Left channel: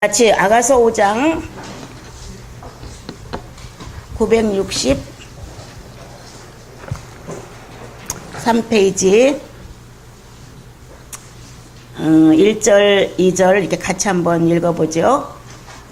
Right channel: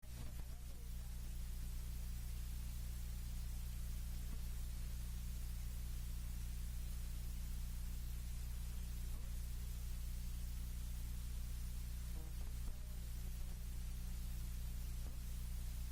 같이 아가서 5장 963페이지 1절 2절 이렇게 같이 한번 읽어보죠.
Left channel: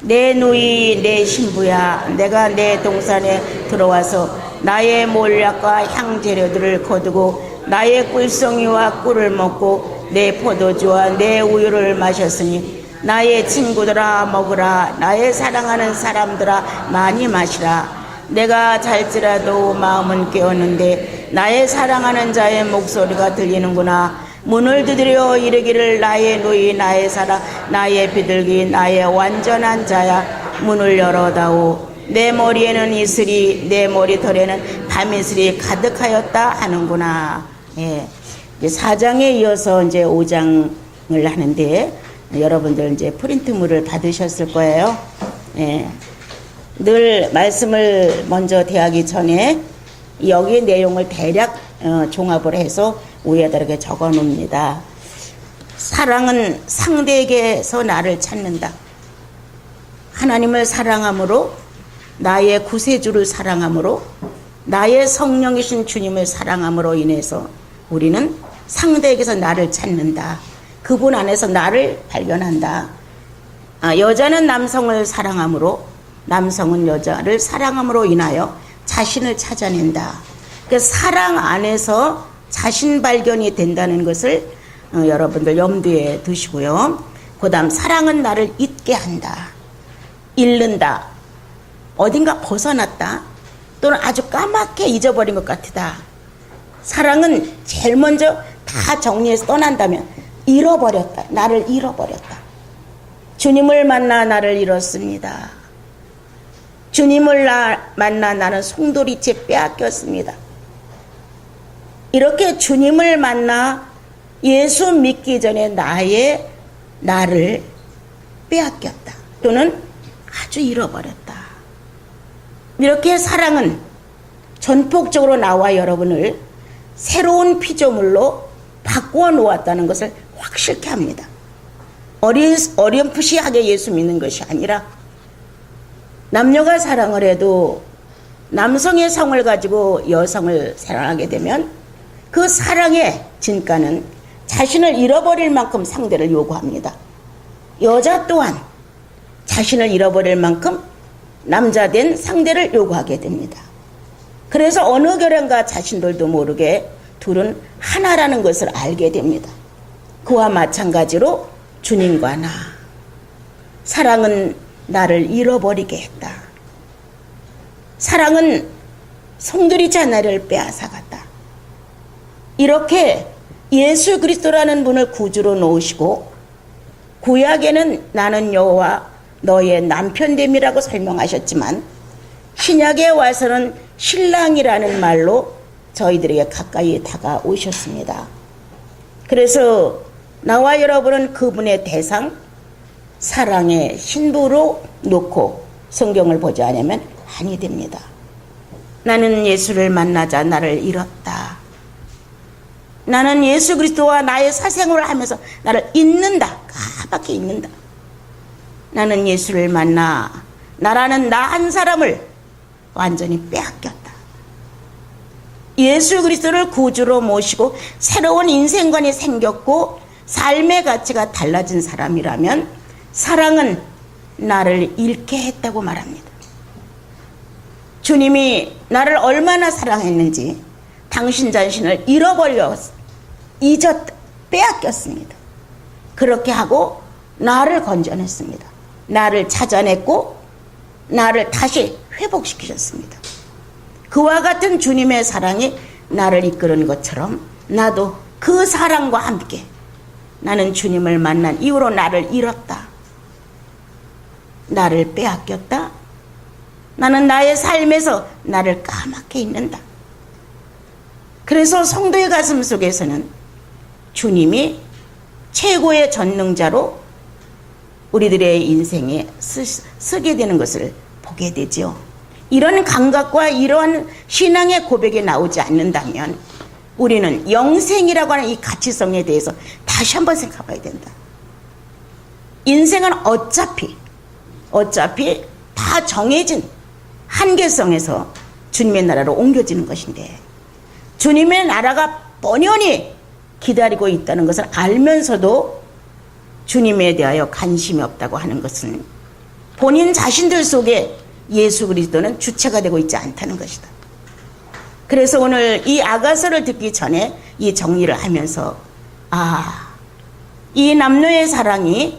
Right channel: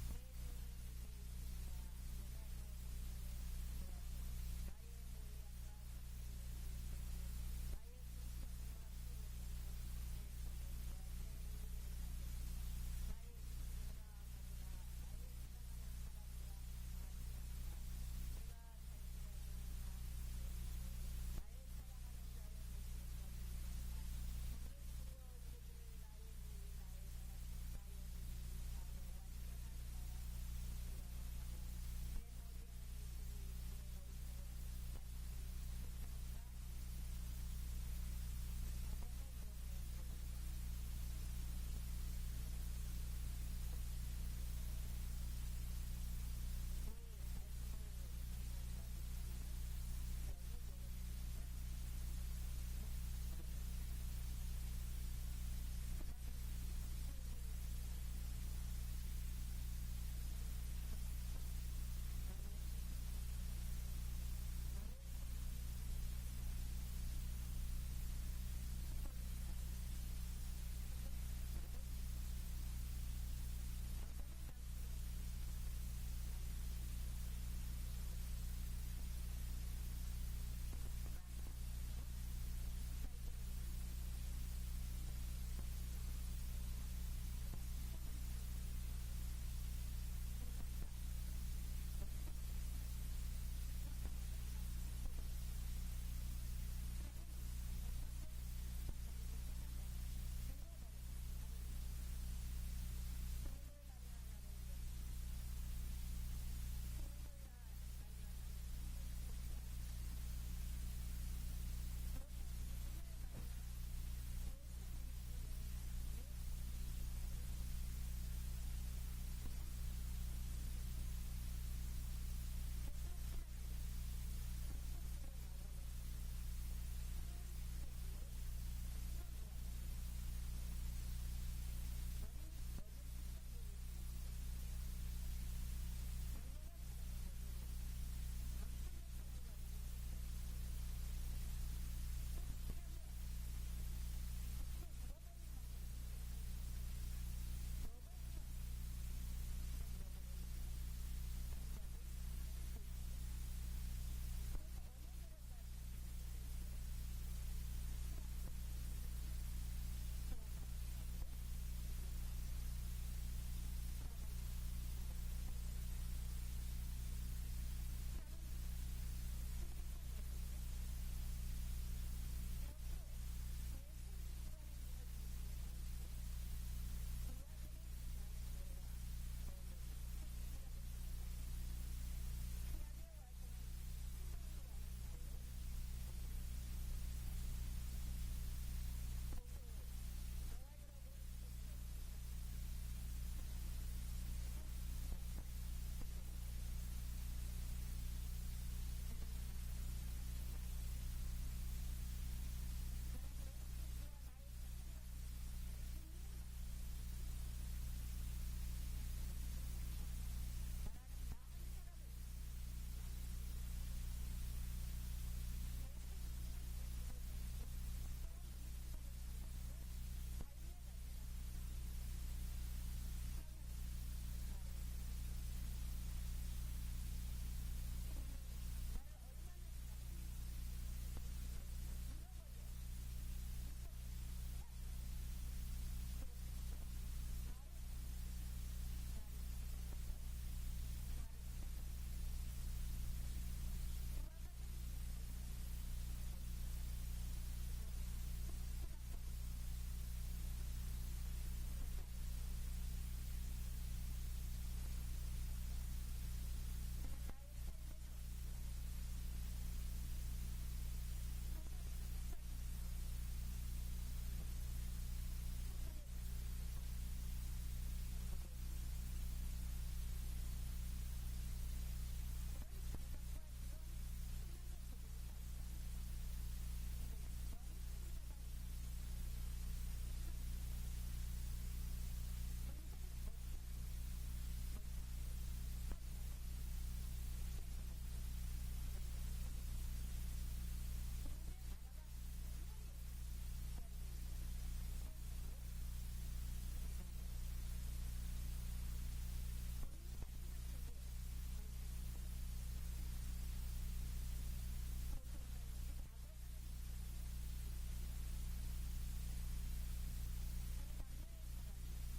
내 누이 내 신부야, 내가 내 동산에 들어와서 나의 몰약과 향재료들을 거두고 나의 꿀송이와 꿀을 먹고 내 포도주와 내 우유를 마셨으니 나의 친구들아 먹으라, 나의 사랑하는 사람들아 많이 마시라. 내가 잘지라도 마음은 깨었는데 나의 사랑하는 자의 목소리가 들리는구나. 문을 두드려 이르기를 나의 누이 나의 사랑 나의 비둘기 나의 완전한 자야, 문을 열어다오. 내 머리에는 이슬이 내 머리털에는 밤이슬이 가득하였다 하는구나. 예. 4장에 이어서 이제 5장을 하는데 여러분들 이제 프린트물을 받으셨을 거예요. 예. 늘 말씀을 먼저 대하기 전에 여기 내용을 대략 종합을 해서 위에다 이렇게 적어 놓습니다. 사랑은 상대에게서 나를 찾는다. 하나님을 사랑함으로, 나의 구세주를 사랑함으로, 나의 성령이신 주님을 사랑함으로 인해서 우리는 상대에게서 나를 찾는다. 그분 안에서 나를 발견한다. 여자는 남성을 사랑함으로, 남성은 여자를 사랑함으로 인하여 자신을 찾아낸다. 그 사랑 안에서 자신 발견이 된다는 것을 여러분들 염두에 두시고요. 그 다음 사랑은 나를 잊게 한다. 잃는다. 어딘가 벗어났다. 또는 아주 까맣게 잊어버린 것 같다. 사랑은 제일 먼저 다 정리해서 떠난다면 잃어버렸다. 나를 잃어버렸다. 주님을 만나 나를 잃었습니다. 주님을 만나 나는 송두리째 빼앗겼습니다. 이렇게 주님을 만나 예수 믿기 전에 나를 빼앗겼다. 또는 아주 잃어버렸다. 이렇게 사랑은 전폭적으로 나와 여러분을 새로운 피조물로 바꾸어 놓았다는 것을 확실케 합니다. 어렴풋이하게 예수 믿는 것이 아니라 남녀가 사랑을 해도 남성의 성을 가지고 여성을 사랑하게 되면 그 사랑의 진가는 자신을 잃어버릴 만큼 상대를 요구합니다. 여자 또한 자신을 잃어버릴 만큼 남자된 상대를 요구하게 됩니다. 그래서 어느 결연가 자신들도 모르게 둘은 하나라는 것을 알게 됩니다. 그와 마찬가지로 주님과 나, 사랑은 나를 잃어버리게 했다. 사랑은 송두리째 나를 빼앗아갔다. 이렇게 예수 그리스도라는 분을 구주로 놓으시고 구약에는 나는 여호와 너의 남편됨이라고 설명하셨지만 신약에 와서는 신랑이라는 말로 저희들에게 가까이 다가오셨습니다. 그래서 나와 여러분은 그분의 대상, 사랑의 신부로 놓고 성경을 보지 않으면 아니 됩니다. 나는 예수를 만나자 나를 잃었다. 나는 예수 그리스도와 나의 사생활을 하면서 나를 잊는다. 까맣게 잊는다. 나는 예수를 만나 나라는 나 한 사람을 완전히 빼앗겼다. 예수 그리스도를 구주로 모시고 새로운 인생관이 생겼고 삶의 가치가 달라진 사람이라면 사랑은 나를 잃게 했다고 말합니다. 주님이 나를 얼마나 사랑했는지 당신 자신을 잊었다, 빼앗겼습니다. 그렇게 하고 나를 건져냈습니다. 나를 찾아냈고 나를 다시 회복시키셨습니다. 그와 같은 주님의 사랑이 나를 이끄는 것처럼 나도 그 사랑과 함께 나는 주님을 만난 이후로 나를 잃었다. 나를 빼앗겼다. 나는 나의 삶에서 나를 까맣게 잊는다. 그래서 성도의 가슴 속에서는 주님이 최고의 전능자로 우리들의 인생에 쓰게 되는 것을 보게 되죠. 이런 감각과 이러한 신앙의 고백이 나오지 않는다면 우리는 영생이라고 하는 이 가치성에 대해서 다시 한번 생각해 봐야 된다. 인생은 어차피 다 정해진 한계성에서 주님의 나라로 옮겨지는 것인데, 주님의 나라가 뻔히 기다리고 있다는 것을 알면서도 주님에 대하여 관심이 없다고 하는 것은 본인 자신들 속에 예수 그리스도는 주체가 되고 있지 않다는 것이다. 그래서 오늘 이 아가서를 듣기 전에 이 정리를 하면서, 이 남녀의 사랑이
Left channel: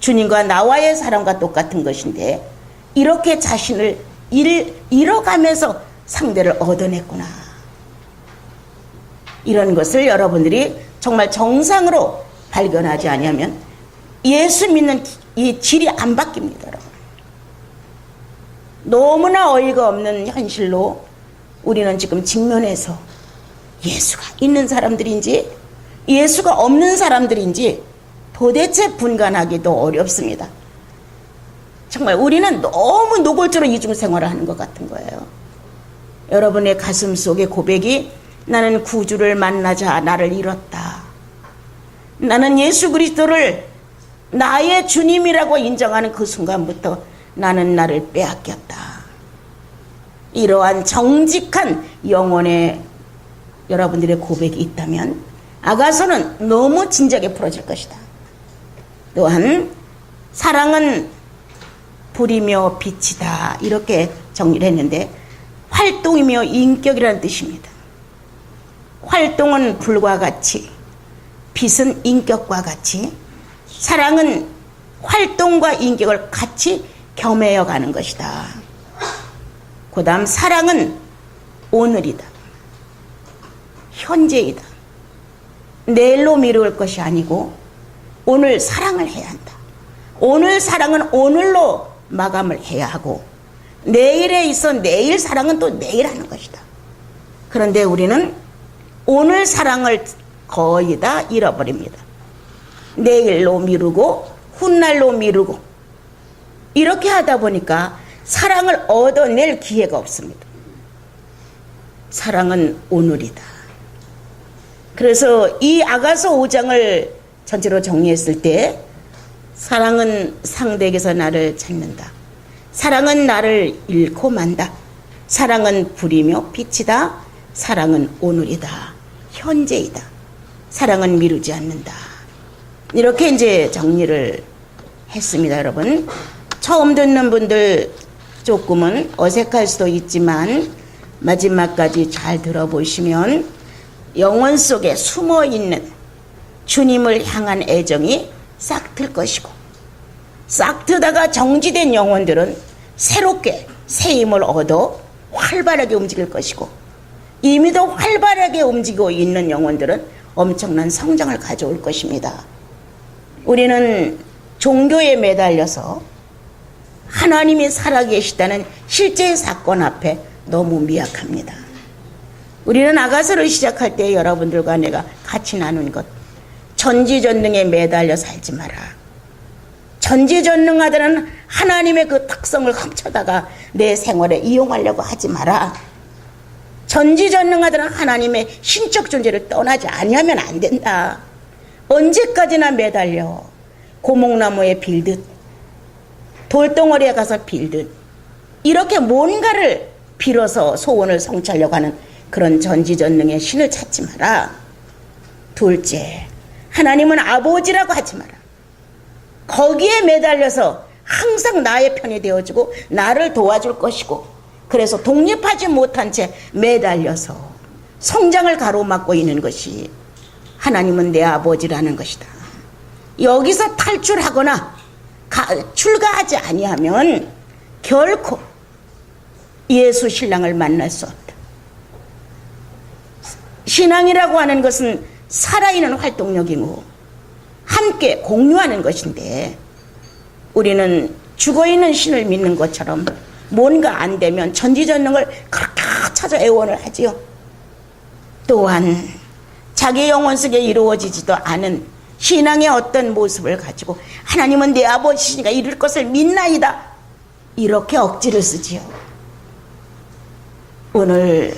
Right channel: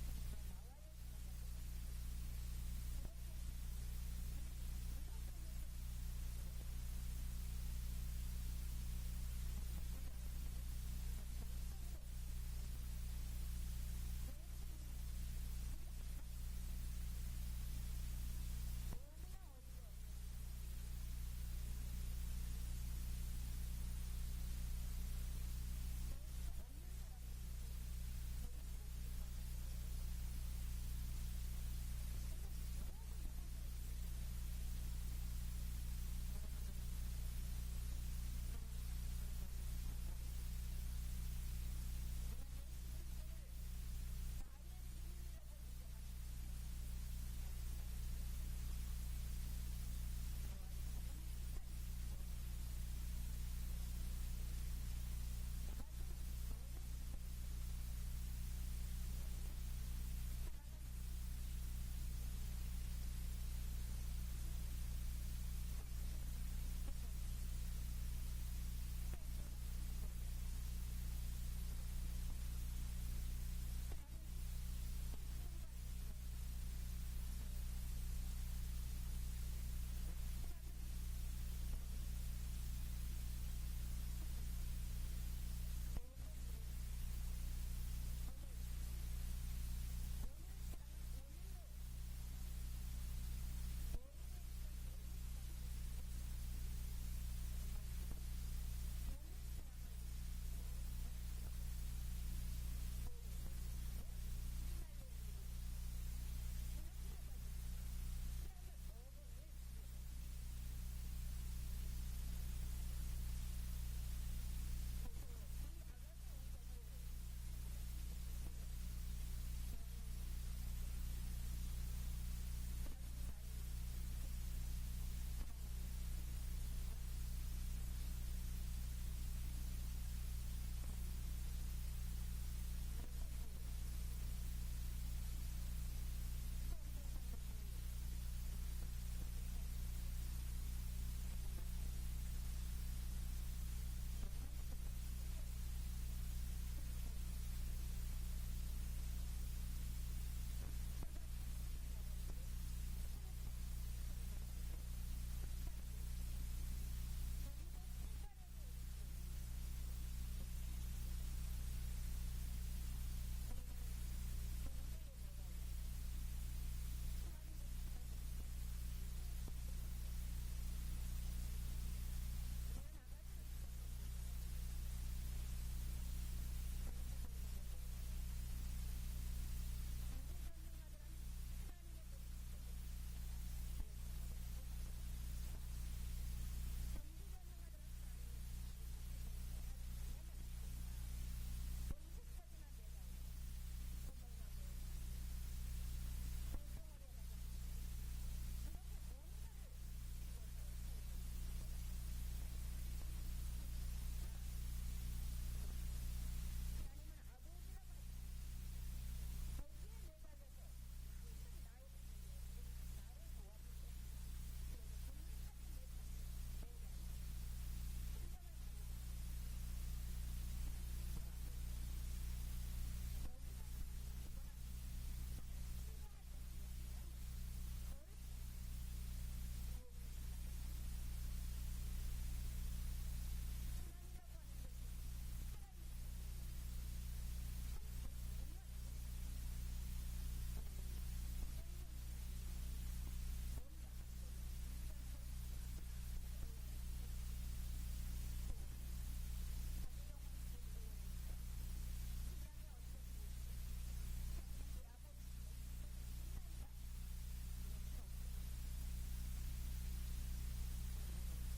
주님과 나와의 사랑과 똑같은 것인데 이렇게 자신을 잃어가면서 상대를 얻어냈구나. 이런 것을 여러분들이 정말 정상으로 발견하지 않으면 예수 믿는 이 질이 안 바뀝니다. 여러분. 너무나 어이가 없는 현실로 우리는 지금 직면해서 예수가 있는 사람들인지 예수가 없는 사람들인지 도대체 분간하기도 어렵습니다. 정말 우리는 너무 노골적으로 이중 생활을 하는 것 같은 거예요. 여러분의 가슴 속의 고백이 나는 구주를 만나자 나를 잃었다. 나는 예수 그리스도를 나의 주님이라고 인정하는 그 순간부터 나는 나를 빼앗겼다. 이러한 정직한 영혼의 여러분들의 고백이 있다면 아가서는 너무 진작에 풀어질 것이다. 또한 사랑은 불이며 빛이다. 이렇게 정리를 했는데 활동이며 인격이라는 뜻입니다. 활동은 불과 같이, 빛은 인격과 같이, 사랑은 활동과 인격을 같이 겸해여 가는 것이다. 그 다음 사랑은 오늘이다. 현재이다. 내일로 미룰 것이 아니고 오늘 사랑을 해야 한다. 오늘 사랑은 오늘로 마감을 해야 하고 내일에 있어 내일 사랑은 또 내일 하는 것이다. 그런데 우리는 오늘 사랑을 거의 다 잃어버립니다. 내일로 미루고 훗날로 미루고 이렇게 하다 보니까 사랑을 얻어낼 기회가 없습니다. 사랑은 오늘이다. 그래서 이 아가서 5장을 전체로 정리했을 때 사랑은 상대에게서 나를 찾는다. 사랑은 나를 잃고 만다. 사랑은 불이며 빛이다. 사랑은 오늘이다. 현재이다. 사랑은 미루지 않는다. 이렇게 이제 정리를 했습니다, 여러분. 처음 듣는 분들 조금은 어색할 수도 있지만 마지막까지 잘 들어보시면 영혼 속에 숨어있는 주님을 향한 애정이 싹 틀 것이고, 싹 트다가 정지된 영혼들은 새롭게 새 힘을 얻어 활발하게 움직일 것이고, 이미도 활발하게 움직이고 있는 영혼들은 엄청난 성장을 가져올 것입니다. 우리는 종교에 매달려서 하나님이 살아계시다는 실제 사건 앞에 너무 미약합니다. 우리는 아가서를 시작할 때 여러분들과 내가 같이 나눈 것, 전지전능에 매달려 살지 마라. 전지전능하다는 하나님의 그 특성을 훔쳐다가 내 생활에 이용하려고 하지 마라. 전지전능하다는 하나님의 신적 존재를 떠나지 아니하면 안 된다. 언제까지나 매달려 고목나무에 빌듯 돌덩어리에 가서 빌듯 이렇게 뭔가를 빌어서 소원을 성취하려고 하는 그런 전지전능의 신을 찾지 마라. 둘째, 하나님은 아버지라고 하지 마라. 거기에 매달려서 항상 나의 편이 되어주고 나를 도와줄 것이고, 그래서 독립하지 못한 채 매달려서 성장을 가로막고 있는 것이 하나님은 내 아버지라는 것이다. 여기서 탈출하거나 출가하지 아니하면 결코 예수 신랑을 만날 수 없다. 신앙이라고 하는 것은 살아있는 활동력이고 함께 공유하는 것인데, 우리는 죽어있는 신을 믿는 것처럼 뭔가 안 되면 전지전능을 그렇게 찾아 애원을 하지요. 또한 자기 영혼 속에 이루어지지도 않은 신앙의 어떤 모습을 가지고 하나님은 내 아버지시니까 이룰 것을 믿나이다, 이렇게 억지를 쓰지요. 오늘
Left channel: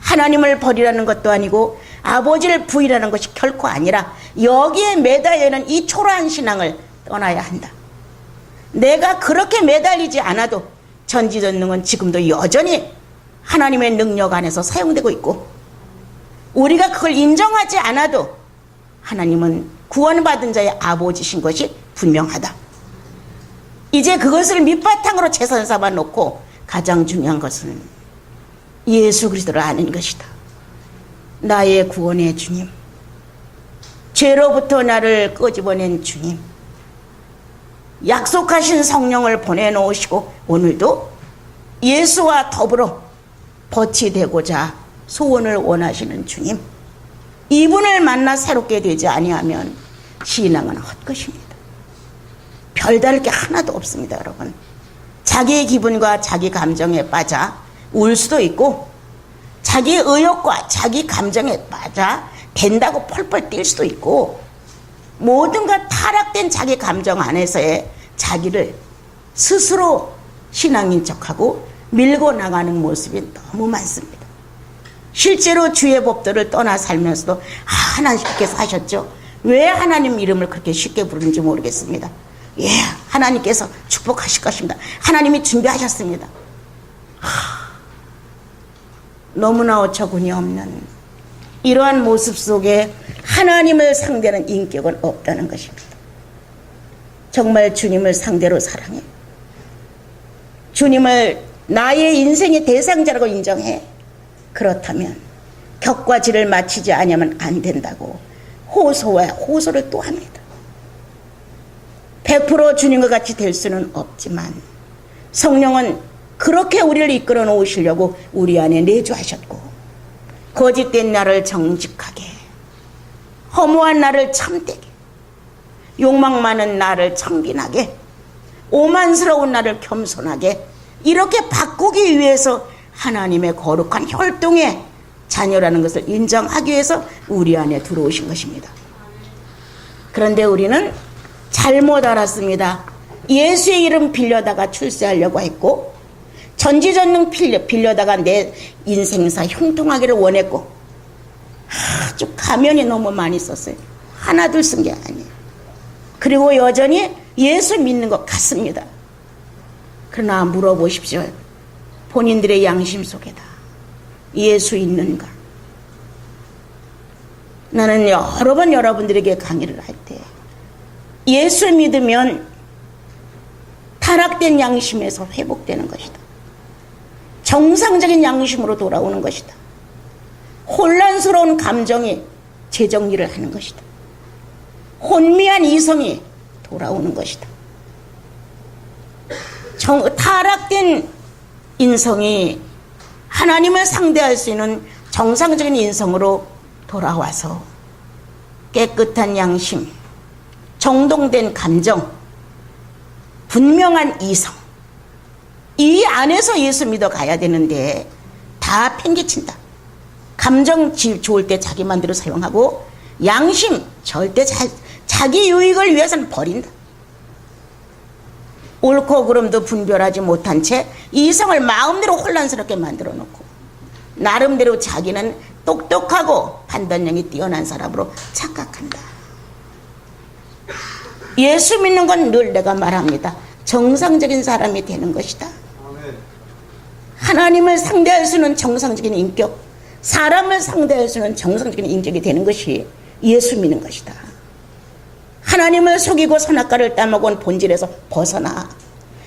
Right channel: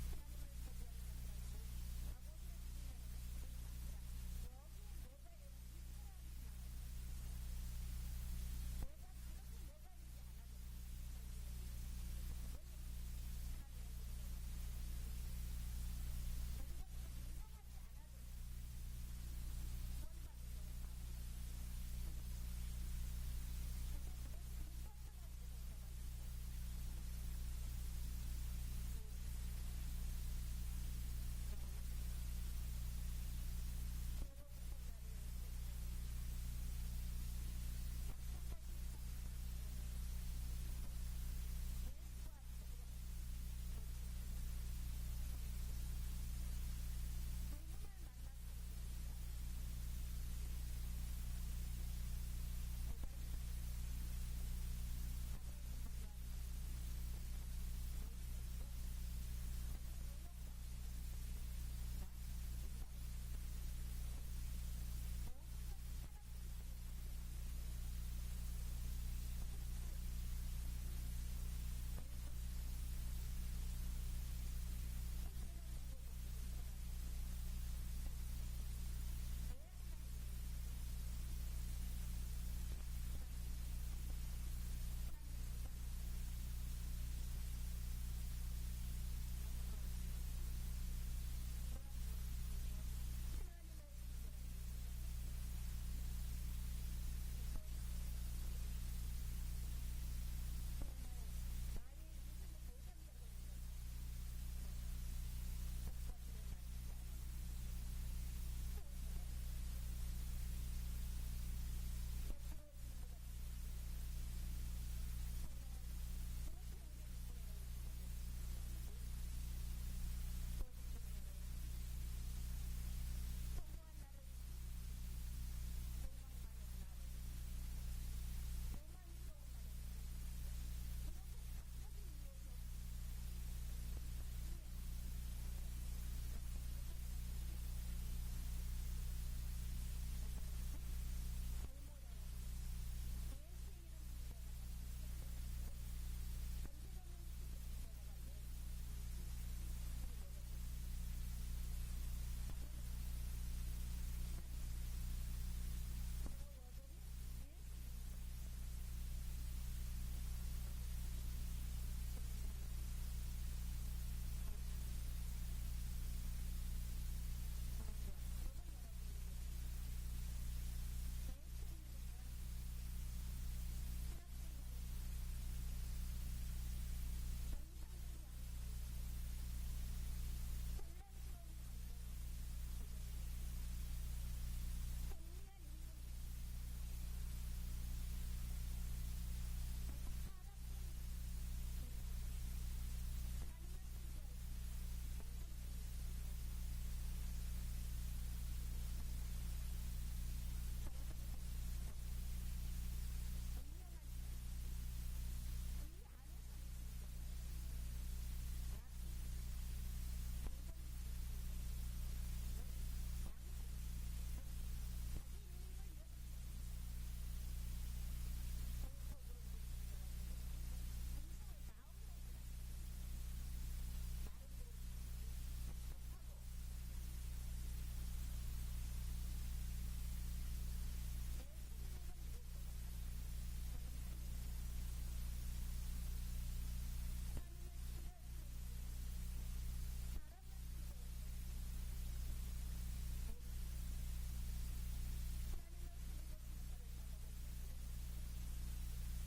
하나님을 버리라는 것도 아니고 아버지를 부인하는 것이 결코 아니라 여기에 매달려 있는 이 초라한 신앙을 떠나야 한다. 내가 그렇게 매달리지 않아도 전지전능은 지금도 여전히 하나님의 능력 안에서 사용되고 있고, 우리가 그걸 인정하지 않아도 하나님은 구원받은 자의 아버지신 것이 분명하다. 이제 그것을 밑바탕으로 최선 삼아 놓고 가장 중요한 것은 예수 그리스도를 아는 것이다. 나의 구원의 주님, 죄로부터 나를 끄집어낸 주님, 약속하신 성령을 보내놓으시고 오늘도 예수와 더불어 벗이 되고자 소원을 원하시는 주님, 이분을 만나 새롭게 되지 아니하면 신앙은 헛것입니다. 별다를 게 하나도 없습니다. 여러분, 자기의 기분과 자기 감정에 빠져 울 수도 있고, 자기 의욕과 자기 감정에 빠져 된다고 펄펄 뛸 수도 있고, 모든가 타락된 자기 감정 안에서의 자기를 스스로 신앙인 척하고 밀고 나가는 모습이 너무 많습니다. 실제로 주의 법도를 떠나 살면서도 하나님께서 하셨죠. 왜 하나님 이름을 그렇게 쉽게 부르는지 모르겠습니다. 예, 하나님께서 축복하실 것입니다. 하나님이 준비하셨습니다. 너무나 어처구니 없는 이러한 모습 속에 하나님을 상대하는 인격은 없다는 것입니다. 정말 주님을 상대로 사랑해, 주님을 나의 인생의 대상자라고 인정해, 그렇다면 격과 지를 마치지 않으면 안 된다고 호소와 호소를 또 합니다. 100% 주님과 같이 될 수는 없지만 성령은 그렇게 우리를 이끌어 놓으시려고 우리 안에 내주하셨고, 거짓된 나를 정직하게, 허무한 나를 참되게, 욕망 많은 나를 청빈하게, 오만스러운 나를 겸손하게, 이렇게 바꾸기 위해서 하나님의 거룩한 혈통의 자녀라는 것을 인정하기 위해서 우리 안에 들어오신 것입니다. 그런데 우리는 잘못 알았습니다. 예수의 이름 빌려다가 출세하려고 했고, 전지전능 빌려다가 내 인생사 형통하기를 원했고, 아주 가면이 너무 많이 썼어요. 하나 둘 쓴 게 아니에요. 그리고 여전히 예수 믿는 것 같습니다. 그러나 물어보십시오. 본인들의 양심 속에다 예수 있는가? 나는 여러 번 여러분들에게 강의를 할 때 예수 믿으면 타락된 양심에서 회복되는 것이다. 정상적인 양심으로 돌아오는 것이다. 혼란스러운 감정이 재정리를 하는 것이다. 혼미한 이성이 돌아오는 것이다. 타락된 인성이 하나님을 상대할 수 있는 정상적인 인성으로 돌아와서 깨끗한 양심, 정돈된 감정, 분명한 이성, 이 안에서 예수 믿어 가야 되는데 다 팽개친다. 감정 좋을 때 자기 마음대로 사용하고, 양심 절대 자기 유익을 위해서는 버린다. 옳고 그름도 분별하지 못한 채 이성을 마음대로 혼란스럽게 만들어 놓고, 나름대로 자기는 똑똑하고 판단력이 뛰어난 사람으로 착각한다. 예수 믿는 건 늘 내가 말합니다. 정상적인 사람이 되는 것이다. 하나님을 상대할 수 있는 정상적인 인격, 사람을 상대할 수 있는 정상적인 인격이 되는 것이 예수 믿는 것이다. 하나님을 속이고 선악과를 따먹은 본질에서 벗어나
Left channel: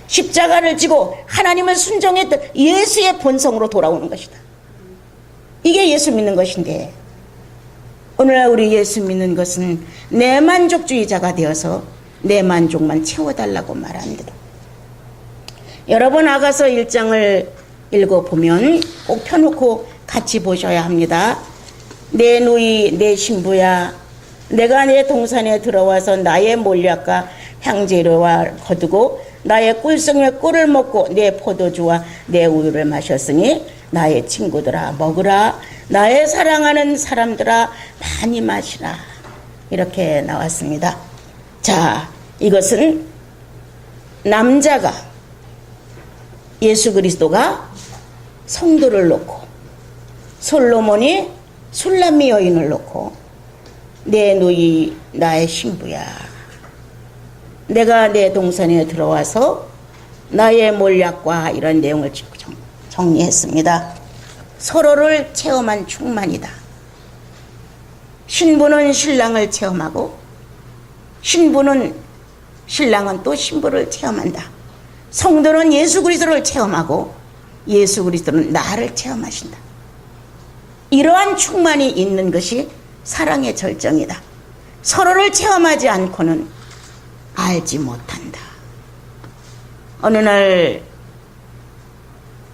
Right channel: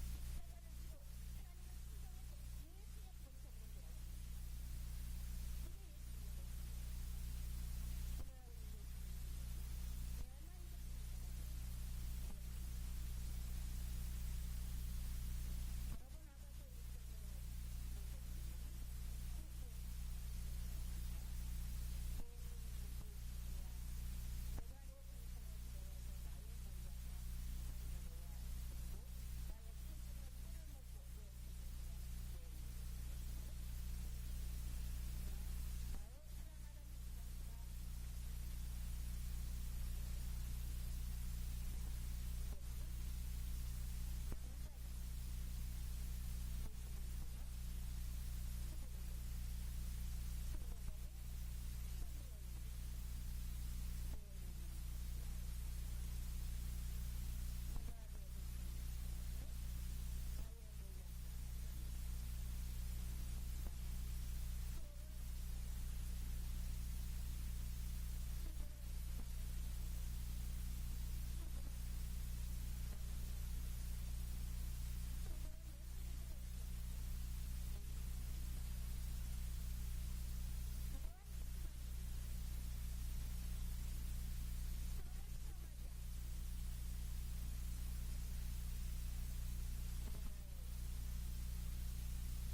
십자가를 지고 하나님을 순종했던 예수의 본성으로 돌아오는 것이다. 이게 예수 믿는 것인데, 오늘날 우리 예수 믿는 것은 내 만족주의자가 되어서 내 만족만 채워달라고 말합니다. 여러분, 아가서 1장을 읽어보면 꼭 펴놓고 같이 보셔야 합니다. 내 누이 내 신부야, 내가 내 동산에 들어와서 나의 몰약과 향재료와 거두고 나의 꿀성의 꿀을 먹고 내 포도주와 내 우유를 마셨으니 나의 친구들아 먹으라, 나의 사랑하는 사람들아 많이 마시라. 이렇게 나왔습니다. 자, 이것은 남자가, 예수 그리스도가 성도를 놓고, 솔로몬이 술람미 여인을 놓고 내 누이 나의 신부야, 내가 내 동선에 들어와서 나의 몰약과 이런 내용을 정리했습니다. 서로를 체험한 충만이다. 신부는 신랑을 체험하고 신랑은 또 신부를 체험한다. 성도는 예수 그리스도를 체험하고 예수 그리스도는 나를 체험하신다. 이러한 충만이 있는 것이 사랑의 절정이다. 서로를 체험하지 않고는 알지 못한다. 어느 날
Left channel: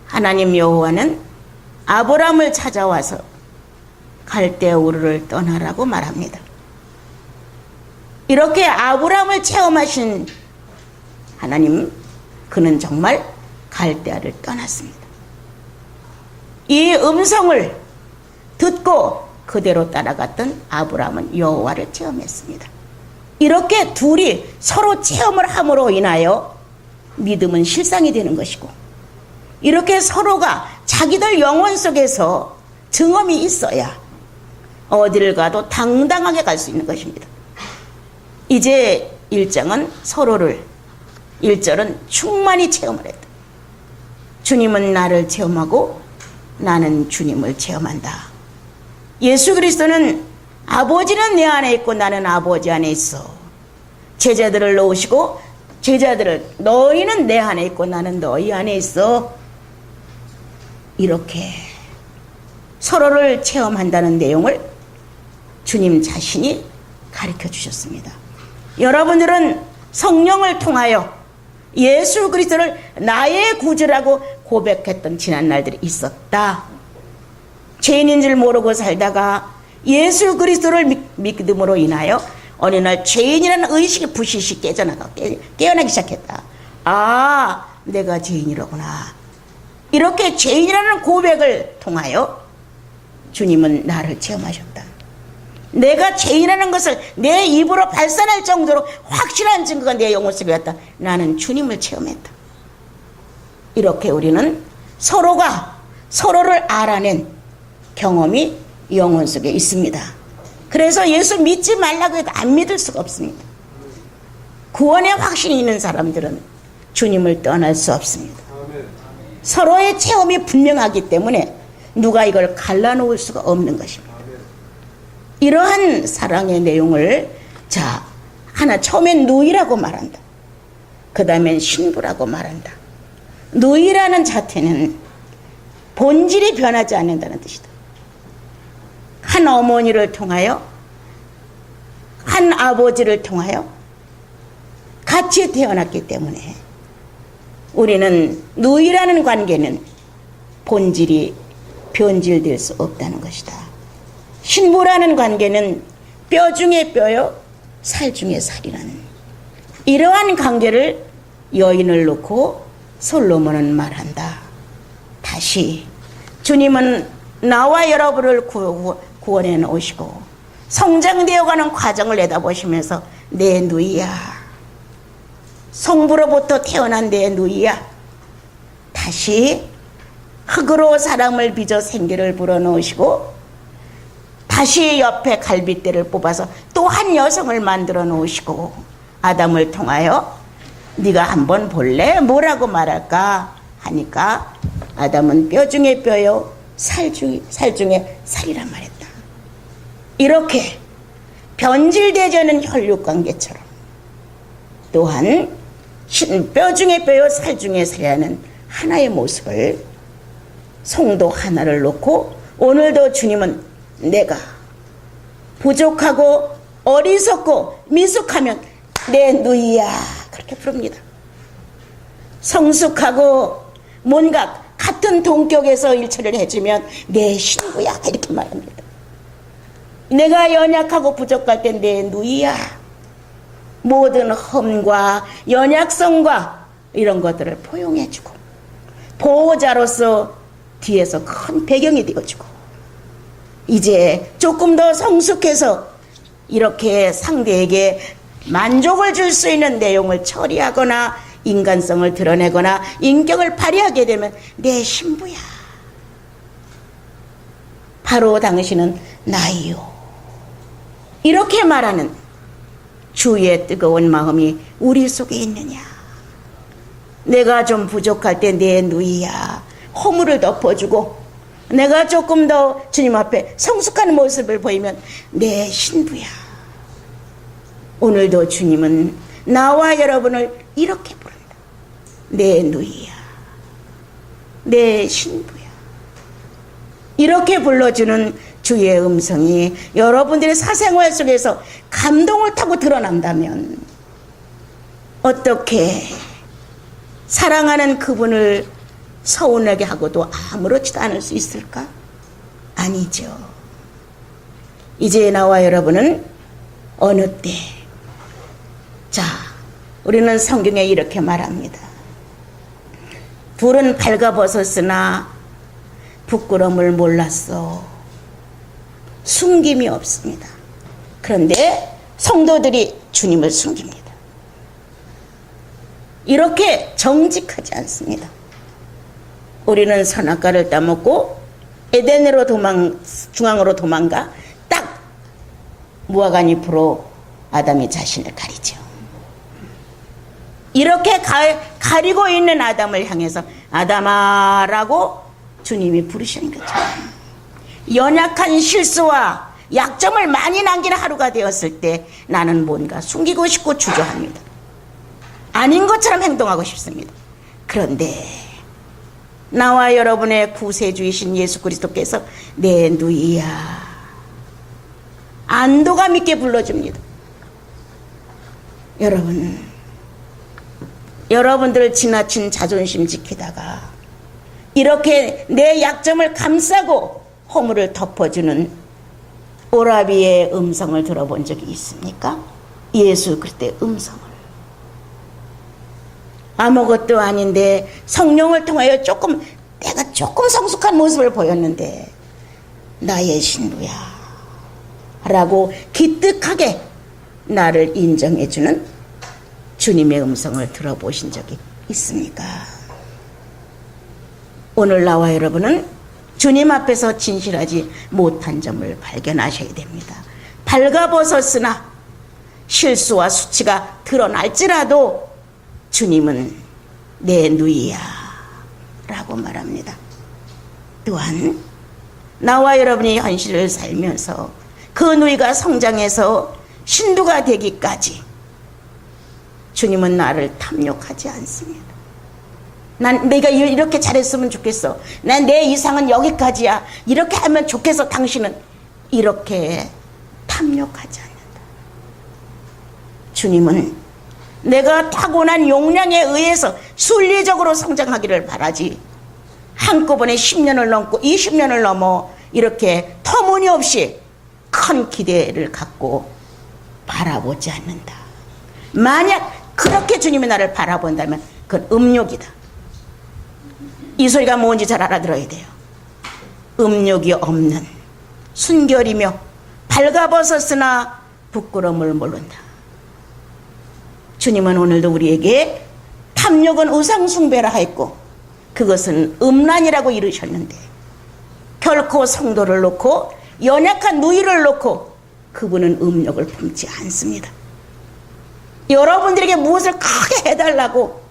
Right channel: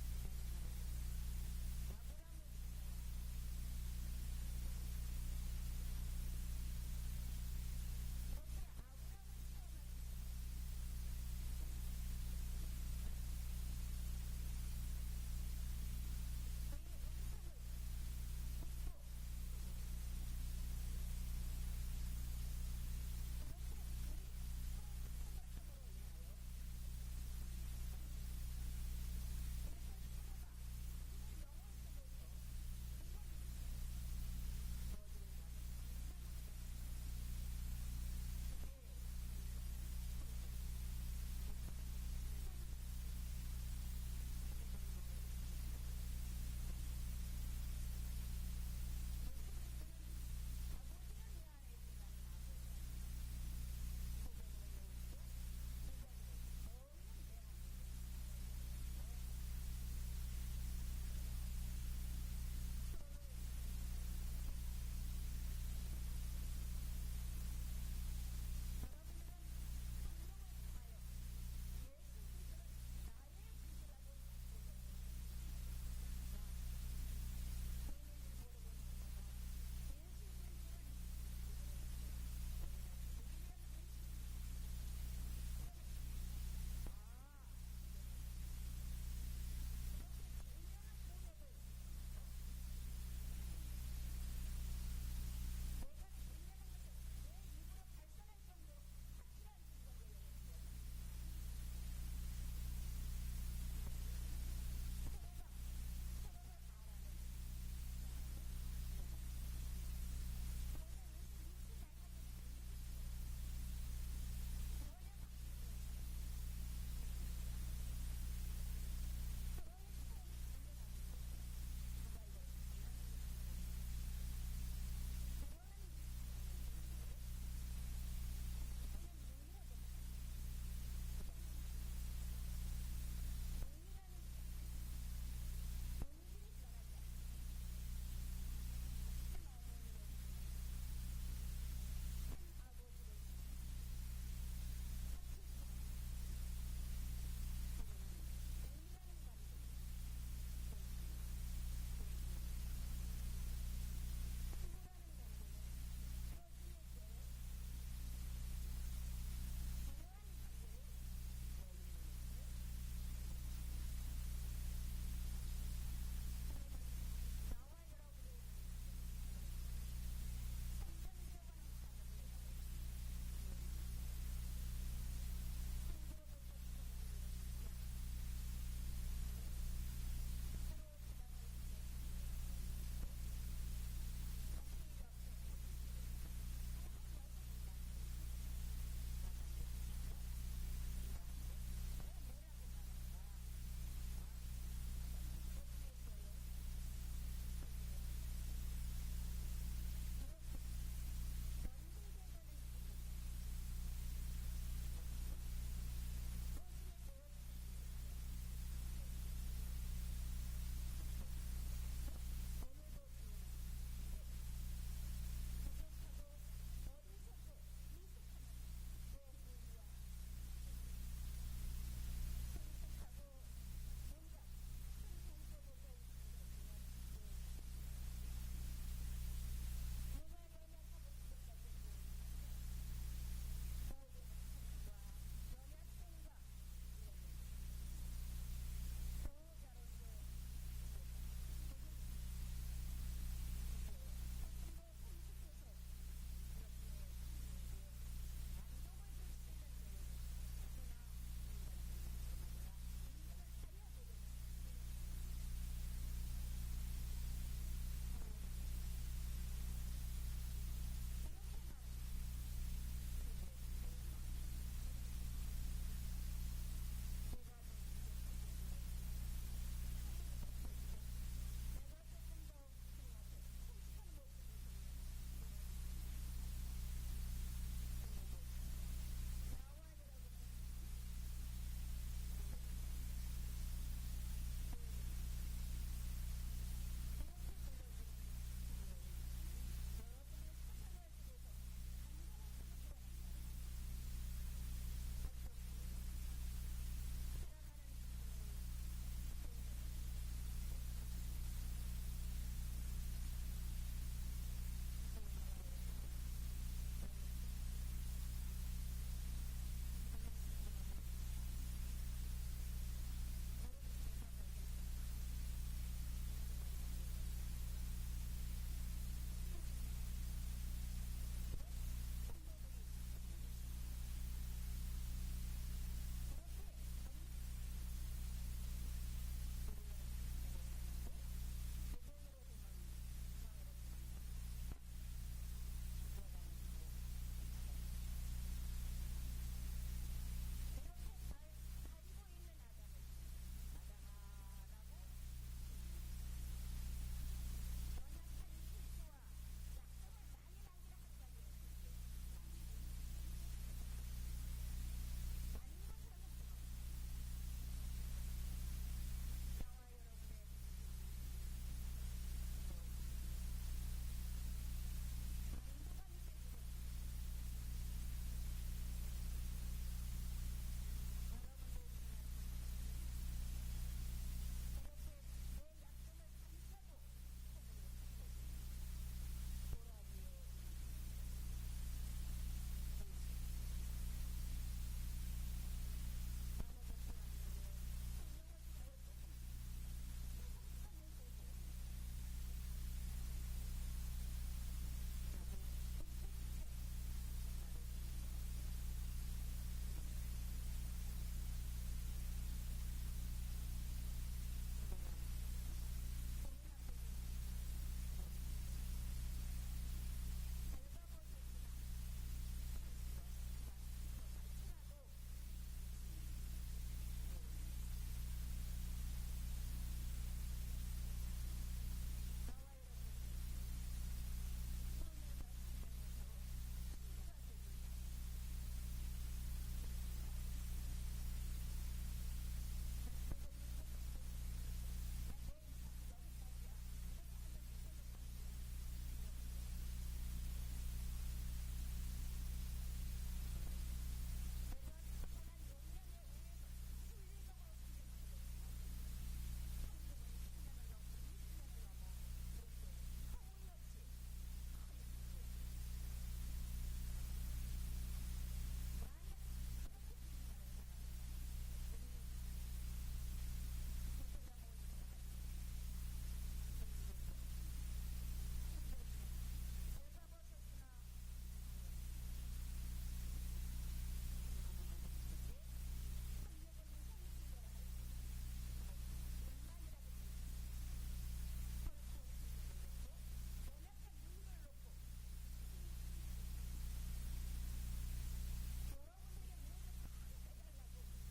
하나님 여호와는 아브라함을 찾아와서 갈대아 우르를 떠나라고 말합니다. 이렇게 아브라함을 체험하신 하나님, 그는 정말 갈대아를 떠났습니다. 이 음성을 듣고 그대로 따라갔던 아브라함은 여호와를 체험했습니다. 이렇게 둘이 서로 체험을 함으로 인하여 믿음은 실상이 되는 것이고, 이렇게 서로가 자기들 영혼 속에서 증언이 있어야 어디를 가도 당당하게 갈 수 있는 것입니다. 이제 1장은 서로를, 1절은 충만히 체험을 했다. 주님은 나를 체험하고 나는 주님을 체험한다. 예수 그리스도는 아버지는 내 안에 있고 나는 아버지 안에 있어. 제자들을 놓으시고 제자들을, 너희는 내 안에 있고 나는 너희 안에 있어. 이렇게 서로를 체험한다는 내용을 주님 자신이 가르쳐 주셨습니다. 여러분들은 성령을 통하여 예수 그리스도를 나의 구주라고 고백했던 지난 날들이 있었다. 죄인인 줄 모르고 살다가 예수 그리스도를 믿음으로 인하여 어느 날 죄인이라는 의식이 부시시 깨어나기 시작했다. 아, 내가 죄인이로구나. 이렇게 죄인이라는 고백을 통하여 주님은 나를 체험하셨다. 내가 죄인이라는 것을 내 입으로 발산할 정도로 확실한 증거가 내 영혼 속에 왔다. 나는 주님을 체험했다. 이렇게 우리는 서로가 서로를 알아낸 경험이 영혼 속에 있습니다. 그래서 예수 믿지 말라고 해도 안 믿을 수가 없습니다. 구원의 확신이 있는 사람들은 주님을 떠날 수 없습니다. 서로의 체험이 분명하기 때문에 누가 이걸 갈라놓을 수가 없는 것입니다. 이러한 사랑의 내용을 하나 처음엔 누이라고 말한다. 그 다음엔 신부라고 말한다. 누이라는 자태는 본질이 변하지 않는다는 뜻이다. 한 어머니를 통하여 한 아버지를 통하여 같이 태어났기 때문에 우리는 누이라는 관계는 본질이 변질될 수 없다는 것이다. 신부라는 관계는 뼈 중에 뼈요 살 중에 살이라는 이러한 관계를 여인을 놓고 솔로몬은 말한다. 다시 주님은 나와 여러분을 구원해 놓으시고 성장되어가는 과정을 내다보시면서 내 누이야, 성부로부터 태어난 내 누이야, 다시 흙으로 사람을 빚어 생기를 불어넣으시고 다시 옆에 갈빗대를 뽑아서 또 한 여성을 만들어 놓으시고 아담을 통하여 네가 한번 볼래? 뭐라고 말할까? 하니까 아담은 뼈 중에 뼈요 살 중에 살이란 말했다. 이렇게 변질되지 않은 혈육관계처럼 또한 뼈 중에 뼈요 살 중에 살이라는 하나의 모습을 성도 하나를 놓고 오늘도 주님은 내가 부족하고 어리석고 미숙하면 내 누이야 그렇게 부릅니다. 성숙하고 뭔가 같은 동격에서 일처리를 해주면 내 신부야 이렇게 말합니다. 내가 연약하고 부족할 때 내 누이야. 모든 험과 연약성과 이런 것들을 포용해주고 보호자로서 뒤에서 큰 배경이 되어주고 이제 조금 더 성숙해서 이렇게 상대에게 만족을 줄 수 있는 내용을 처리하거나 인간성을 드러내거나 인격을 발휘하게 되면 내 신부야. 바로 당신은 나이요. 이렇게 말하는 주의 뜨거운 마음이 우리 속에 있느냐? 내가 좀 부족할 때 내 누이야 허물을 덮어주고, 내가 조금 더 주님 앞에 성숙한 모습을 보이면 내 신부야. 오늘도 주님은 나와 여러분을 이렇게 부른다. 내 누이야, 내 신부야. 이렇게 불러주는 주의 음성이 여러분들의 사생활 속에서 감동을 타고 드러난다면 어떻게 사랑하는 그분을 서운하게 하고도 아무렇지도 않을 수 있을까? 아니죠. 이제 나와 여러분은 어느 때, 자, 우리는 성경에 이렇게 말합니다. 불은 발가벗었으나 부끄러움을 몰랐어. 숨김이 없습니다. 그런데 성도들이 주님을 숨깁니다. 이렇게 정직하지 않습니다. 우리는 선악과를 따먹고 에덴으로 중앙으로 도망가 딱 무화과 잎으로 아담이 자신을 가리죠. 이렇게 가리고 있는 아담을 향해서 아담아라고 주님이 부르시는 거죠. 연약한 실수와 약점을 많이 남기는 하루가 되었을 때 나는 뭔가 숨기고 싶고 주저합니다. 아닌 것처럼 행동하고 싶습니다. 그런데 나와 여러분의 구세주이신 예수 그리스도께서 내 누이야 안도감 있게 불러줍니다. 여러분들 지나친 자존심 지키다가 이렇게 내 약점을 감싸고 허물을 덮어주는 오라비의 음성을 들어본 적이 있습니까? 예수 그리스도의 음성을. 아무것도 아닌데 성령을 통하여 내가 조금 성숙한 모습을 보였는데 나의 신부야 라고 기특하게 나를 인정해주는 주님의 음성을 들어보신 적이 있습니까? 오늘 나와 여러분은 주님 앞에서 진실하지 못한 점을 발견하셔야 됩니다. 발가벗었으나 실수와 수치가 드러날지라도 주님은 내 누이야 라고 말합니다. 또한 나와 여러분이 현실을 살면서 그 누이가 성장해서 신부가 되기까지 주님은 나를 탐욕하지 않습니다. 난 내가 이렇게 잘했으면 좋겠어. 난 내 이상은 여기까지야. 이렇게 하면 좋겠어. 당신은 이렇게 탐욕하지 않는다. 주님은 내가 타고난 용량에 의해서 순리적으로 성장하기를 바라지 한꺼번에 10년을 넘고 20년을 넘어 이렇게 터무니없이 큰 기대를 갖고 바라보지 않는다. 만약 그렇게 주님이 나를 바라본다면 그건 음욕이다. 이 소리가 뭔지 잘 알아들어야 돼요. 음욕이 없는 순결이며 발가벗었으나 부끄러움을 모른다. 주님은 오늘도 우리에게 탐욕은 우상숭배라 했고 그것은 음란이라고 이르셨는데 결코 성도를 놓고 연약한 누이를 놓고 그분은 음욕을 품지 않습니다. 여러분들에게 무엇을 크게 해달라고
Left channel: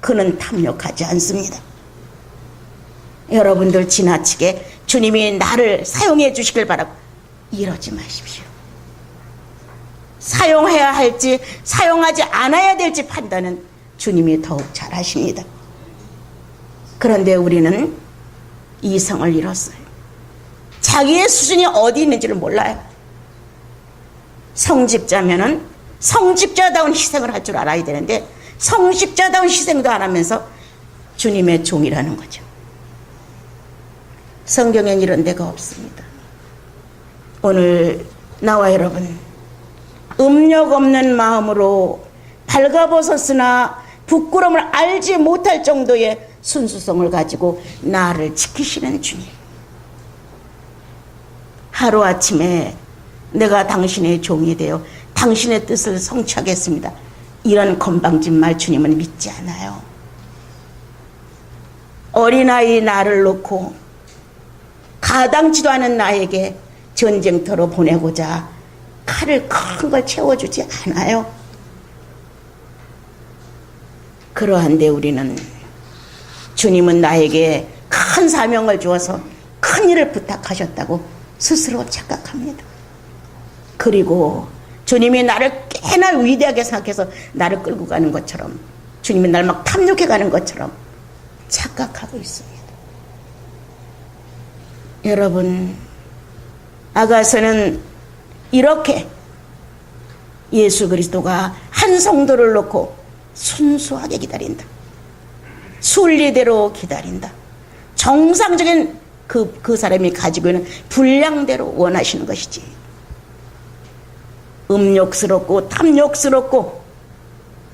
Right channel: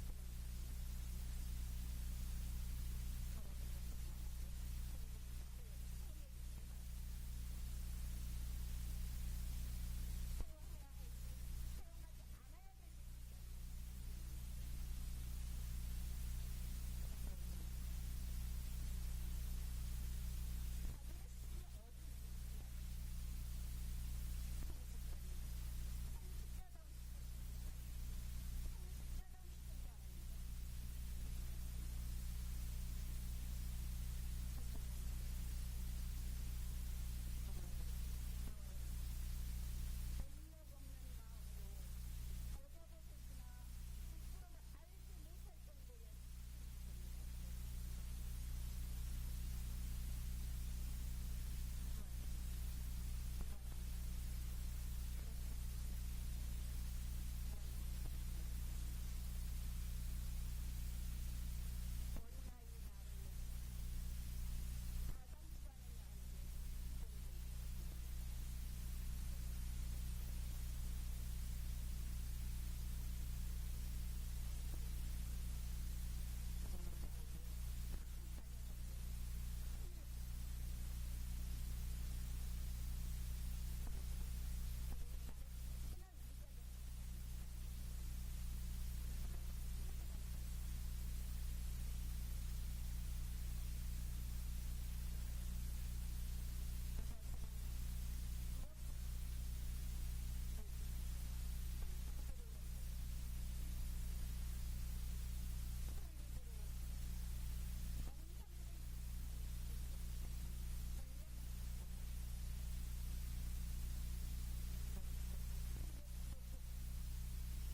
그는 탐욕하지 않습니다. 여러분들 지나치게 주님이 나를 사용해 주시길 바라고 이러지 마십시오. 사용해야 할지 사용하지 않아야 될지 판단은 주님이 더욱 잘 하십니다. 그런데 우리는 이성을 잃었어요. 자기의 수준이 어디 있는지를 몰라요. 성직자면은 성직자다운 희생을 할 줄 알아야 되는데 성직자다운 희생도 안 하면서 주님의 종이라는 거죠. 성경엔 이런 데가 없습니다. 오늘 나와 여러분 음욕 없는 마음으로 발가벗었으나 부끄러움을 알지 못할 정도의 순수성을 가지고 나를 지키시는 주님. 하루아침에 내가 당신의 종이 되어 당신의 뜻을 성취하겠습니다. 이런 건방진 말 주님은 믿지 않아요. 어린아이 나를 놓고 가당치도 않은 나에게 전쟁터로 보내고자 칼을 큰 걸 채워주지 않아요. 그러한데 우리는 주님은 나에게 큰 사명을 주어서 큰 일을 부탁하셨다고 스스로 착각합니다. 그리고 주님이 나를 꽤나 위대하게 생각해서 나를 끌고 가는 것처럼, 주님이 나를 막 탐욕해 가는 것처럼 착각하고 있습니다. 여러분, 아가서는 이렇게 예수 그리스도가 한 성도를 놓고 순수하게 기다린다. 순리대로 기다린다. 정상적인 그 사람이 가지고 있는 분량대로 원하시는 것이지. 음욕스럽고 탐욕스럽고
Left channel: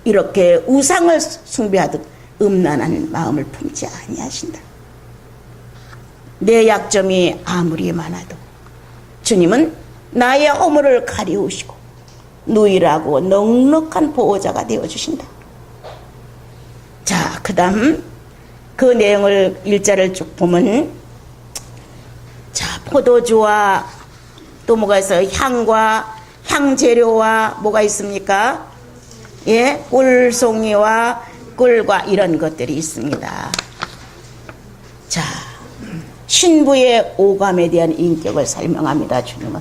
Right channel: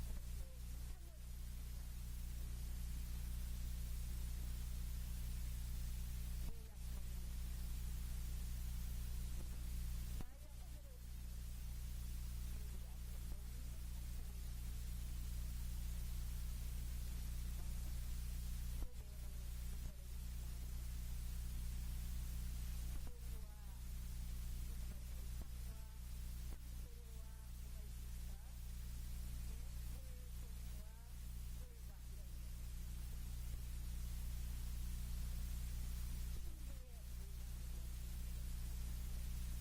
이렇게 우상을 숭배하듯 음란한 마음을 품지 아니하신다. 내 약점이 아무리 많아도 주님은 나의 허물을 가리우시고 누이라고 넉넉한 보호자가 되어주신다. 자, 그 다음 그 내용을 일자를 쭉 보면, 자, 포도주와 또 뭐가 있어요? 향과 향재료와 뭐가 있습니까? 예, 꿀송이와 꿀과 이런 것들이 있습니다. 자, 신부의 오감에 대한 인격을 설명합니다. 주님은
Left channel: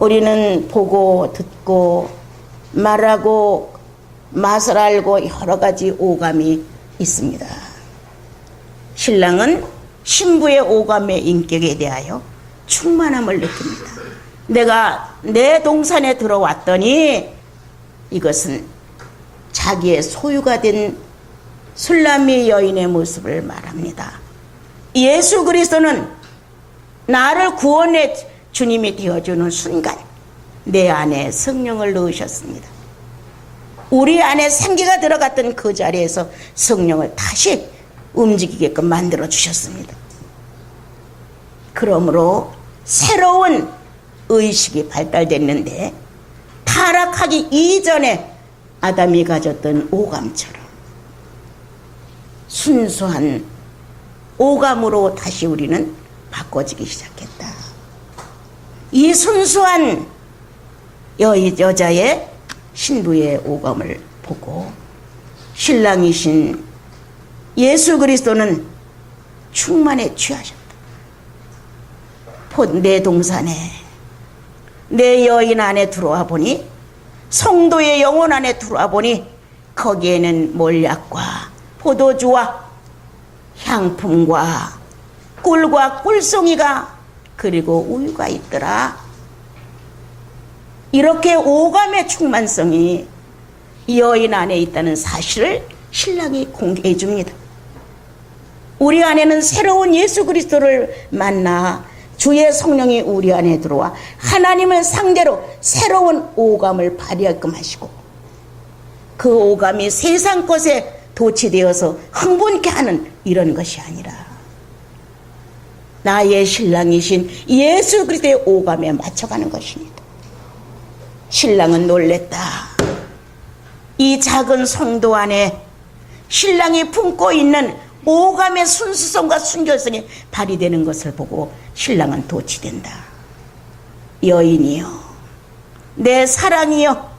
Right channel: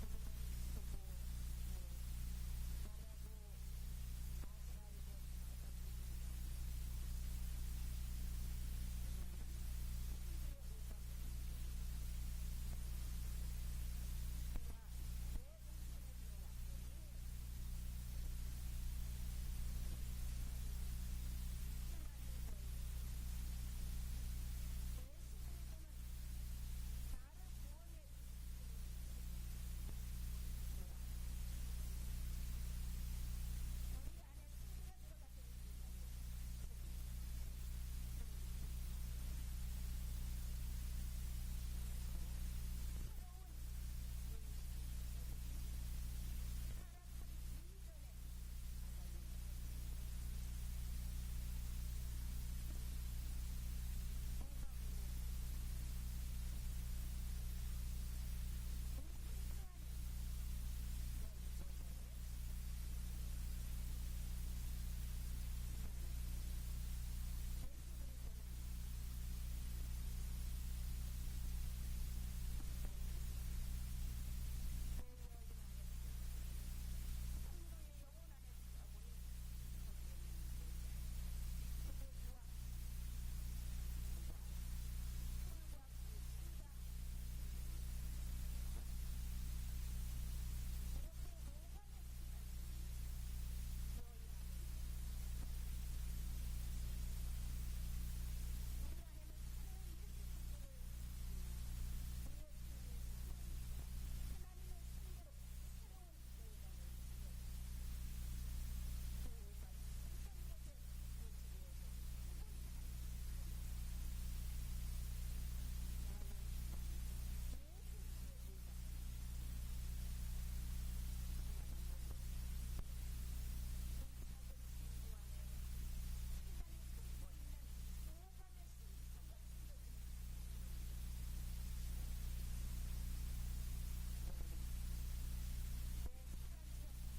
우리는 보고 듣고 말하고 맛을 알고 여러 가지 오감이 있습니다. 신랑은 신부의 오감의 인격에 대하여 충만함을 느낍니다. 내가 내 동산에 들어왔더니 이것은 자기의 소유가 된 술람미 여인의 모습을 말합니다. 예수 그리스도는 나를 구원의 주님이 되어주는 순간 내 안에 성령을 넣으셨습니다. 우리 안에 생기가 들어갔던 그 자리에서 성령을 다시 움직이게끔 만들어 주셨습니다. 그러므로 새로운 의식이 발달됐는데 타락하기 이전에 아담이 가졌던 오감처럼 순수한 오감으로 다시 우리는 바꿔지기 시작했다. 이 순수한 여자의 신부의 오감을 보고 신랑이신 예수 그리스도는 충만에 취하셨다. 내 동산에 내 여인 안에 들어와 보니, 성도의 영혼 안에 들어와 보니 거기에는 몰약과 포도주와 향품과 꿀과 꿀송이가 그리고 우유가 있더라. 이렇게 오감의 충만성이 여인 안에 있다는 사실을 신랑이 공개해 줍니다. 우리 안에는 새로운 예수 그리스도를 만나 주의 성령이 우리 안에 들어와 하나님을 상대로 새로운 오감을 발휘하게끔 하시고, 그 오감이 세상 것에 도취되어서 흥분케 하는 이런 것이 아니라 나의 신랑이신 예수 그리스도의 오감에 맞춰가는 것입니다. 신랑은 놀랬다. 이 작은 성도 안에 신랑이 품고 있는 오감의 순수성과 순결성이 발휘되는 것을 보고 신랑은 도취된다. 여인이여, 내 사랑이여,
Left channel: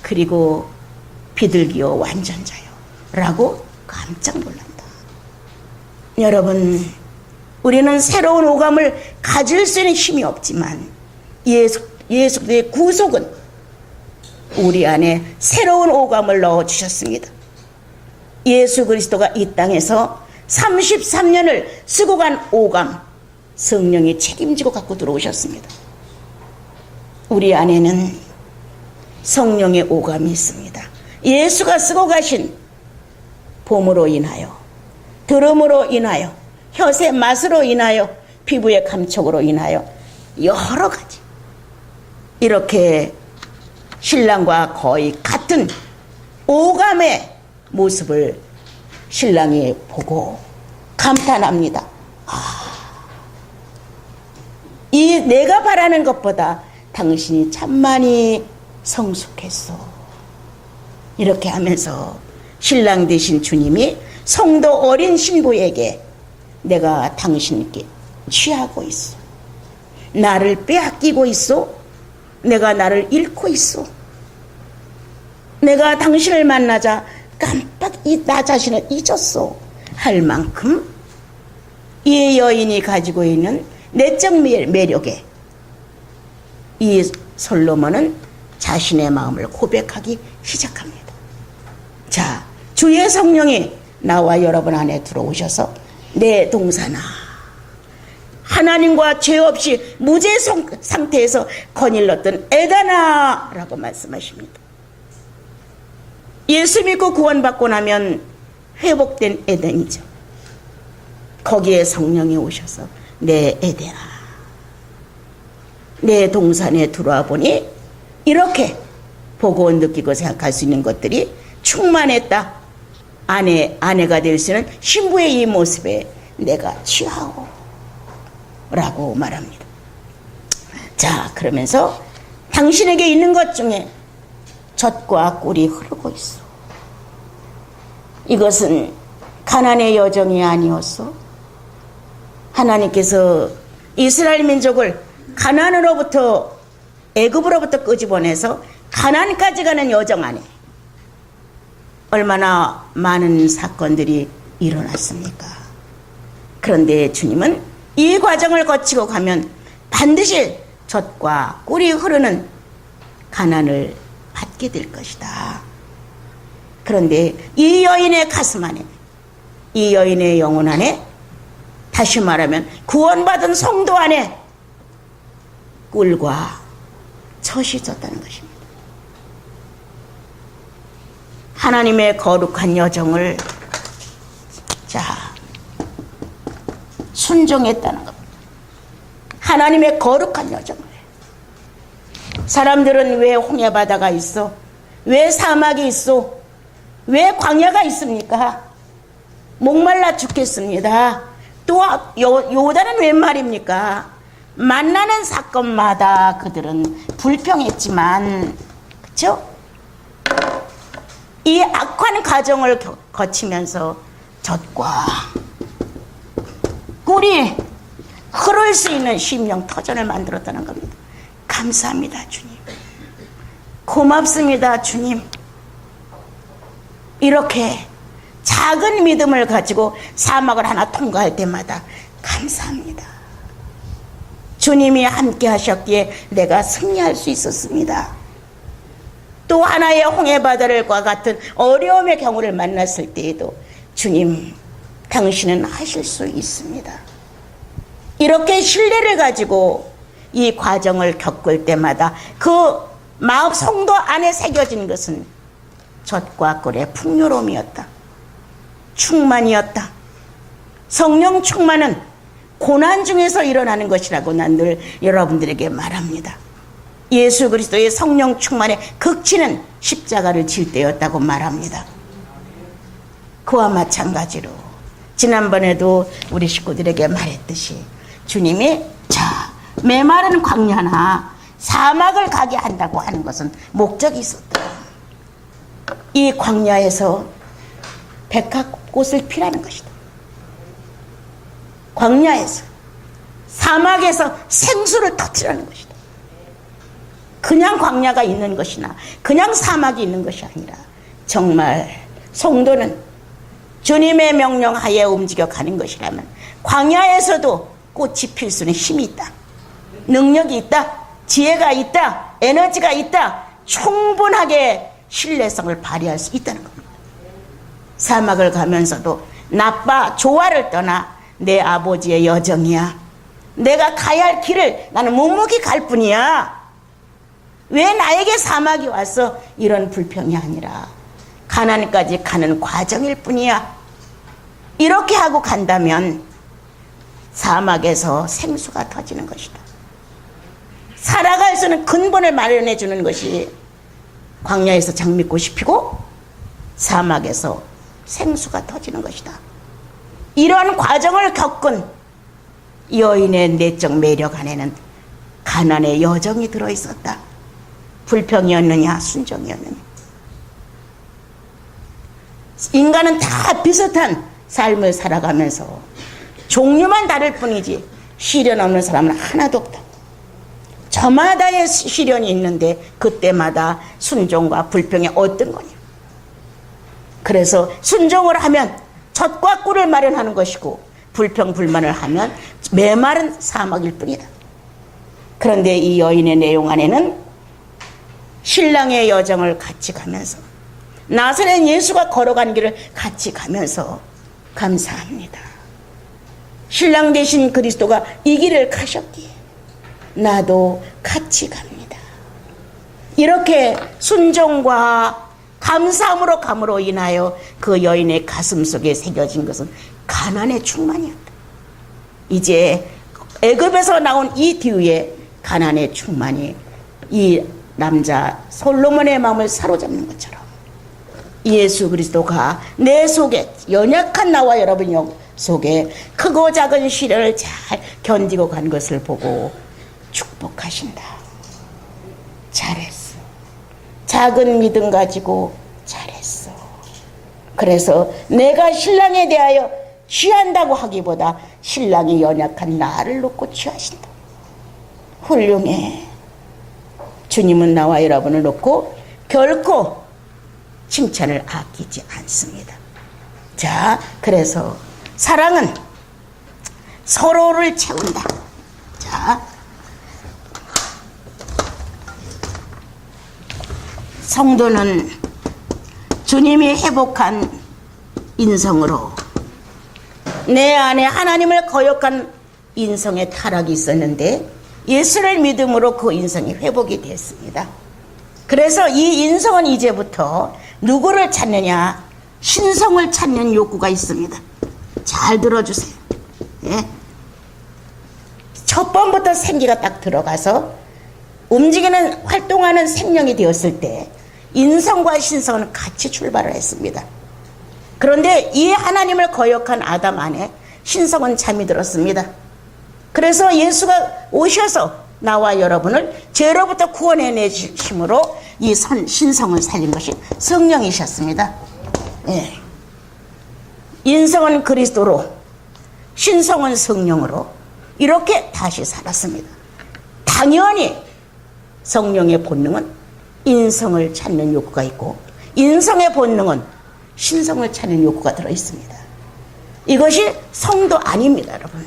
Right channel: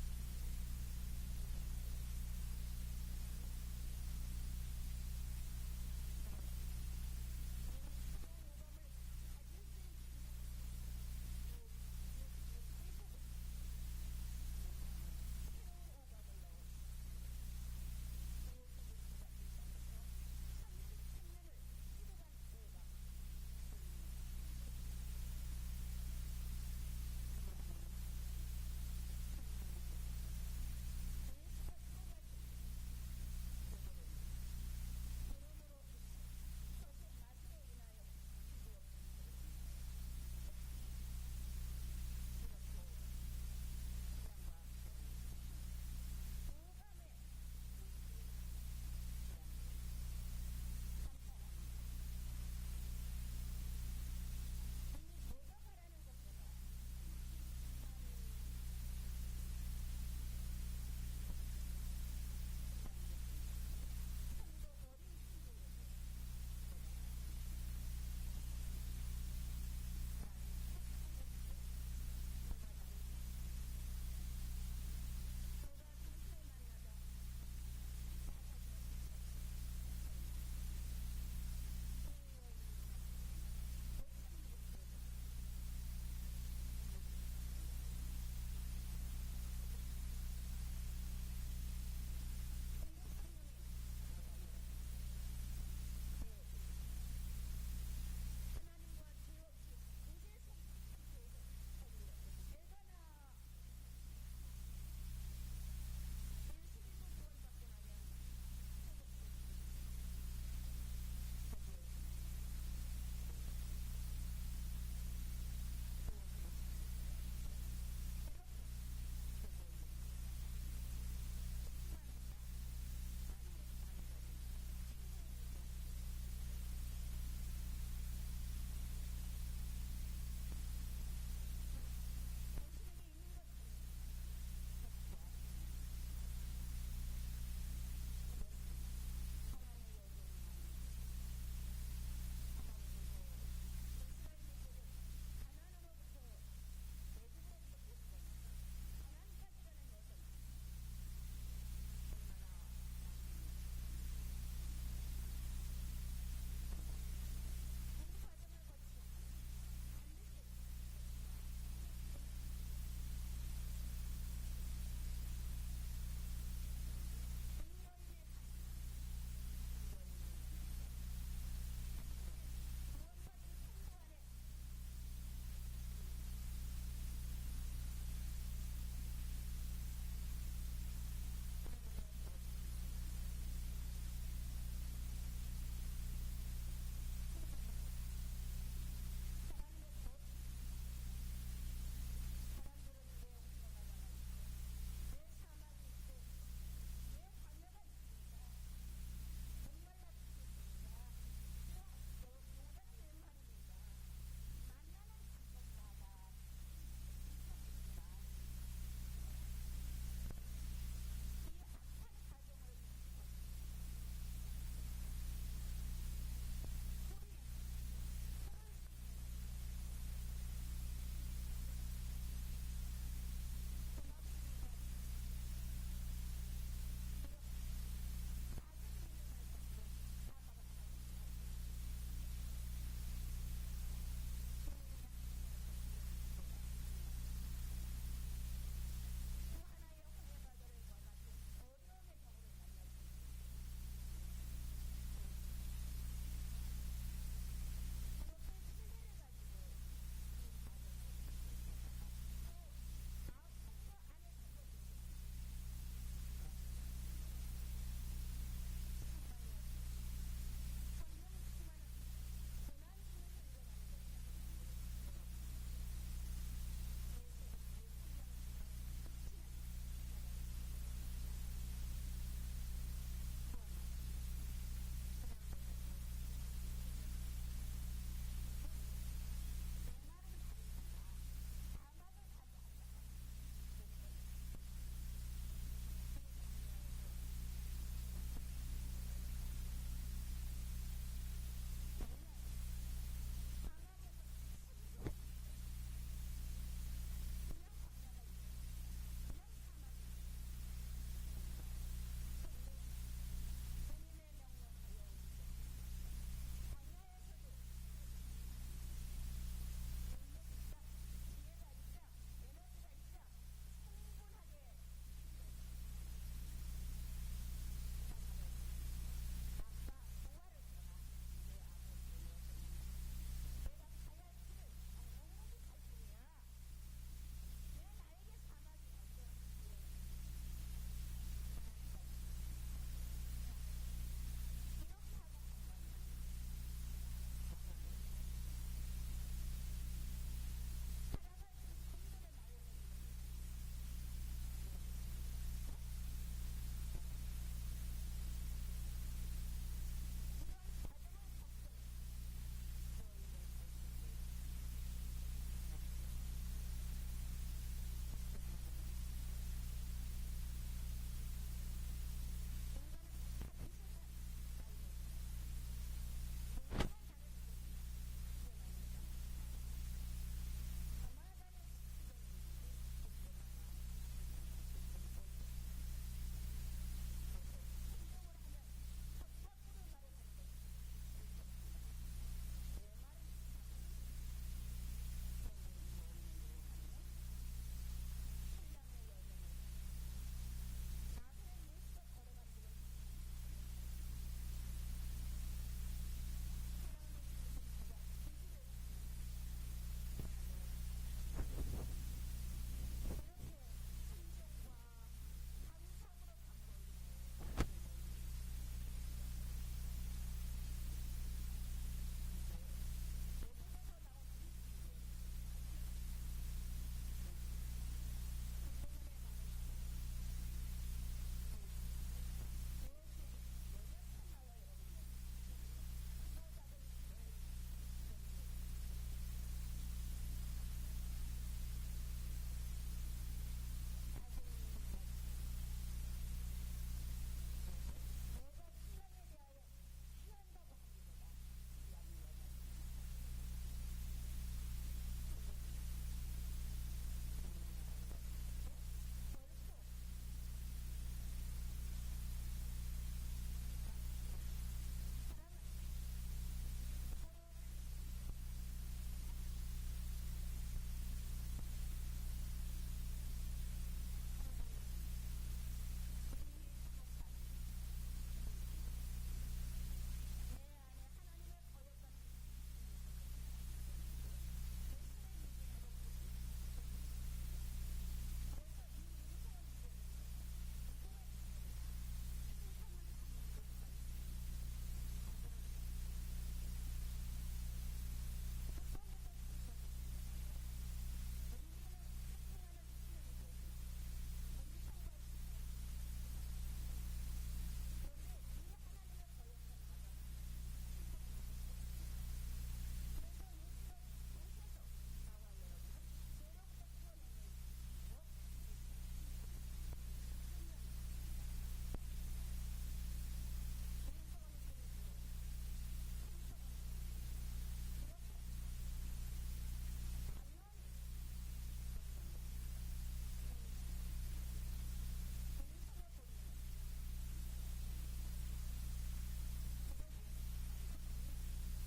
그리고 비둘기여 완전자여 라고 깜짝 놀란다. 여러분, 우리는 새로운 오감을 가질 수 있는 힘이 없지만 예수 그리스도의 구속은 우리 안에 새로운 오감을 넣어주셨습니다. 예수 그리스도가 이 땅에서 33년을 쓰고 간 오감, 성령이 책임지고 갖고 들어오셨습니다. 우리 안에는 성령의 오감이 있습니다. 예수가 쓰고 가신 봄으로 인하여, 들음으로 인하여, 혀의 맛으로 인하여, 피부의 감촉으로 인하여 여러 가지 이렇게 신랑과 거의 같은 오감의 모습을 신랑이 보고 감탄합니다. 이 내가 바라는 것보다 당신이 참 많이 성숙했어. 이렇게 하면서 신랑 되신 주님이 성도 어린 신부에게 내가 당신께 취하고 있어. 나를 빼앗기고 있어? 내가 나를 잃고 있어? 내가 당신을 만나자 깜빡 나 자신을 잊었어 할 만큼 이 여인이 가지고 있는 내적 매력에 이 솔로몬은 자신의 마음을 고백하기 시작합니다. 자, 주의 성령이 나와 여러분 안에 들어오셔서 내 동사나 하나님과 죄 없이 무죄 상태에서 거닐렀던 에다나 라고 말씀하십니다. 예수 믿고 구원받고 나면 회복된 에덴이죠. 거기에 성령이 오셔서 내 에덴아, 내 동산에 들어와 보니 이렇게 보고 느끼고 생각할 수 있는 것들이 충만했다. 아내가 될 수 있는 신부의 이 모습에 내가 취하오 라고 말합니다. 자, 그러면서 당신에게 있는 것 중에 젖과 꿀이 흐르고 있어. 이것은 가난의 여정이 아니었어. 하나님께서 이스라엘 민족을 가난으로부터 애굽으로부터 끄집어내서 가난까지 가는 여정 안에 얼마나 많은 사건들이 일어났습니까? 그런데 주님은 이 과정을 거치고 가면 반드시 젖과 꿀이 흐르는 가난을 받게 될 것이다. 그런데 이 여인의 가슴 안에, 이 여인의 영혼 안에, 다시 말하면 구원받은 성도 안에 꿀과 젖이 졌다는 것입니다. 하나님의 거룩한 여정을 순종했다는 겁니다. 하나님의 거룩한 여정을. 사람들은 왜 홍해바다가 있어? 왜 사막이 있어? 왜 광야가 있습니까? 목말라 죽겠습니다. 또 요단은 웬 말입니까? 만나는 사건마다 그들은 불평했지만, 그렇죠? 이 악한 과정을 거치면서 젖과 꿀이 흐를 수 있는 심령 터전을 만들었다는 겁니다. 감사합니다, 주님. 고맙습니다, 주님. 이렇게 작은 믿음을 가지고 사막을 하나 통과할 때마다 감사합니다. 주님이 함께 하셨기에 내가 승리할 수 있었습니다. 또 하나의 홍해바다를과 같은 어려움의 경우를 만났을 때에도 주님, 당신은 하실 수 있습니다. 이렇게 신뢰를 가지고 이 과정을 겪을 때마다 그 마음 성도 안에 새겨진 것은 젖과 꿀의 풍요로움이었다. 충만이었다. 성령 충만은 고난 중에서 일어나는 것이라고 난 늘 여러분들에게 말합니다. 예수 그리스도의 성령 충만의 극치는 십자가를 질 때였다고 말합니다. 그와 마찬가지로 지난번에도 우리 식구들에게 말했듯이 주님이 메마른 광야나 사막을 가게 한다고 하는 것은 목적이 있었다. 이 광야에서 백합꽃을 피라는 것이다. 광야에서, 사막에서 생수를 터뜨리는 것이다. 그냥 광야가 있는 것이나 그냥 사막이 있는 것이 아니라 정말 성도는 주님의 명령하에 움직여 가는 것이라면 광야에서도 꽃이 필 수 있는 힘이 있다. 능력이 있다. 지혜가 있다. 에너지가 있다. 충분하게 신뢰성을 발휘할 수 있다는 겁니다. 사막을 가면서도 나빠 좋아를 떠나 내 아버지의 여정이야. 내가 가야 할 길을 나는 묵묵히 갈 뿐이야. 왜 나에게 사막이 와서 이런 불평이 아니라 가나안까지 가는 과정일 뿐이야. 이렇게 하고 간다면 사막에서 생수가 터지는 것이다. 살아갈 수 있는 근본을 마련해 주는 것이 광야에서 장미꽃이 피고 사막에서 생수가 터지는 것이다. 이런 과정을 겪은 여인의 내적 매력 안에는 가난의 여정이 들어있었다. 불평이었느냐 순종이었느냐. 인간은 다 비슷한 삶을 살아가면서 종류만 다를 뿐이지 시련 없는 사람은 하나도 없다. 저마다의 시련이 있는데 그때마다 순종과 불평이 어떤 거냐. 그래서 순종을 하면 젖과 꿀을 마련하는 것이고 불평 불만을 하면 메마른 사막일 뿐이다. 그런데 이 여인의 내용 안에는 신랑의 여정을 같이 가면서 나사렛 예수가 걸어간 길을 같이 가면서 감사합니다. 신랑 되신 그리스도가 이 길을 가셨기에 나도 같이 갑니다. 이렇게 순종과 감사함으로 감으로 인하여 그 여인의 가슴 속에 새겨진 것은 가난의 충만이었다. 이제 애굽에서 나온 이 뒤에 가난의 충만이 이 남자 솔로몬의 마음을 사로잡는 것처럼 예수 그리스도가 내 속에, 연약한 나와 여러분 속에 크고 작은 시련을 잘 견디고 간 것을 보고 축복하신다. 잘했어. 작은 믿음 가지고 잘했어. 그래서 내가 신랑에 대하여 취한다고 하기보다 신랑이 연약한 나를 놓고 취하신다. 훌륭해. 주님은 나와 여러분을 놓고 결코 칭찬을 아끼지 않습니다. 자, 그래서 사랑은 서로를 채운다. 자, 성도는 주님이 회복한 인성으로 내 안에 하나님을 거역한 인성의 타락이 있었는데 예수를 믿음으로 그 인성이 회복이 됐습니다. 그래서 이 인성은 이제부터 누구를 찾느냐? 신성을 찾는 욕구가 있습니다. 잘 들어주세요. 예? 첫 번부터 생기가 딱 들어가서 움직이는 활동하는 생명이 되었을 때 인성과 신성은 같이 출발을 했습니다. 그런데 이 하나님을 거역한 아담 안에 신성은 잠이 들었습니다. 그래서 예수가 오셔서 나와 여러분을 죄로부터 구원해내심으로 이 신성을 살린 것이 성령이셨습니다. 예. 인성은 그리스도로, 신성은 성령으로 이렇게 다시 살았습니다. 당연히 성령의 본능은 인성을 찾는 욕구가 있고 인성의 본능은 신성을 찾는 욕구가 들어있습니다. 이것이 성도 아닙니다, 여러분.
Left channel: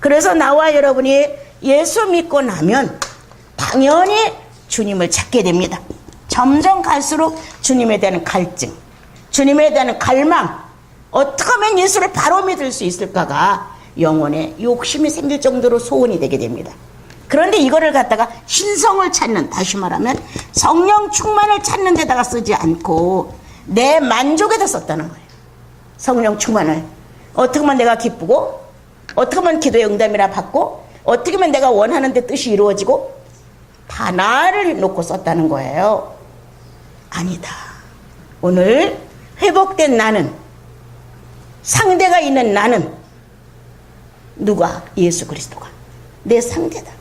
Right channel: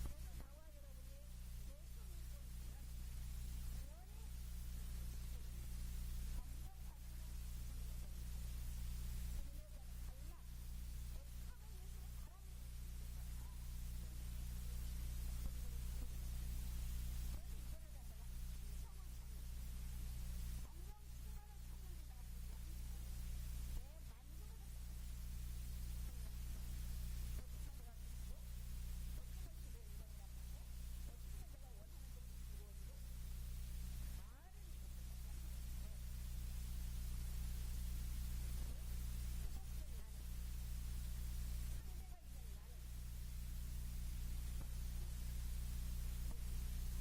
그래서 나와 여러분이 예수 믿고 나면 당연히 주님을 찾게 됩니다. 점점 갈수록 주님에 대한 갈증, 주님에 대한 갈망, 어떻게 하면 예수를 바로 믿을 수 있을까가 영혼에 욕심이 생길 정도로 소원이 되게 됩니다. 그런데 이거를 갖다가 신성을 찾는, 다시 말하면 성령 충만을 찾는 데다가 쓰지 않고 내 만족에다 썼다는 거예요. 성령 충만을 어떻게 하면 내가 기쁘고, 어떻게 하면 기도의 응답이나 받고, 어떻게 하면 내가 원하는 데 뜻이 이루어지고, 다 나를 놓고 썼다는 거예요. 아니다. 오늘 회복된 나는, 상대가 있는 나는 누가? 예수 그리스도가 내 상대다.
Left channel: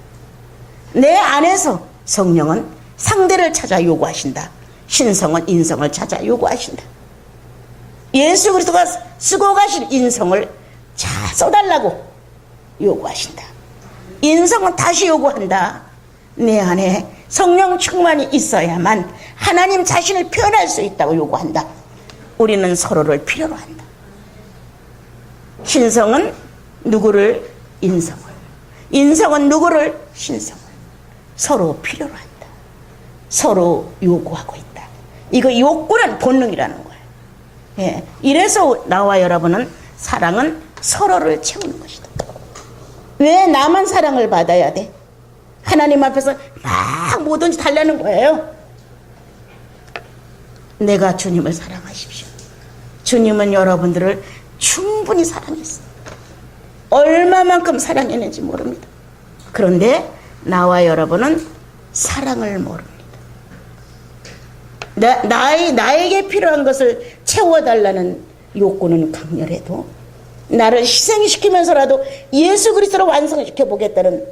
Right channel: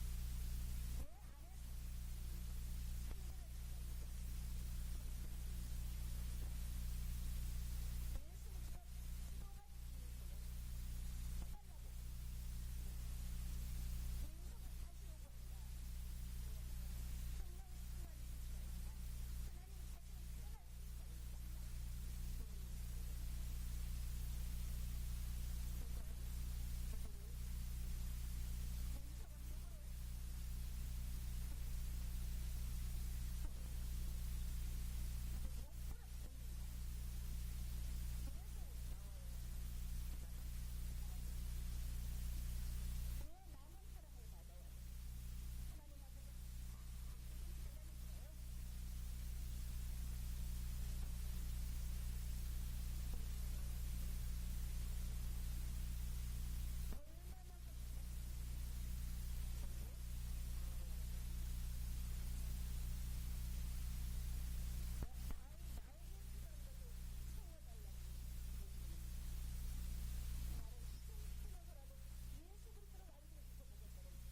내 안에서 성령은 상대를 찾아 요구하신다. 신성은 인성을 찾아 요구하신다. 예수 그리스도가 쓰고 가신 인성을 자 써달라고 요구하신다. 인성은 다시 요구한다. 내 안에 성령 충만이 있어야만 하나님 자신을 표현할 수 있다고 요구한다. 우리는 서로를 필요로 한다. 신성은 누구를? 인성을. 인성은 누구를? 신성을. 서로 필요로 한다. 서로 요구하고 있다. 이거 욕구는 본능이라는 거예요. 예. 이래서 나와 여러분은 사랑은 서로를 채우는 것이다. 왜 나만 사랑을 받아야 돼? 하나님 앞에서 막 뭐든지 달라는 거예요. 내가 주님을 사랑하십시오. 주님은 여러분들을 충분히 사랑했어요. 얼마만큼 사랑했는지 모릅니다. 그런데 나와 여러분은 사랑을 모릅니다. 나에게 필요한 것을 채워달라는 욕구는 강렬해도 나를 희생시키면서라도 예수 그리스도로 완성시켜 보겠다는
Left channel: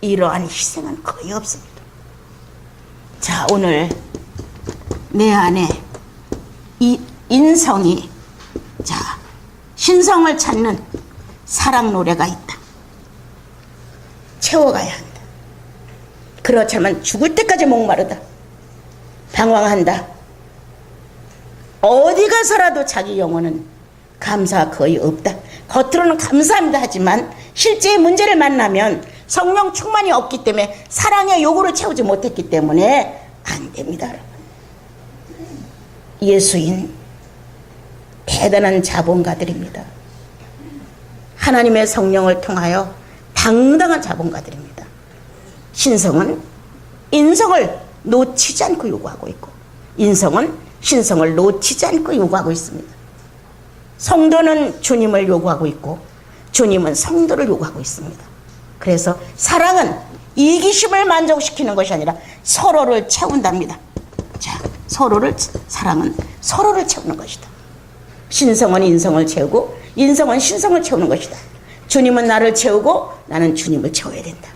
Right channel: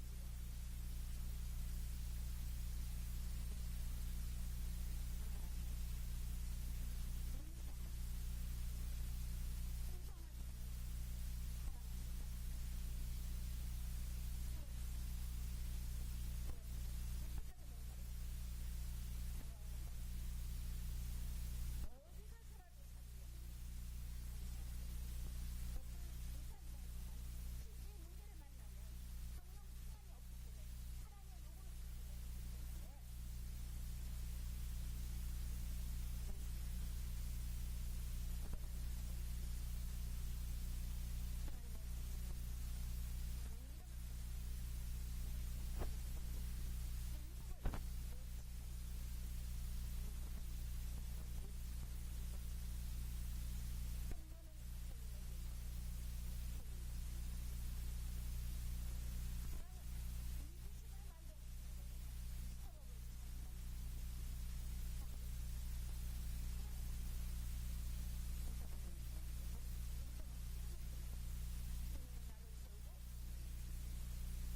이러한 희생은 거의 없습니다. 자, 오늘 내 안에 이 인성이, 자, 신성을 찾는 사랑 노래가 있다. 채워가야 한다. 그렇지만 죽을 때까지 목마르다. 방황한다. 어디 가서라도 자기 영혼은 감사가 거의 없다. 겉으로는 감사합니다 하지만 실제의 문제를 만나면 성령 충만이 없기 때문에 사랑의 요구를 채우지 못했기 때문에 안 됩니다. 여러분. 예수인 대단한 자본가들입니다. 하나님의 성령을 통하여 당당한 자본가들입니다. 신성은 인성을 놓치지 않고 요구하고 있고 인성은 신성을 놓치지 않고 요구하고 있습니다. 성도는 주님을 요구하고 있고 주님은 성도를 요구하고 있습니다. 그래서 사랑은 이기심을 만족시키는 것이 아니라 서로를 채운답니다. 자, 사랑은 서로를 채우는 것이다. 신성은 인성을 채우고 인성은 신성을 채우는 것이다. 주님은 나를 채우고 나는 주님을 채워야 된다.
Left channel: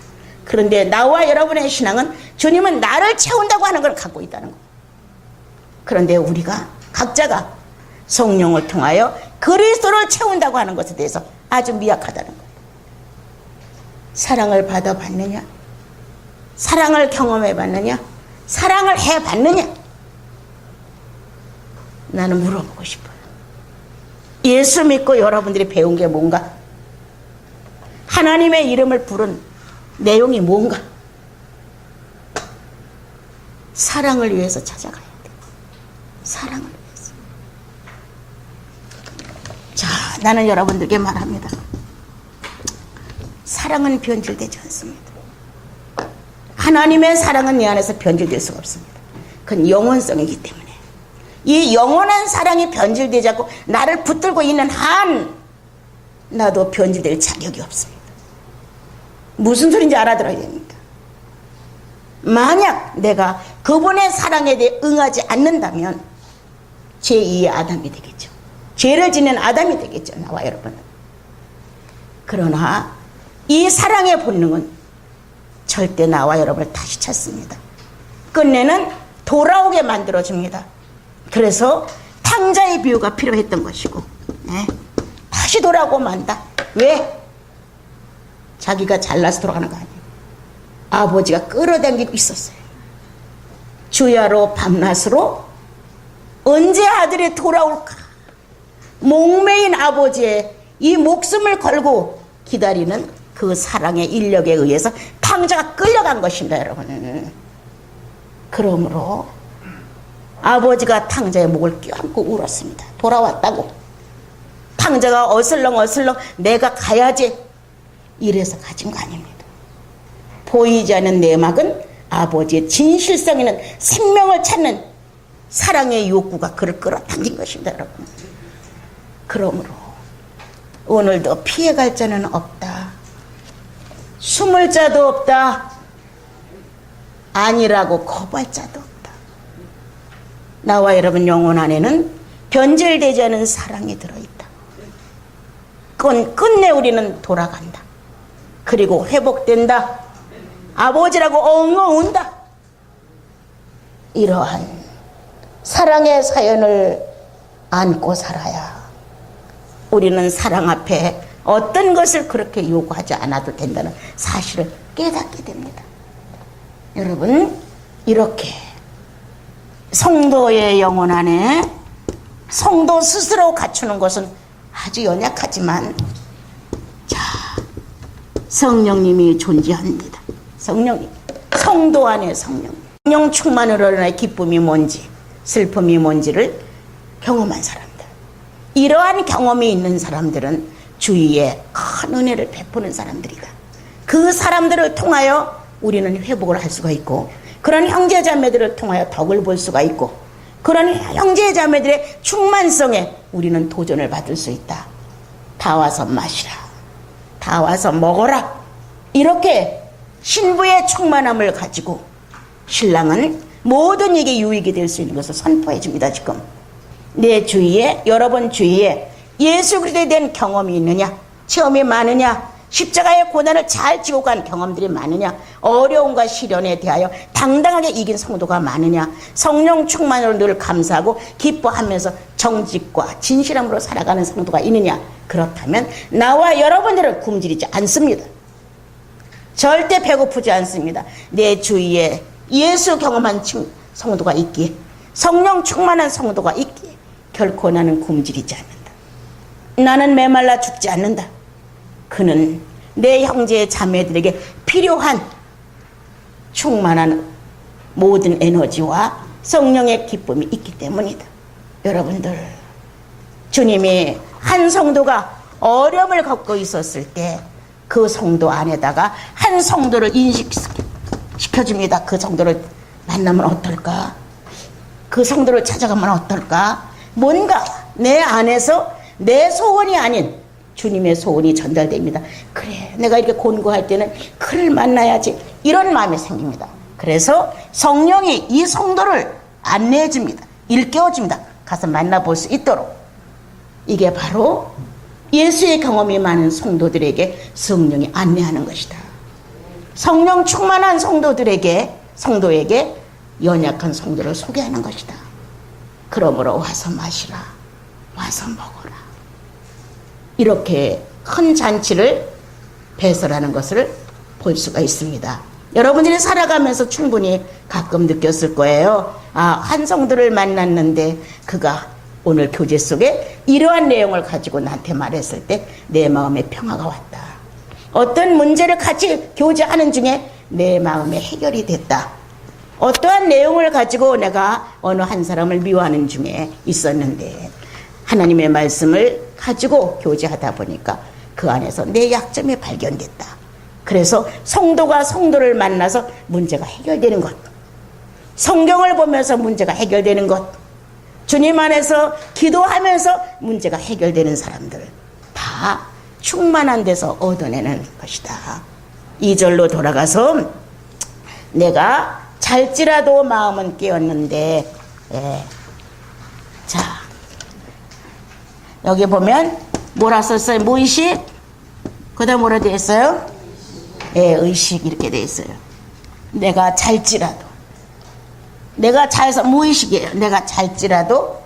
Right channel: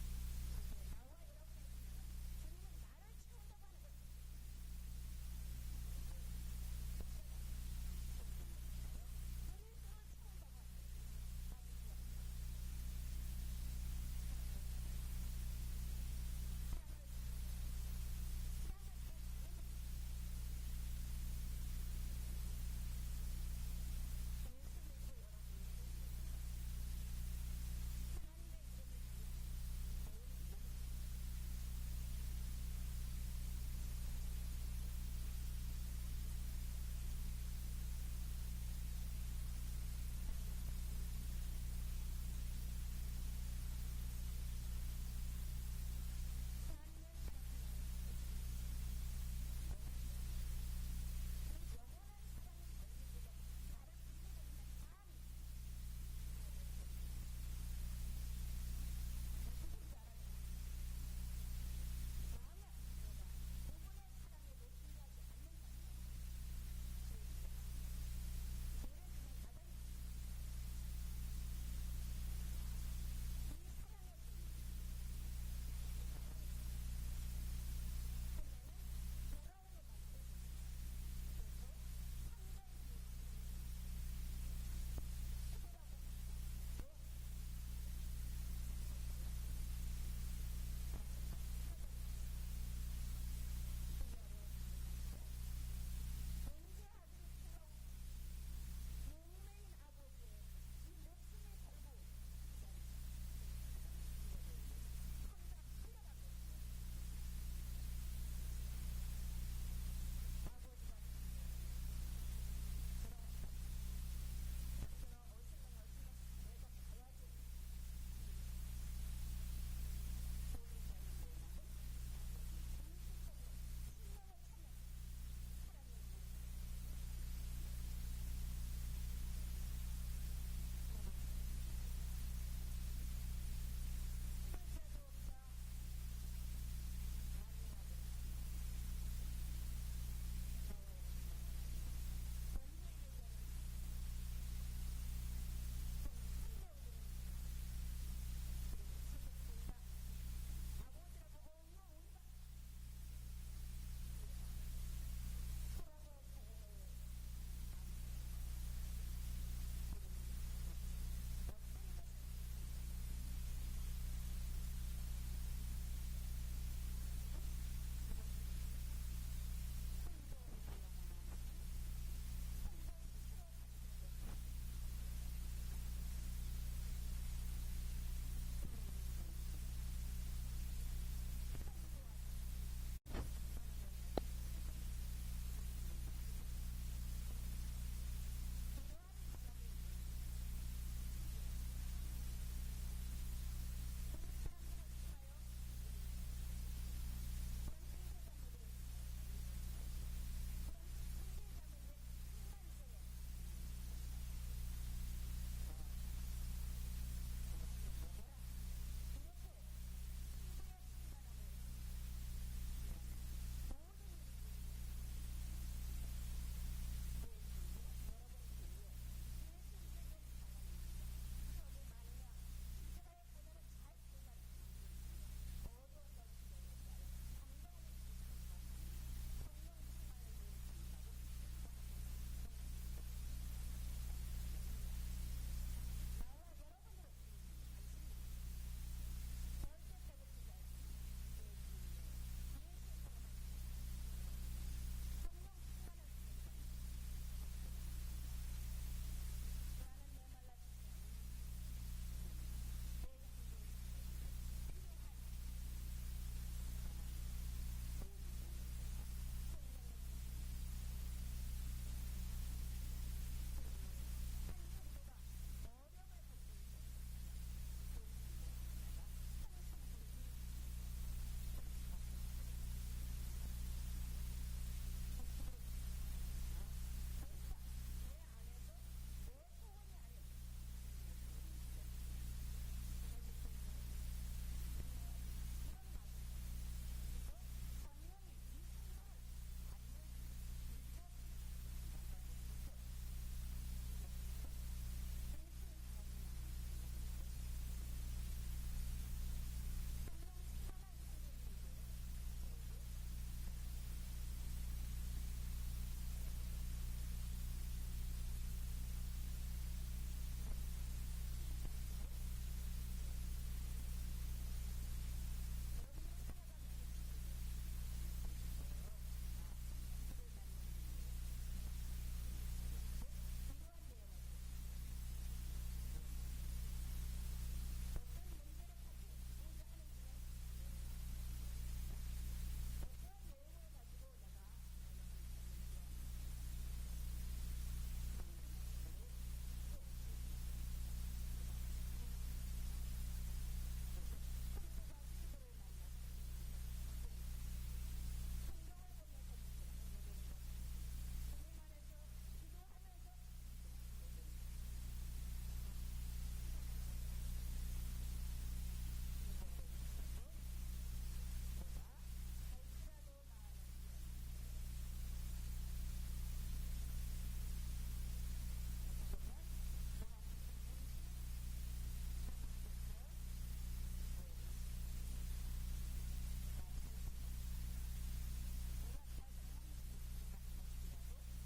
그런데 나와 여러분의 신앙은 주님은 나를 채운다고 하는 걸 갖고 있다는 거예요. 그런데 우리가 각자가 성령을 통하여 그리스도를 채운다고 하는 것에 대해서 아주 미약하다는 거예요. 사랑을 받아봤느냐? 사랑을 경험해봤느냐? 사랑을 해봤느냐? 나는 물어보고 싶어요. 예수 믿고 여러분들이 배운 게 뭔가? 하나님의 이름을 부른 내용이 뭔가? 사랑을 위해서 찾아가야 돼. 사랑을 위해서. 자, 나는 여러분들께 말합니다. 사랑은 변질되지 않습니다. 하나님의 사랑은 내 안에서 변질될 수가 없습니다. 그건 영원성이기 때문에. 이 영원한 사랑이 변질되지 않고 나를 붙들고 있는 한 나도 변질될 자격이 없습니다. 무슨 소리인지 알아들어야 됩니다. 만약 내가 그분의 사랑에 대해 응하지 않는다면 제2의 아담이 되겠죠. 죄를 짓는 아담이 되겠죠. 나와 여러분은. 그러나 이 사랑의 본능은 절대 나와 여러분을 다시 찾습니다. 끝내는 돌아오게 만들어줍니다. 그래서 탕자의 비유가 필요했던 것이고, 네. 다시 돌아오고 만다. 왜? 자기가 잘나서 돌아가는 거 아니에요. 아버지가 끌어당기고 있었어요. 주야로 밤낮으로 언제 아들이 돌아올까? 목매인 아버지의 이 목숨을 걸고 기다리는 그 사랑의 인력에 의해서 탕자가 끌려간 것입니다, 여러분. 그러므로 아버지가 탕자의 목을 껴안고 울었습니다. 돌아왔다고. 탕자가 어슬렁어슬렁 내가 가야지 이래서 가진 거 아닙니다. 보이지 않는 내막은 아버지의 진실성 있는 생명을 찾는 사랑의 욕구가 그를 끌어당긴 것입니다, 여러분. 그러므로 오늘도 피해갈 자는 없다. 숨을 자도 없다. 아니라고 거부할 자도 없다. 나와 여러분 영혼 안에는 변질되지 않은 사랑이 들어있다. 끝내 우리는 돌아간다. 그리고 회복된다. 아버지라고 엉엉 운다. 이러한 사랑의 사연을 안고 살아야 우리는 사랑 앞에 어떤 것을 그렇게 요구하지 않아도 된다는 사실을 깨닫게 됩니다. 여러분, 이렇게 성도의 영혼 안에 성도 스스로 갖추는 것은 아주 연약하지만, 자, 성령님이 존재합니다. 성령님, 성도 안에 성령, 성령 충만으로 인해 기쁨이 뭔지 슬픔이 뭔지를 경험한 사람들, 이러한 경험이 있는 사람들은 주위에 큰 은혜를 베푸는 사람들이다. 그 사람들을 통하여 우리는 회복을 할 수가 있고, 그런 형제자매들을 통하여 덕을 볼 수가 있고, 그런 형제자매들의 충만성에 우리는 도전을 받을 수 있다. 다 와서 마시라. 다 와서 먹어라. 이렇게 신부의 충만함을 가지고 신랑은 모든 이게 유익이 될 수 있는 것을 선포해 줍니다. 지금 내 주위에, 여러분 주위에 예수 그리스도에 대한 경험이 있느냐? 체험이 많으냐? 십자가의 고난을 잘 지고 간 경험들이 많으냐? 어려움과 시련에 대하여 당당하게 이긴 성도가 많으냐? 성령 충만으로 늘 감사하고 기뻐하면서 정직과 진실함으로 살아가는 성도가 있느냐? 그렇다면 나와 여러분들은 굶주리지 않습니다. 절대 배고프지 않습니다. 내 주위에 예수 경험한 성도가 있기에, 성령 충만한 성도가 있기에 결코 나는 굶주리지 않는다. 나는 메말라 죽지 않는다. 그는 내 형제 자매들에게 필요한 충만한 모든 에너지와 성령의 기쁨이 있기 때문이다. 여러분들, 주님이 한 성도가 어려움을 겪고 있었을 때 그 성도 안에다가 한 성도를 인식시켜줍니다. 그 성도를 만나면 어떨까? 그 성도를 찾아가면 어떨까? 뭔가 내 안에서 내 소원이 아닌 주님의 소원이 전달됩니다. 그래, 내가 이렇게 곤고할 때는 그를 만나야지, 이런 마음이 생깁니다. 그래서 성령이 이 성도를 안내해 줍니다. 일깨워 줍니다. 가서 만나볼 수 있도록. 이게 바로 예수의 경험이 많은 성도들에게 성령이 안내하는 것이다. 성령 충만한 성도에게 연약한 성도를 소개하는 것이다. 그러므로 와서 마시라, 와서 먹어라. 이렇게 큰 잔치를 배설하는 것을 볼 수가 있습니다. 여러분들이 살아가면서 충분히 가끔 느꼈을 거예요. 한 성도를 만났는데 그가 오늘 교제 속에 이러한 내용을 가지고 나한테 말했을 때 내 마음에 평화가 왔다. 어떤 문제를 같이 교제하는 중에 내 마음에 해결이 됐다. 어떠한 내용을 가지고 내가 어느 한 사람을 미워하는 중에 있었는데 하나님의 말씀을 가지고 교제하다 보니까 그 안에서 내 약점이 발견됐다. 그래서 성도가 성도를 만나서 문제가 해결되는 것, 성경을 보면서 문제가 해결되는 것, 주님 안에서 기도하면서 문제가 해결되는 사람들 다 충만한 데서 얻어내는 것이다. 2절로 돌아가서 내가 잘지라도 마음은 깨었는데, 자 여기 보면 뭐라 썼어요? 무의식, 그 다음 뭐라 되어 있어요? 의식, 이렇게 되어 있어요. 내가 잘지라도, 내가 잘서 무의식이에요. 내가 잘지라도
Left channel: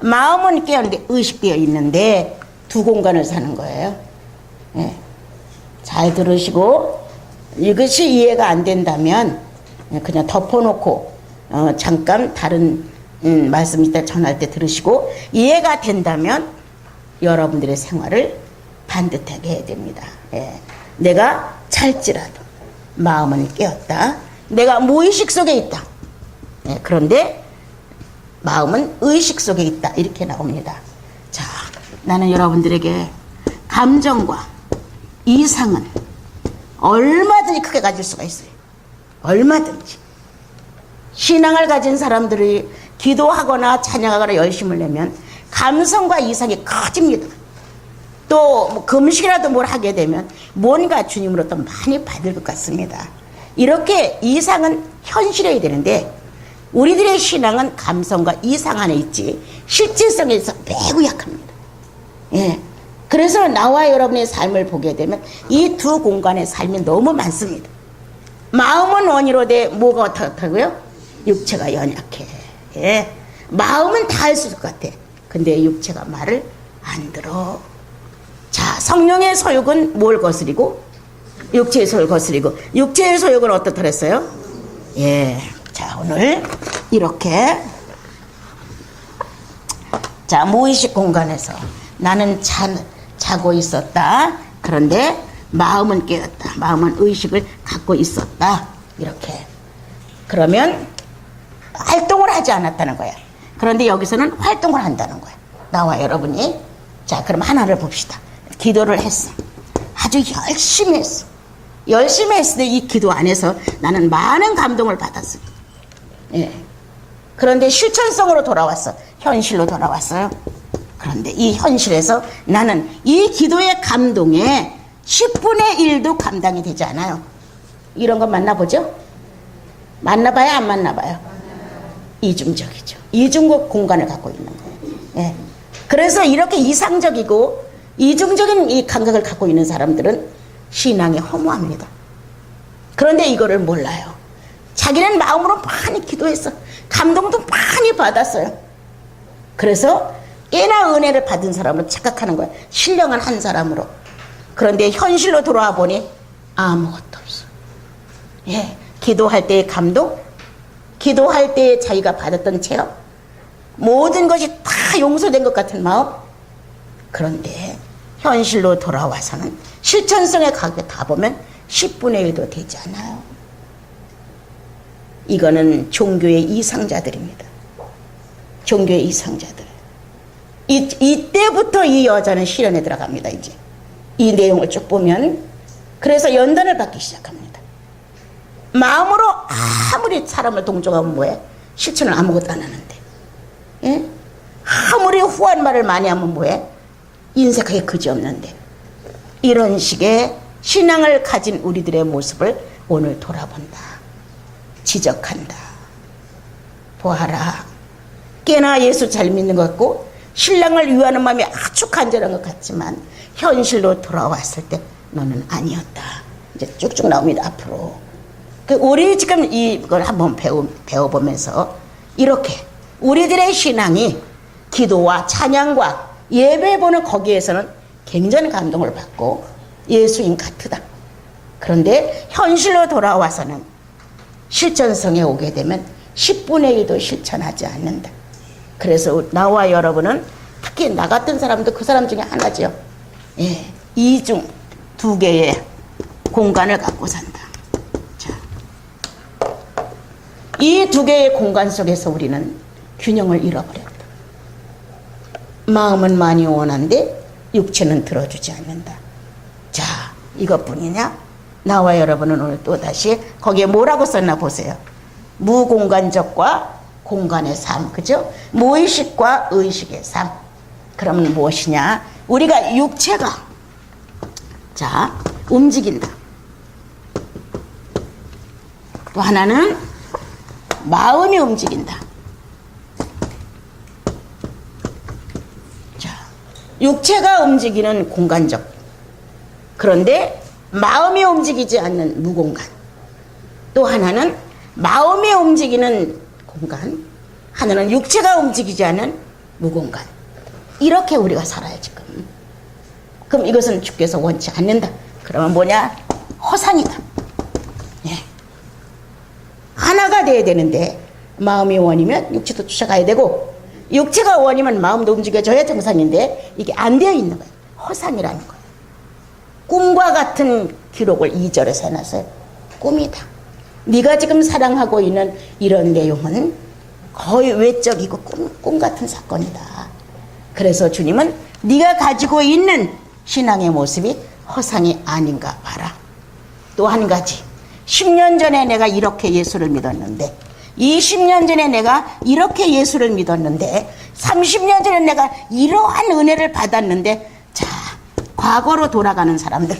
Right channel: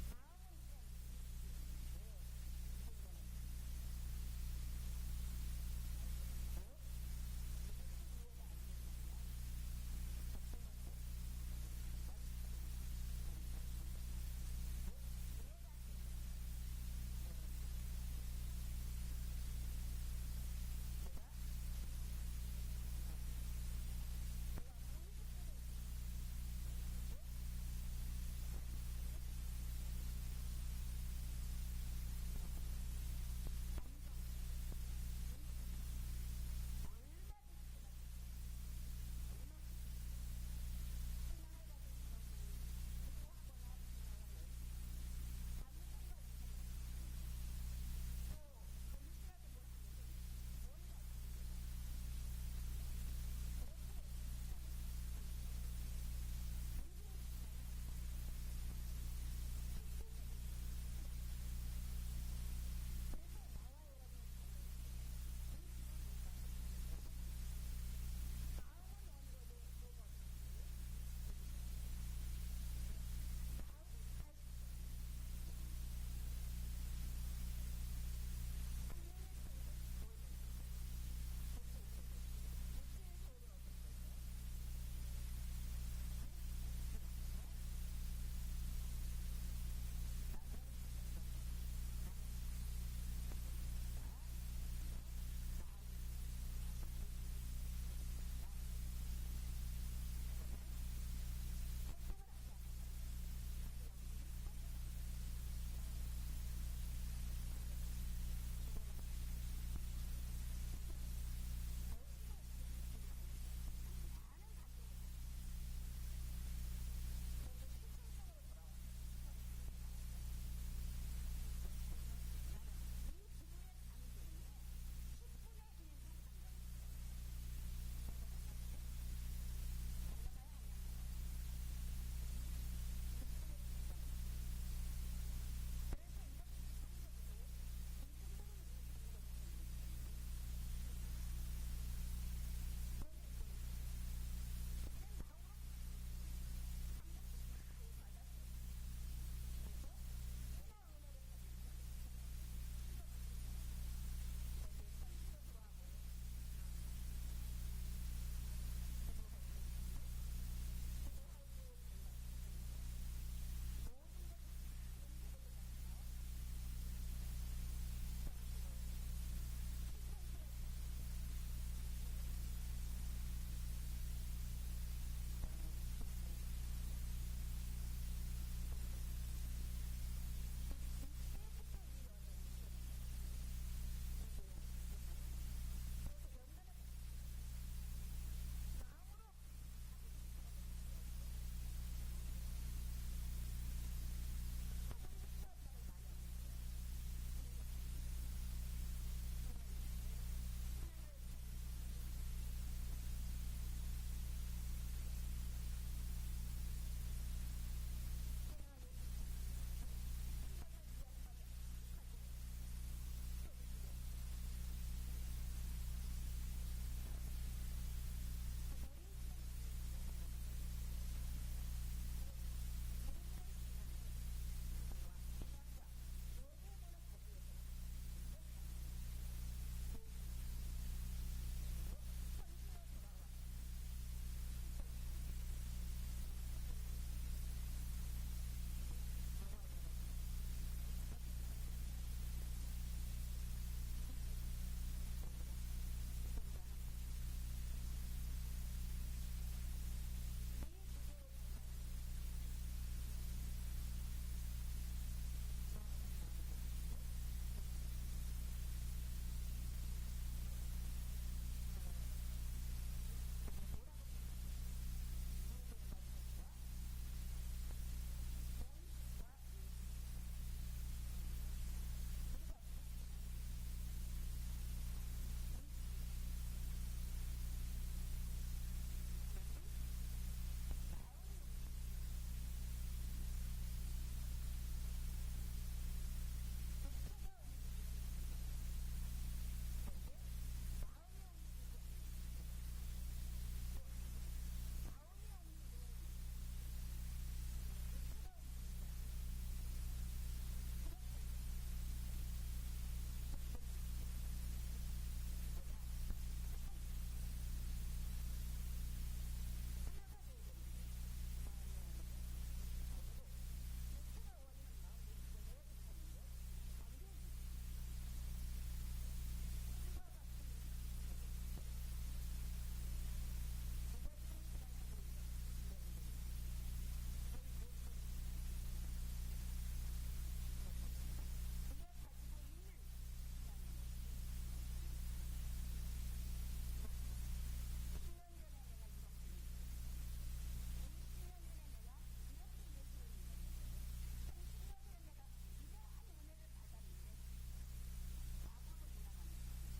마음은 깨었는데 의식되어 있는데 두 공간을 사는 거예요. 잘 들으시고, 이것이 이해가 안 된다면 그냥 덮어놓고 잠깐 다른 말씀 이따 전할 때 들으시고, 이해가 된다면 여러분들의 생활을 반듯하게 해야 됩니다. 내가 잘지라도 마음은 깨었다. 내가 무의식 속에 있다. 그런데 마음은 의식 속에 있다. 이렇게 나옵니다. 자, 나는 여러분들에게 감정과 이상은 얼마든지 크게 가질 수가 있어요. 얼마든지. 신앙을 가진 사람들이 기도하거나 찬양하거나 열심을 내면 감성과 이상이 커집니다. 또 금식이라도 뭘 하게 되면 뭔가 주님으로부터 많이 받을 것 같습니다. 이렇게 이상은 현실해야 되는데 우리들의 신앙은 감성과 이상 안에 있지 실질성에서 매우 약합니다. 그래서 나와 여러분의 삶을 보게 되면 이 두 공간의 삶이 너무 많습니다. 마음은 원이로 돼 뭐가 어떻다고요? 육체가 연약해. 마음은 다 할 수 있을 것 같아. 근데 육체가 말을 안 들어. 자, 성령의 소욕은 뭘 거스리고? 육체의 소욕을 거스리고. 육체의 소욕은 어떻다 그랬어요? 자, 오늘 이렇게, 자, 무의식 공간에서 나는 자고 있었다. 그런데 마음은 깨었다. 마음은 의식을 갖고 있었다. 이렇게. 그러면 활동을 하지 않았다는 거야. 그런데 여기서는 활동을 한다는 거야. 나와 여러분이. 자, 그럼 하나를 봅시다. 기도를 했어. 아주 열심히 했어. 열심히 했을 때 이 기도 안에서 나는 많은 감동을 받았어요. 그런데 실천성으로 돌아왔어. 현실로 돌아왔어요. 그런데 이 현실에서 나는 이 기도의 감동에 10분의 1도 감당이 되지 않아요. 이런 거 만나보죠? 만나봐요, 안 만나봐요? 이중적이죠. 이중적 공간을 갖고 있는 거예요. 그래서 이렇게 이상적이고 이중적인 이 감각을 갖고 있는 사람들은 신앙이 허무합니다. 그런데 이거를 몰라요. 자기는 마음으로 많이 기도했어. 감동도 많이 받았어요. 그래서 꽤나 은혜를 받은 사람으로 착각하는 거예요. 신령한 한 사람으로. 그런데 현실로 돌아와 보니 아무것도 없어. 예, 기도할 때의 감동, 기도할 때 자기가 받았던 체험, 모든 것이 다 용서된 것 같은 마음. 그런데 현실로 돌아와서는 실천성에 다 보면 10분의 1도 되지 않아요. 이거는 종교의 이상자들입니다. 종교의 이상자들. 이때부터 이 여자는 실현에 들어갑니다. 이제 이 내용을 쭉 보면. 그래서 연단을 받기 시작합니다. 마음으로 아무리 사람을 동정하면 뭐해? 실천을 아무것도 안 하는데. 예? 아무리 후한 말을 많이 하면 뭐해? 인색하게 그지없는데. 이런 식의 신앙을 가진 우리들의 모습을 오늘 돌아본다. 지적한다. 보아라. 꽤나 예수 잘 믿는 것 같고 신랑을 위하는 마음이 아주 간절한 것 같지만 현실로 돌아왔을 때 너는 아니었다. 이제 쭉쭉 나옵니다. 앞으로. 우리 지금 이걸 한번 배워보면서 이렇게 우리들의 신앙이 기도와 찬양과 예배 보는 거기에서는 굉장히 감동을 받고 예수인 같으다. 그런데 현실로 돌아와서는 실천성에 오게 되면 10분의 1도 실천하지 않는다. 그래서 나와 여러분은 특히 나 같은 사람도 그 사람 중에 하나죠. 예, 이중 두 개의 공간을 갖고 산다. 자, 이 두 개의 공간 속에서 우리는 균형을 잃어버렸다. 마음은 많이 원한데 육체는 들어주지 않는다. 자, 이것뿐이냐? 나와 여러분은 오늘 또다시 거기에 뭐라고 썼나 보세요. 무공간적과 공간의 삶, 그죠? 무의식과 의식의 삶. 그러면 무엇이냐? 우리가 육체가 자 움직인다. 또 하나는 마음이 움직인다. 자, 육체가 움직이는 공간적. 그런데 마음이 움직이지 않는 무공간. 또 하나는 마음이 움직이는 공간, 하나는 육체가 움직이지 않은 무공간. 이렇게 우리가 살아요 지금. 그럼 이것은 주께서 원치 않는다. 그러면 뭐냐? 허상이다. 예. 하나가 돼야 되는데 마음이 원이면 육체도 쫓아가야 되고 육체가 원이면 마음도 움직여져야 정상인데 이게 안 되어 있는 거예요. 허상이라는 거예요. 꿈과 같은 기록을 2절에서 해놨어요. 꿈이다. 네가 지금 사랑하고 있는 이런 내용은 거의 외적이고 꿈 같은 사건이다. 그래서 주님은 네가 가지고 있는 신앙의 모습이 허상이 아닌가 봐라. 또 한 가지. 10년 전에 내가 이렇게 예수를 믿었는데 20년 전에 내가 이렇게 예수를 믿었는데 30년 전에 내가 이러한 은혜를 받았는데 자, 과거로 돌아가는 사람들.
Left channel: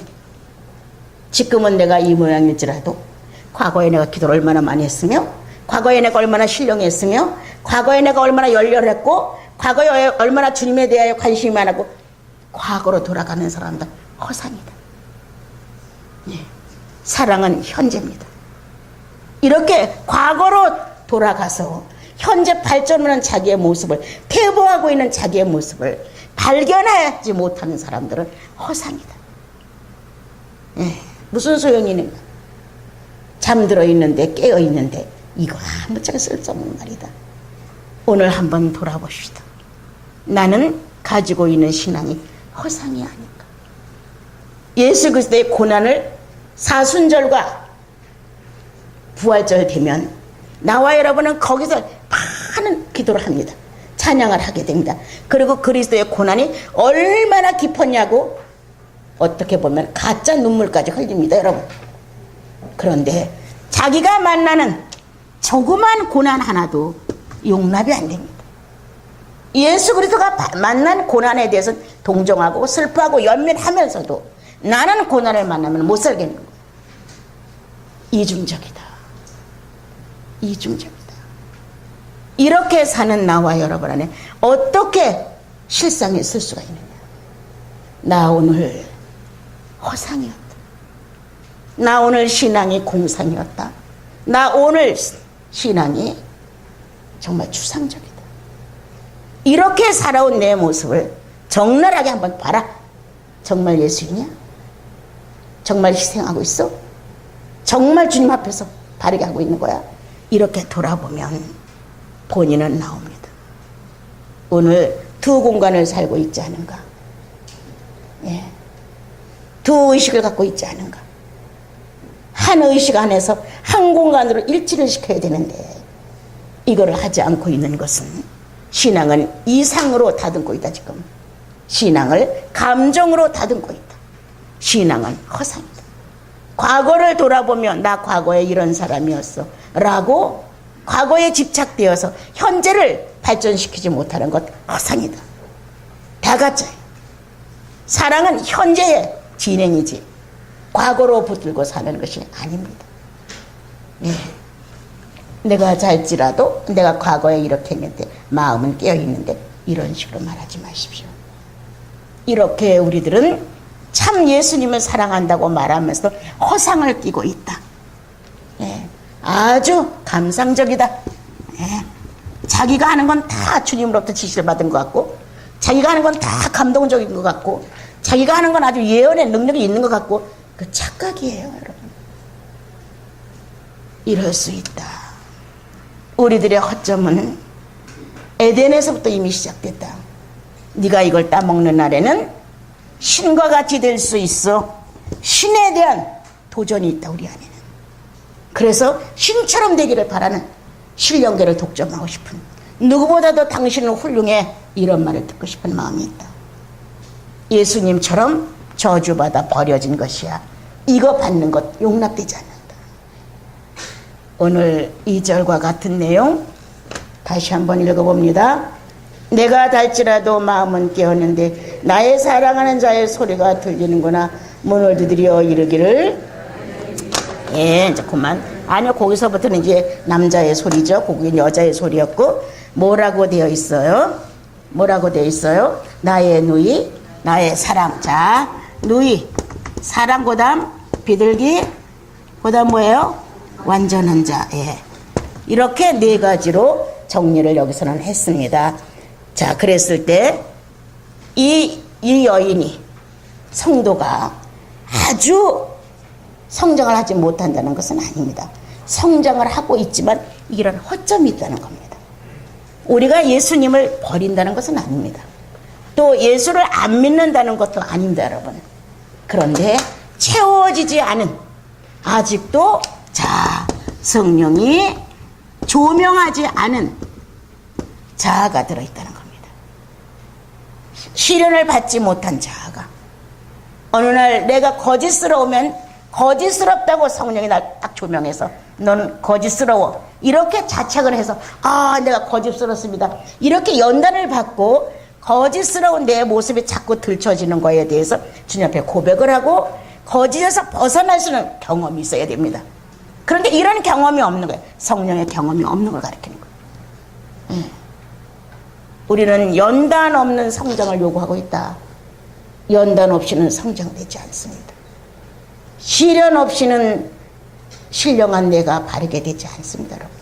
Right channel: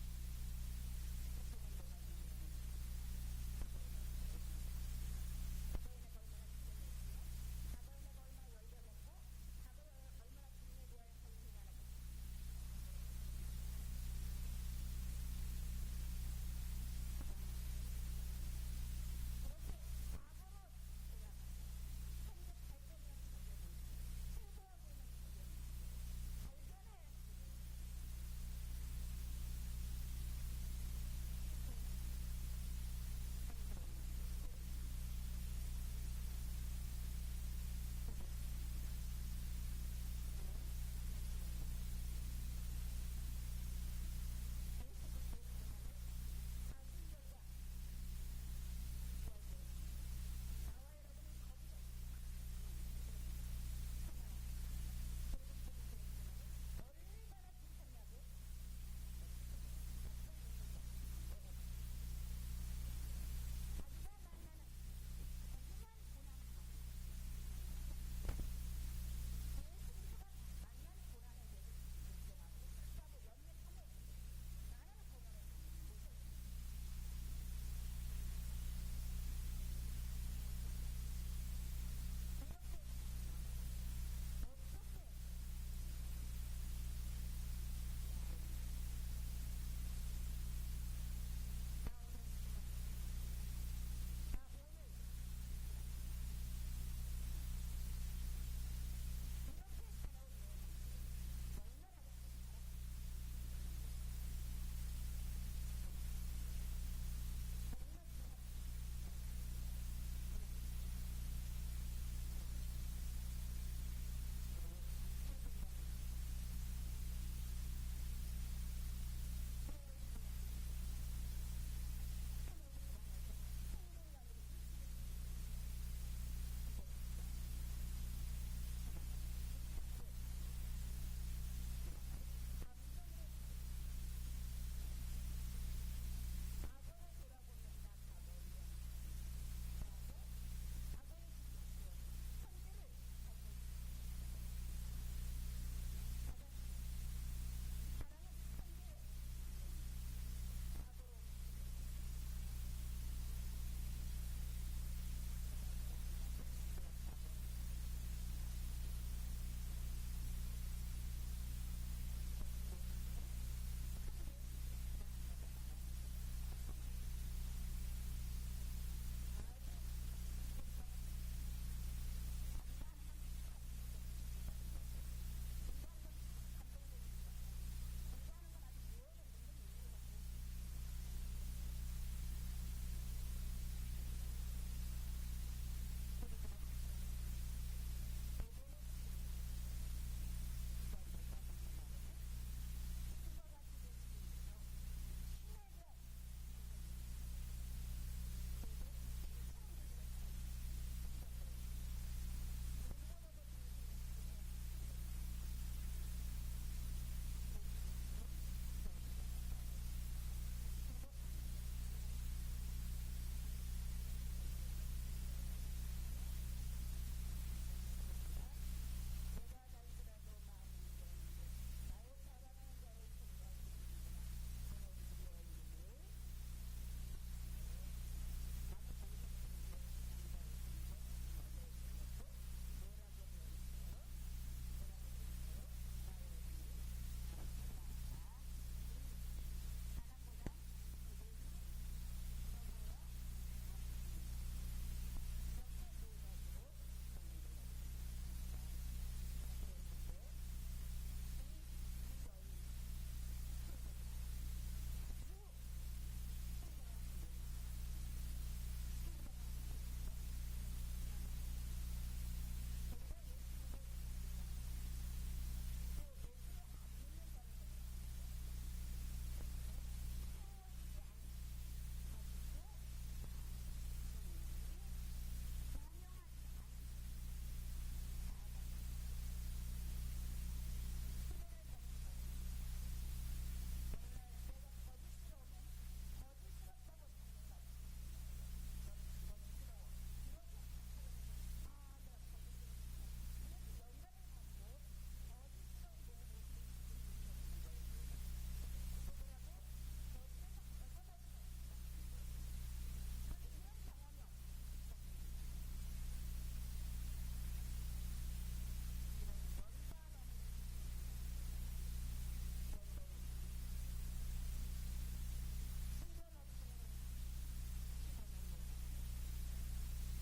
지금은 내가 이 모양일지라도 과거에 내가 기도를 얼마나 많이 했으며 과거에 내가 얼마나 신령했으며 과거에 내가 얼마나 열렬했고 과거에 얼마나 주님에 대하여 관심이 많았고 과거로 돌아가는 사람들 허상이다. 예. 사랑은 현재입니다. 이렇게 과거로 돌아가서 현재 발전하는 자기의 모습을 퇴보하고 있는 자기의 모습을 발견하지 못하는 사람들은 허상이다. 예. 무슨 소용이 있는가? 잠들어 있는데 깨어 있는데 이거 아무짝에 쓸데없는 말이다. 오늘 한번 돌아봅시다. 나는 가지고 있는 신앙이 허상이 아닌가? 예수 그리스도의 고난을 사순절과 부활절 되면 나와 여러분은 거기서 많은 기도를 합니다. 찬양을 하게 됩니다. 그리고 그리스도의 고난이 얼마나 깊었냐고 어떻게 보면 가짜 눈물까지 흘립니다, 여러분. 그런데 자기가 만나는 조그만 고난 하나도 용납이 안 됩니다. 예수 그리스도가 만난 고난에 대해서는 동정하고 슬퍼하고 연민하면서도 나는 고난을 만나면 못 살겠는 거예요. 이중적이다. 이중적이다. 이렇게 사는 나와 여러분 안에 어떻게 실상이 있을 수가 있느냐. 나 오늘 허상이었다. 나 오늘 신앙이 공상이었다. 나 오늘 신앙이 정말 추상적이다. 이렇게 살아온 내 모습을 적나라하게 한번 봐라. 정말 예수이냐? 정말 희생하고 있어? 정말 주님 앞에서 바르게 하고 있는 거야? 이렇게 돌아보면 본인은 나옵니다. 오늘 두 공간을 살고 있지 않은가? 예. 두 의식을 갖고 있지 않은가? 한 의식 안에서 한 공간으로 일치를 시켜야 되는데 이거를 하지 않고 있는 것은 신앙은 이상으로 다듬고 있다. 지금 신앙을 감정으로 다듬고 있다. 신앙은 허상이다. 과거를 돌아보면 나 과거에 이런 사람이었어 라고 과거에 집착되어서 현재를 발전시키지 못하는 것 허상이다. 다 가짜예요. 사랑은 현재의 진행이지 과거로 붙들고 사는 것이 아닙니다. 예. 내가 잘지라도 내가 과거에 이렇게 했는데 마음은 깨어있는데 이런 식으로 말하지 마십시오. 이렇게 우리들은 참 예수님을 사랑한다고 말하면서 허상을 띠고 있다. 예. 아주 감상적이다. 예. 자기가 하는 건 다 주님으로부터 지시를 받은 것 같고 자기가 하는 건 다 감동적인 것 같고 자기가 하는 건 아주 예언의 능력이 있는 것 같고 그 착각이에요, 여러분. 이럴 수 있다. 우리들의 허점은 에덴에서부터 이미 시작됐다. 네가 이걸 따먹는 날에는 신과 같이 될 수 있어. 신에 대한 도전이 있다, 우리 안에는. 그래서 신처럼 되기를 바라는 신령계를 독점하고 싶은, 누구보다도 당신은 훌륭해, 이런 말을 듣고 싶은 마음이 있다. 예수님처럼 저주받아 버려진 것이야. 이거 받는 것 용납되지 않는다. 오늘 2절과 같은 내용 다시 한번 읽어봅니다. 내가 닳지라도 마음은 깨었는데 나의 사랑하는 자의 소리가 들리는구나. 문을 두드려 이르기를. 예, 이제 그만. 아니요, 거기서부터는 이제 남자의 소리죠. 거기는 여자의 소리였고, 뭐라고 되어 있어요? 뭐라고 되어 있어요? 나의 누이, 나의 사랑. 자, 누이, 사랑, 그 다음 비둘기, 그 다음 뭐예요? 완전한 자. 예. 이렇게 네 가지로 정리를 여기서는 했습니다. 자, 그랬을 때 이 여인이, 성도가 아주 성장을 하지 못한다는 것은 아닙니다. 성장을 하고 있지만 이런 허점이 있다는 겁니다. 우리가 예수님을 버린다는 것은 아닙니다. 또 예수를 안 믿는다는 것도 아닙니다, 여러분. 그런데 채워지지 않은, 아직도 자, 성령이 조명하지 않은 자아가 들어있다는 겁니다. 시련을 받지 못한 자아가. 어느 날 내가 거짓스러우면 거짓스럽다고 성령이 날 딱 조명해서 너는 거짓스러워, 이렇게 자책을 해서 아, 내가 거짓스럽습니다, 이렇게 연단을 받고 거짓스러운 내 모습이 자꾸 들춰지는 거에 대해서 주님 앞에 고백을 하고 거짓에서 벗어날 수 있는 경험이 있어야 됩니다. 그런데 이런 경험이 없는 거예요. 성령의 경험이 없는 걸 가리키는 거예요. 우리는 연단 없는 성장을 요구하고 있다. 연단 없이는 성장되지 않습니다. 시련 없이는 신령한 내가 바르게 되지 않습니다, 여러분.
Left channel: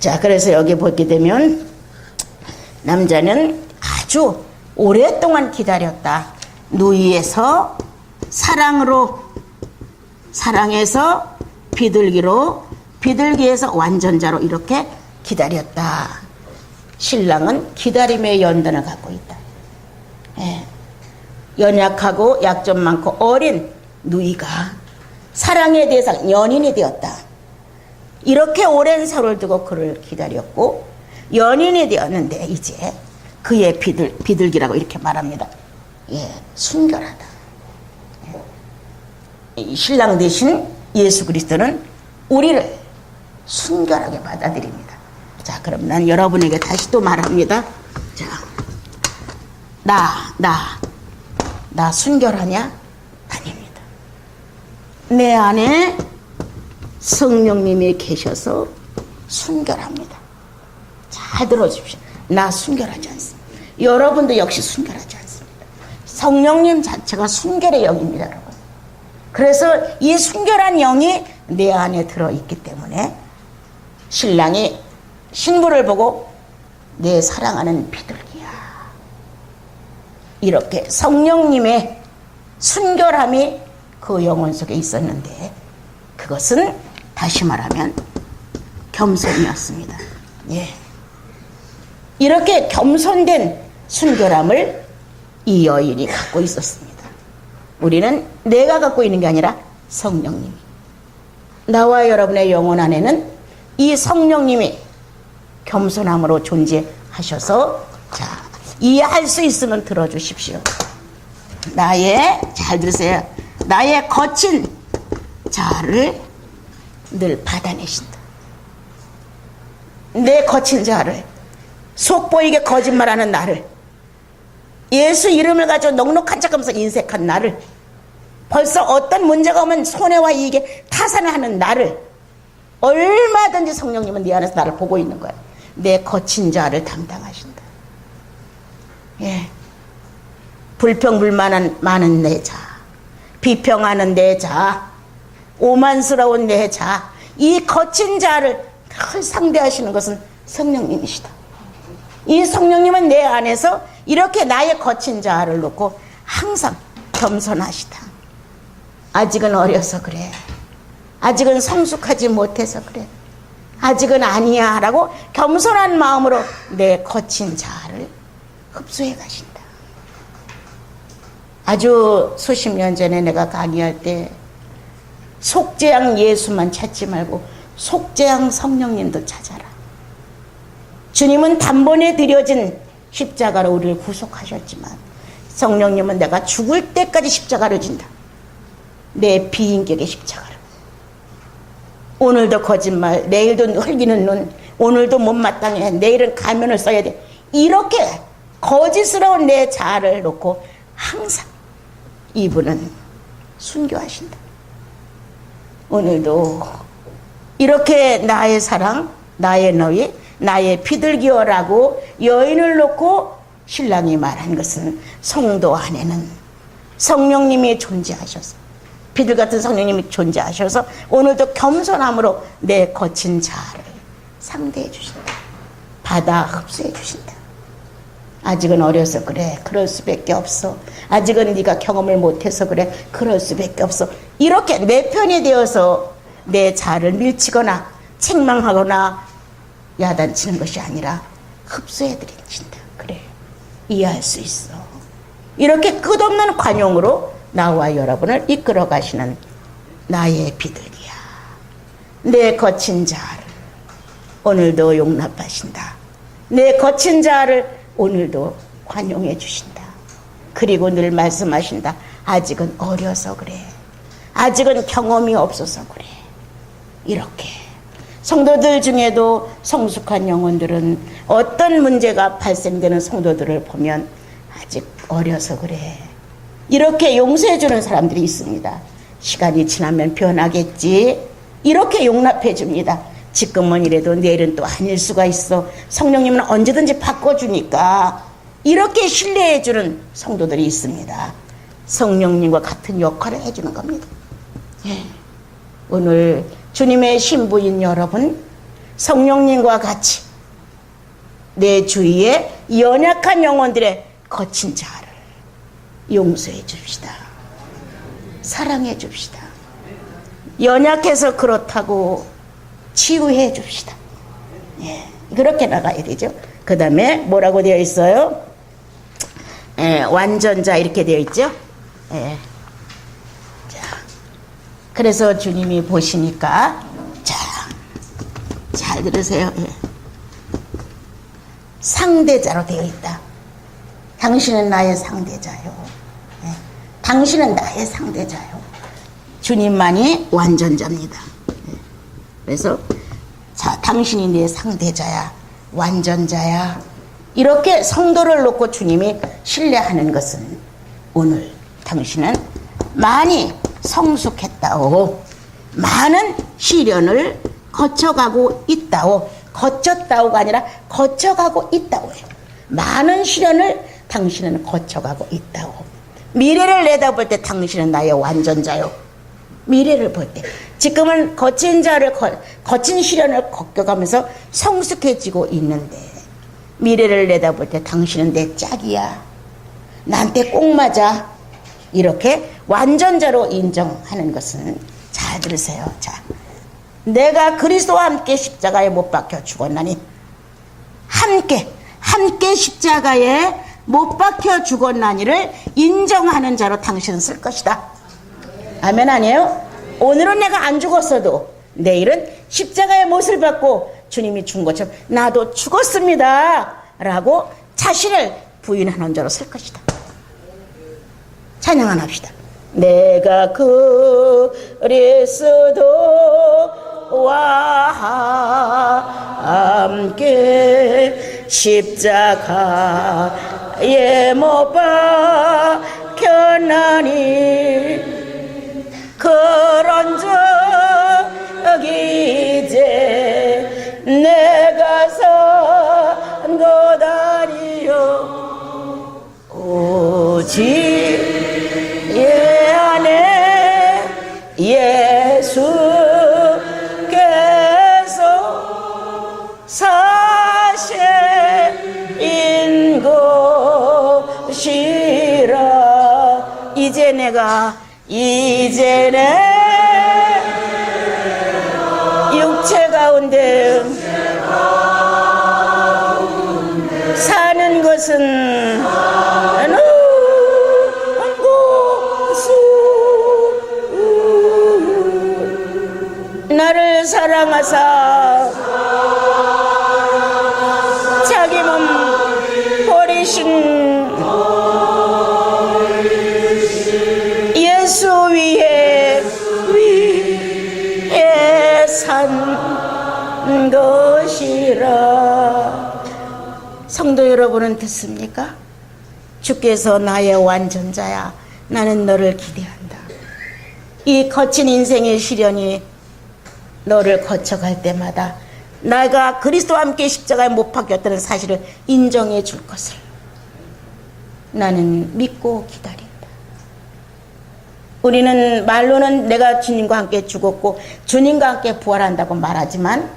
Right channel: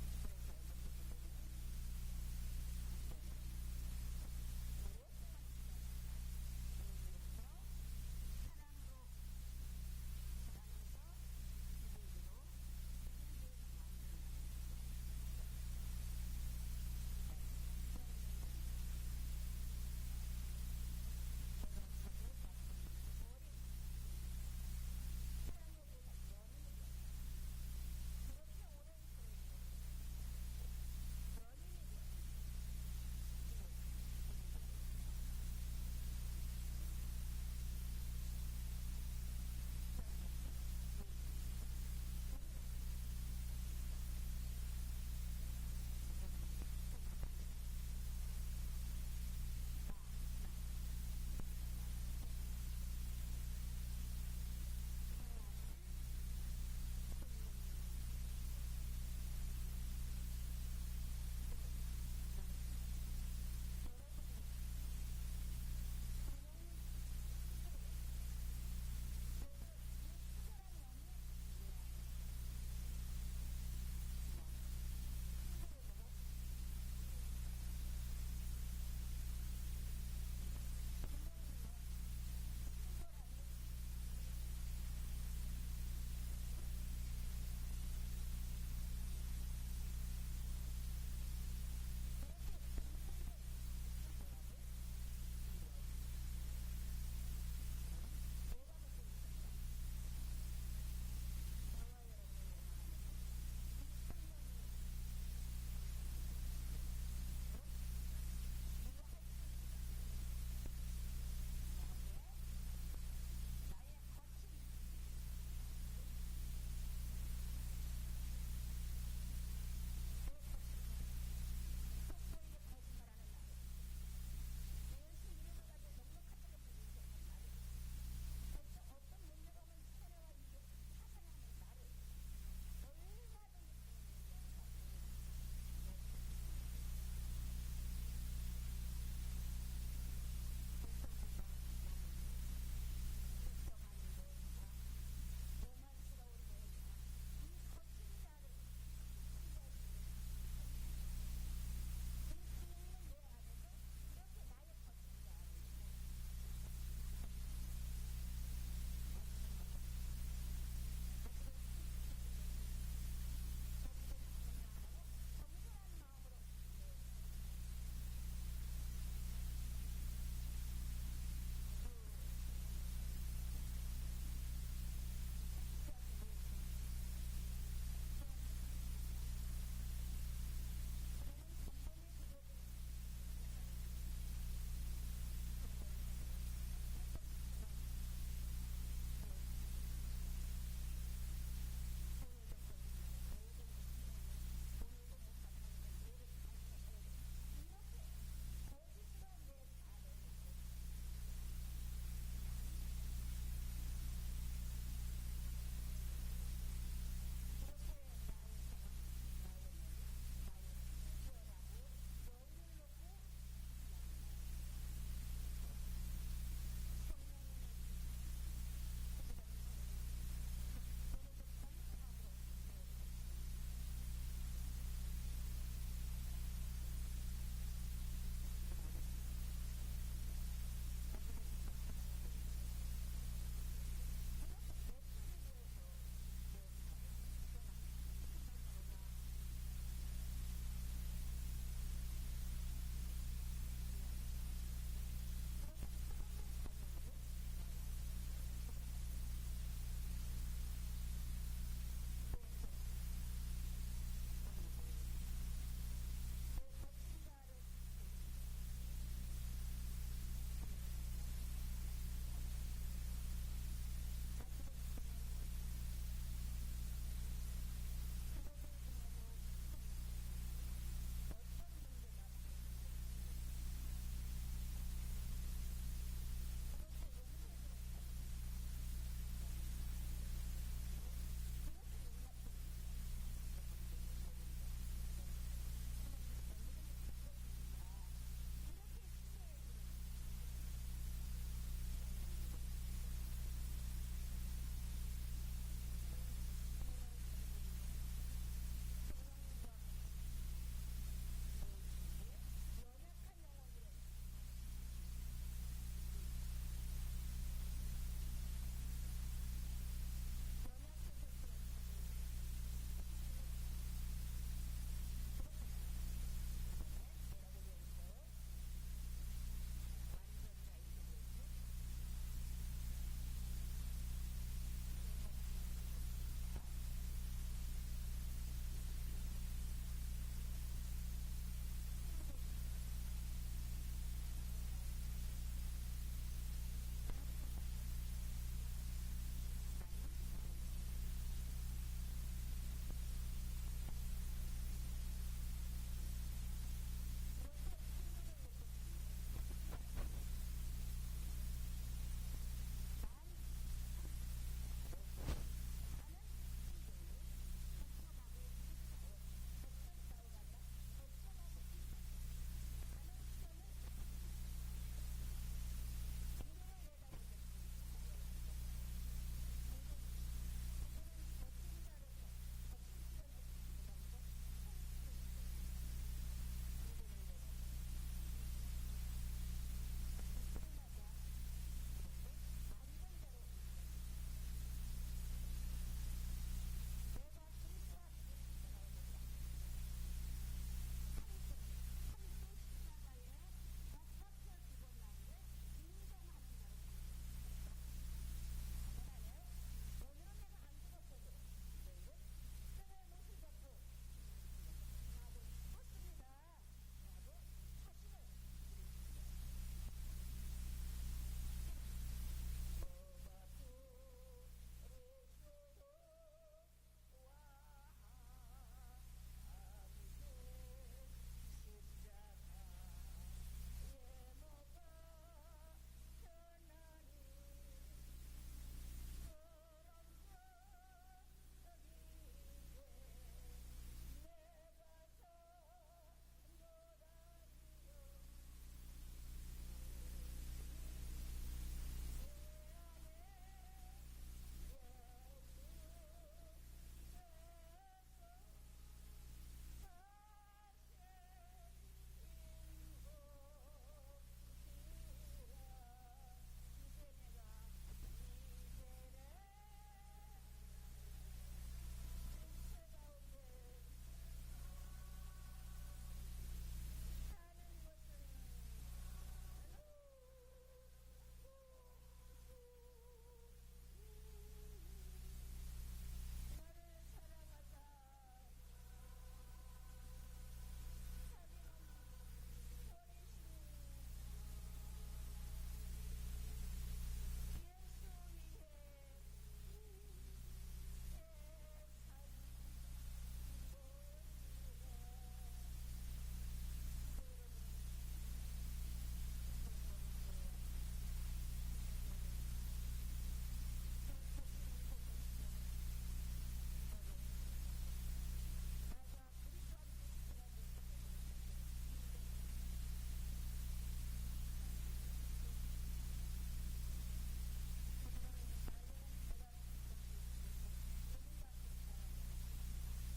자, 그래서 여기 보게 되면 남자는 아주 오랫동안 기다렸다. 누이에서 사랑으로, 사랑에서 비둘기로, 비둘기에서 완전자로 이렇게 기다렸다. 신랑은 기다림의 연단을 갖고 있다. 예. 연약하고 약점 많고 어린 누이가 사랑의 대상, 연인이 되었다. 이렇게 오랜 세월을 두고 그를 기다렸고 연인이 되었는데 이제 그의 비둘기라고 이렇게 말합니다. 예, 순결하다. 예. 신랑 대신 예수 그리스도는 우리를 순결하게 받아들입니다. 자, 그럼 난 여러분에게 다시 또 말합니다. 자, 나 순결하냐? 아닙니다. 내 안에 성령님이 계셔서 순결합니다. 잘 들어주십시오. 나 순결하지 않습니다. 여러분도 역시 순결하지 않습니다. 성령님 자체가 순결의 영입니다, 여러분. 그래서 이 순결한 영이 내 안에 들어있기 때문에 신랑이 신부를 보고 내 사랑하는 비둘기야, 이렇게 성령님의 순결함이 그 영혼 속에 있었는데 그것은 다시 말하면 겸손이었습니다. 예. 이렇게 겸손된 순결함을 이 여인이 갖고 있었습니다. 우리는 내가 갖고 있는 게 아니라 성령님이, 나와 여러분의 영혼 안에는 이 성령님이 겸손함으로 존재하셔서, 자, 이해할 수 있으면 들어주십시오. 잘 들으세요. 나의 거친 자아를 늘 받아내신다. 내 거친 자아를, 속보이게 거짓말하는 나를, 예수 이름을 가지고 넉넉한 척하면서 인색한 나를, 벌써 어떤 문제가 오면 손해와 이익에 타산을 하는 나를, 얼마든지 성령님은 네 안에서 나를 보고 있는 거야. 내 거친 자아를 담당하신다. 예. 불평불만 많은 내 자아, 비평하는 내 자아, 오만스러운 내 자아, 이 거친 자아를 늘 상대하시는 것은 성령님이시다. 이 성령님은 내 안에서 이렇게 나의 거친 자아를 놓고 항상 겸손하시다. 아직은 어려서 그래. 아직은 성숙하지 못해서 그래. 아직은 아니야 라고 겸손한 마음으로 내 거친 자아를 흡수해 가신다. 아주 수십 년 전에 내가 강의할 때 속죄양 예수만 찾지 말고 속죄양 성령님도 찾아라. 주님은 단번에 드려진 십자가로 우리를 구속하셨지만 성령님은 내가 죽을 때까지 십자가를 진다. 내 비인격의 십자가를. 오늘도 거짓말, 내일도 흘기는 눈, 오늘도 못마땅해, 내일은 가면을 써야 돼. 이렇게 거짓스러운 내 자아를 놓고 항상 이분은 순교하신다. 오늘도 이렇게 나의 사랑, 나의 너희, 나의 비둘기여라고 여인을 놓고 신랑이 말한 것은 성도 안에는 성령님이 존재하셔서, 비둘 같은 성령님이 존재하셔서 오늘도 겸손함으로 내 거친 자아를 상대해 주신다. 받아 흡수해 주신다. 아직은 어려서 그래. 그럴 수밖에 없어. 아직은 네가 경험을 못해서 그래. 그럴 수밖에 없어. 이렇게 내 편이 되어서 내 자아를 밀치거나 책망하거나 야단치는 것이 아니라 흡수해 드린다. 그래. 이해할 수 있어. 이렇게 끝없는 관용으로 나와 여러분을 이끌어 가시는 나의 비둘기야. 내 거친 자아를 오늘도 용납하신다. 내 거친 자아를 오늘도 관용해 주신다. 그리고 늘 말씀하신다. 아직은 어려서 그래. 아직은 경험이 없어서 그래. 이렇게 성도들 중에도 성숙한 영혼들은 어떤 문제가 발생되는 성도들을 보면 아직 어려서 그래. 이렇게 용서해 주는 사람들이 있습니다. 시간이 지나면 변하겠지. 이렇게 용납해 줍니다. 지금은 이래도 내일은 또 아닐 수가 있어. 성령님은 언제든지 바꿔주니까. 이렇게 신뢰해 주는 성도들이 있습니다. 성령님과 같은 역할을 해주는 겁니다. 예. 오늘 주님의 신부인 여러분, 성령님과 같이 내 주위에 연약한 영혼들의 거친 자아를 용서해 줍시다. 사랑해 줍시다. 연약해서 그렇다고 치유해 줍시다. 예, 그렇게 나가야 되죠. 그 다음에 뭐라고 되어 있어요? 완전자 이렇게 되어 있죠. 예. 자, 그래서 주님이 보시니까, 자, 잘 들으세요. 예. 상대자로 되어 있다. 당신은 나의 상대자요. 예. 당신은 나의 상대자요. 주님만이 완전자입니다. 예. 그래서 자, 당신이 내 상대자야, 완전자야. 이렇게 성도를 놓고 주님이 신뢰하는 것은 오늘 당신은 많이 성숙했다오, 많은 시련을 거쳐가고 있다오. 거쳤다오가 아니라 거쳐가고 있다오예요. 많은 시련을 당신은 거쳐가고 있다오. 미래를 내다볼 때 당신은 나의 완전자요. 미래를 볼 때 지금은 거친 시련을 겪어가면서 성숙해지고 있는데, 미래를 내다볼 때 당신은 내 짝이야. 나한테 꼭 맞아. 이렇게 완전자로 인정하는 것은 잘 잘 들으세요. 자, 내가 그리스도와 함께 십자가에 못 박혀 죽었나니, 함께 십자가에 못 박혀 죽었나니를 인정하는 자로 당신은 쓸 것이다. 아멘 아니에요? 오늘은 내가 안 죽었어도 내일은 십자가의 못을 받고 주님이 죽은 것처럼 나도 죽었습니다 라고 자신을 부인하는 자로 쓸 것이다. 찬양 하나 합시다. 내가 그리스도와 함께 십자가에 못 박혔나니 그런즉 이제 내가 산 것 아니요 오직 예 안에 예수께서 사실인 것이라. 이제 내 육체 가운데 사는 것은 나를 사랑하사 자기 몸 버리신 예수 위에 산 것이라. 성도 여러분은 듣습니까? 주께서 나의 완전자야, 나는 너를 기대한다. 이 거친 인생의 시련이 너를 거쳐갈 때마다 내가 그리스도와 함께 십자가에 못 박혔다는 사실을 인정해 줄 것을 나는 믿고 기다린다. 우리는 말로는 내가 주님과 함께 죽었고 주님과 함께 부활한다고 말하지만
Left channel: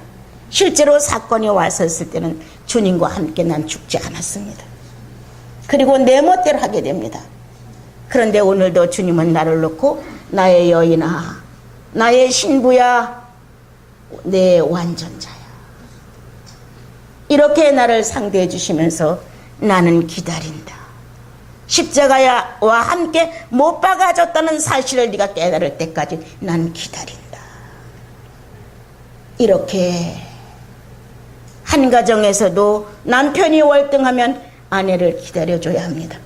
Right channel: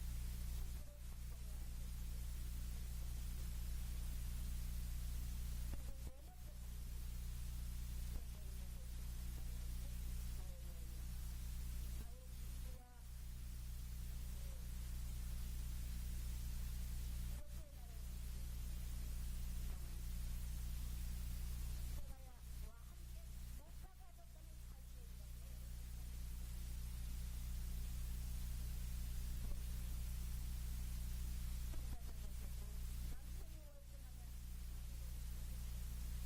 실제로 사건이 왔었을 때는 주님과 함께 난 죽지 않았습니다. 그리고 내 멋대로 하게 됩니다. 그런데 오늘도 주님은 나를 놓고 나의 여인아, 나의 신부야, 내 완전자야, 이렇게 나를 상대해 주시면서 나는 기다린다. 십자가와 함께 못 박아졌다는 사실을 네가 깨달을 때까지 난 기다린다. 이렇게 한 가정에서도 남편이 월등하면 아내를 기다려줘야 합니다.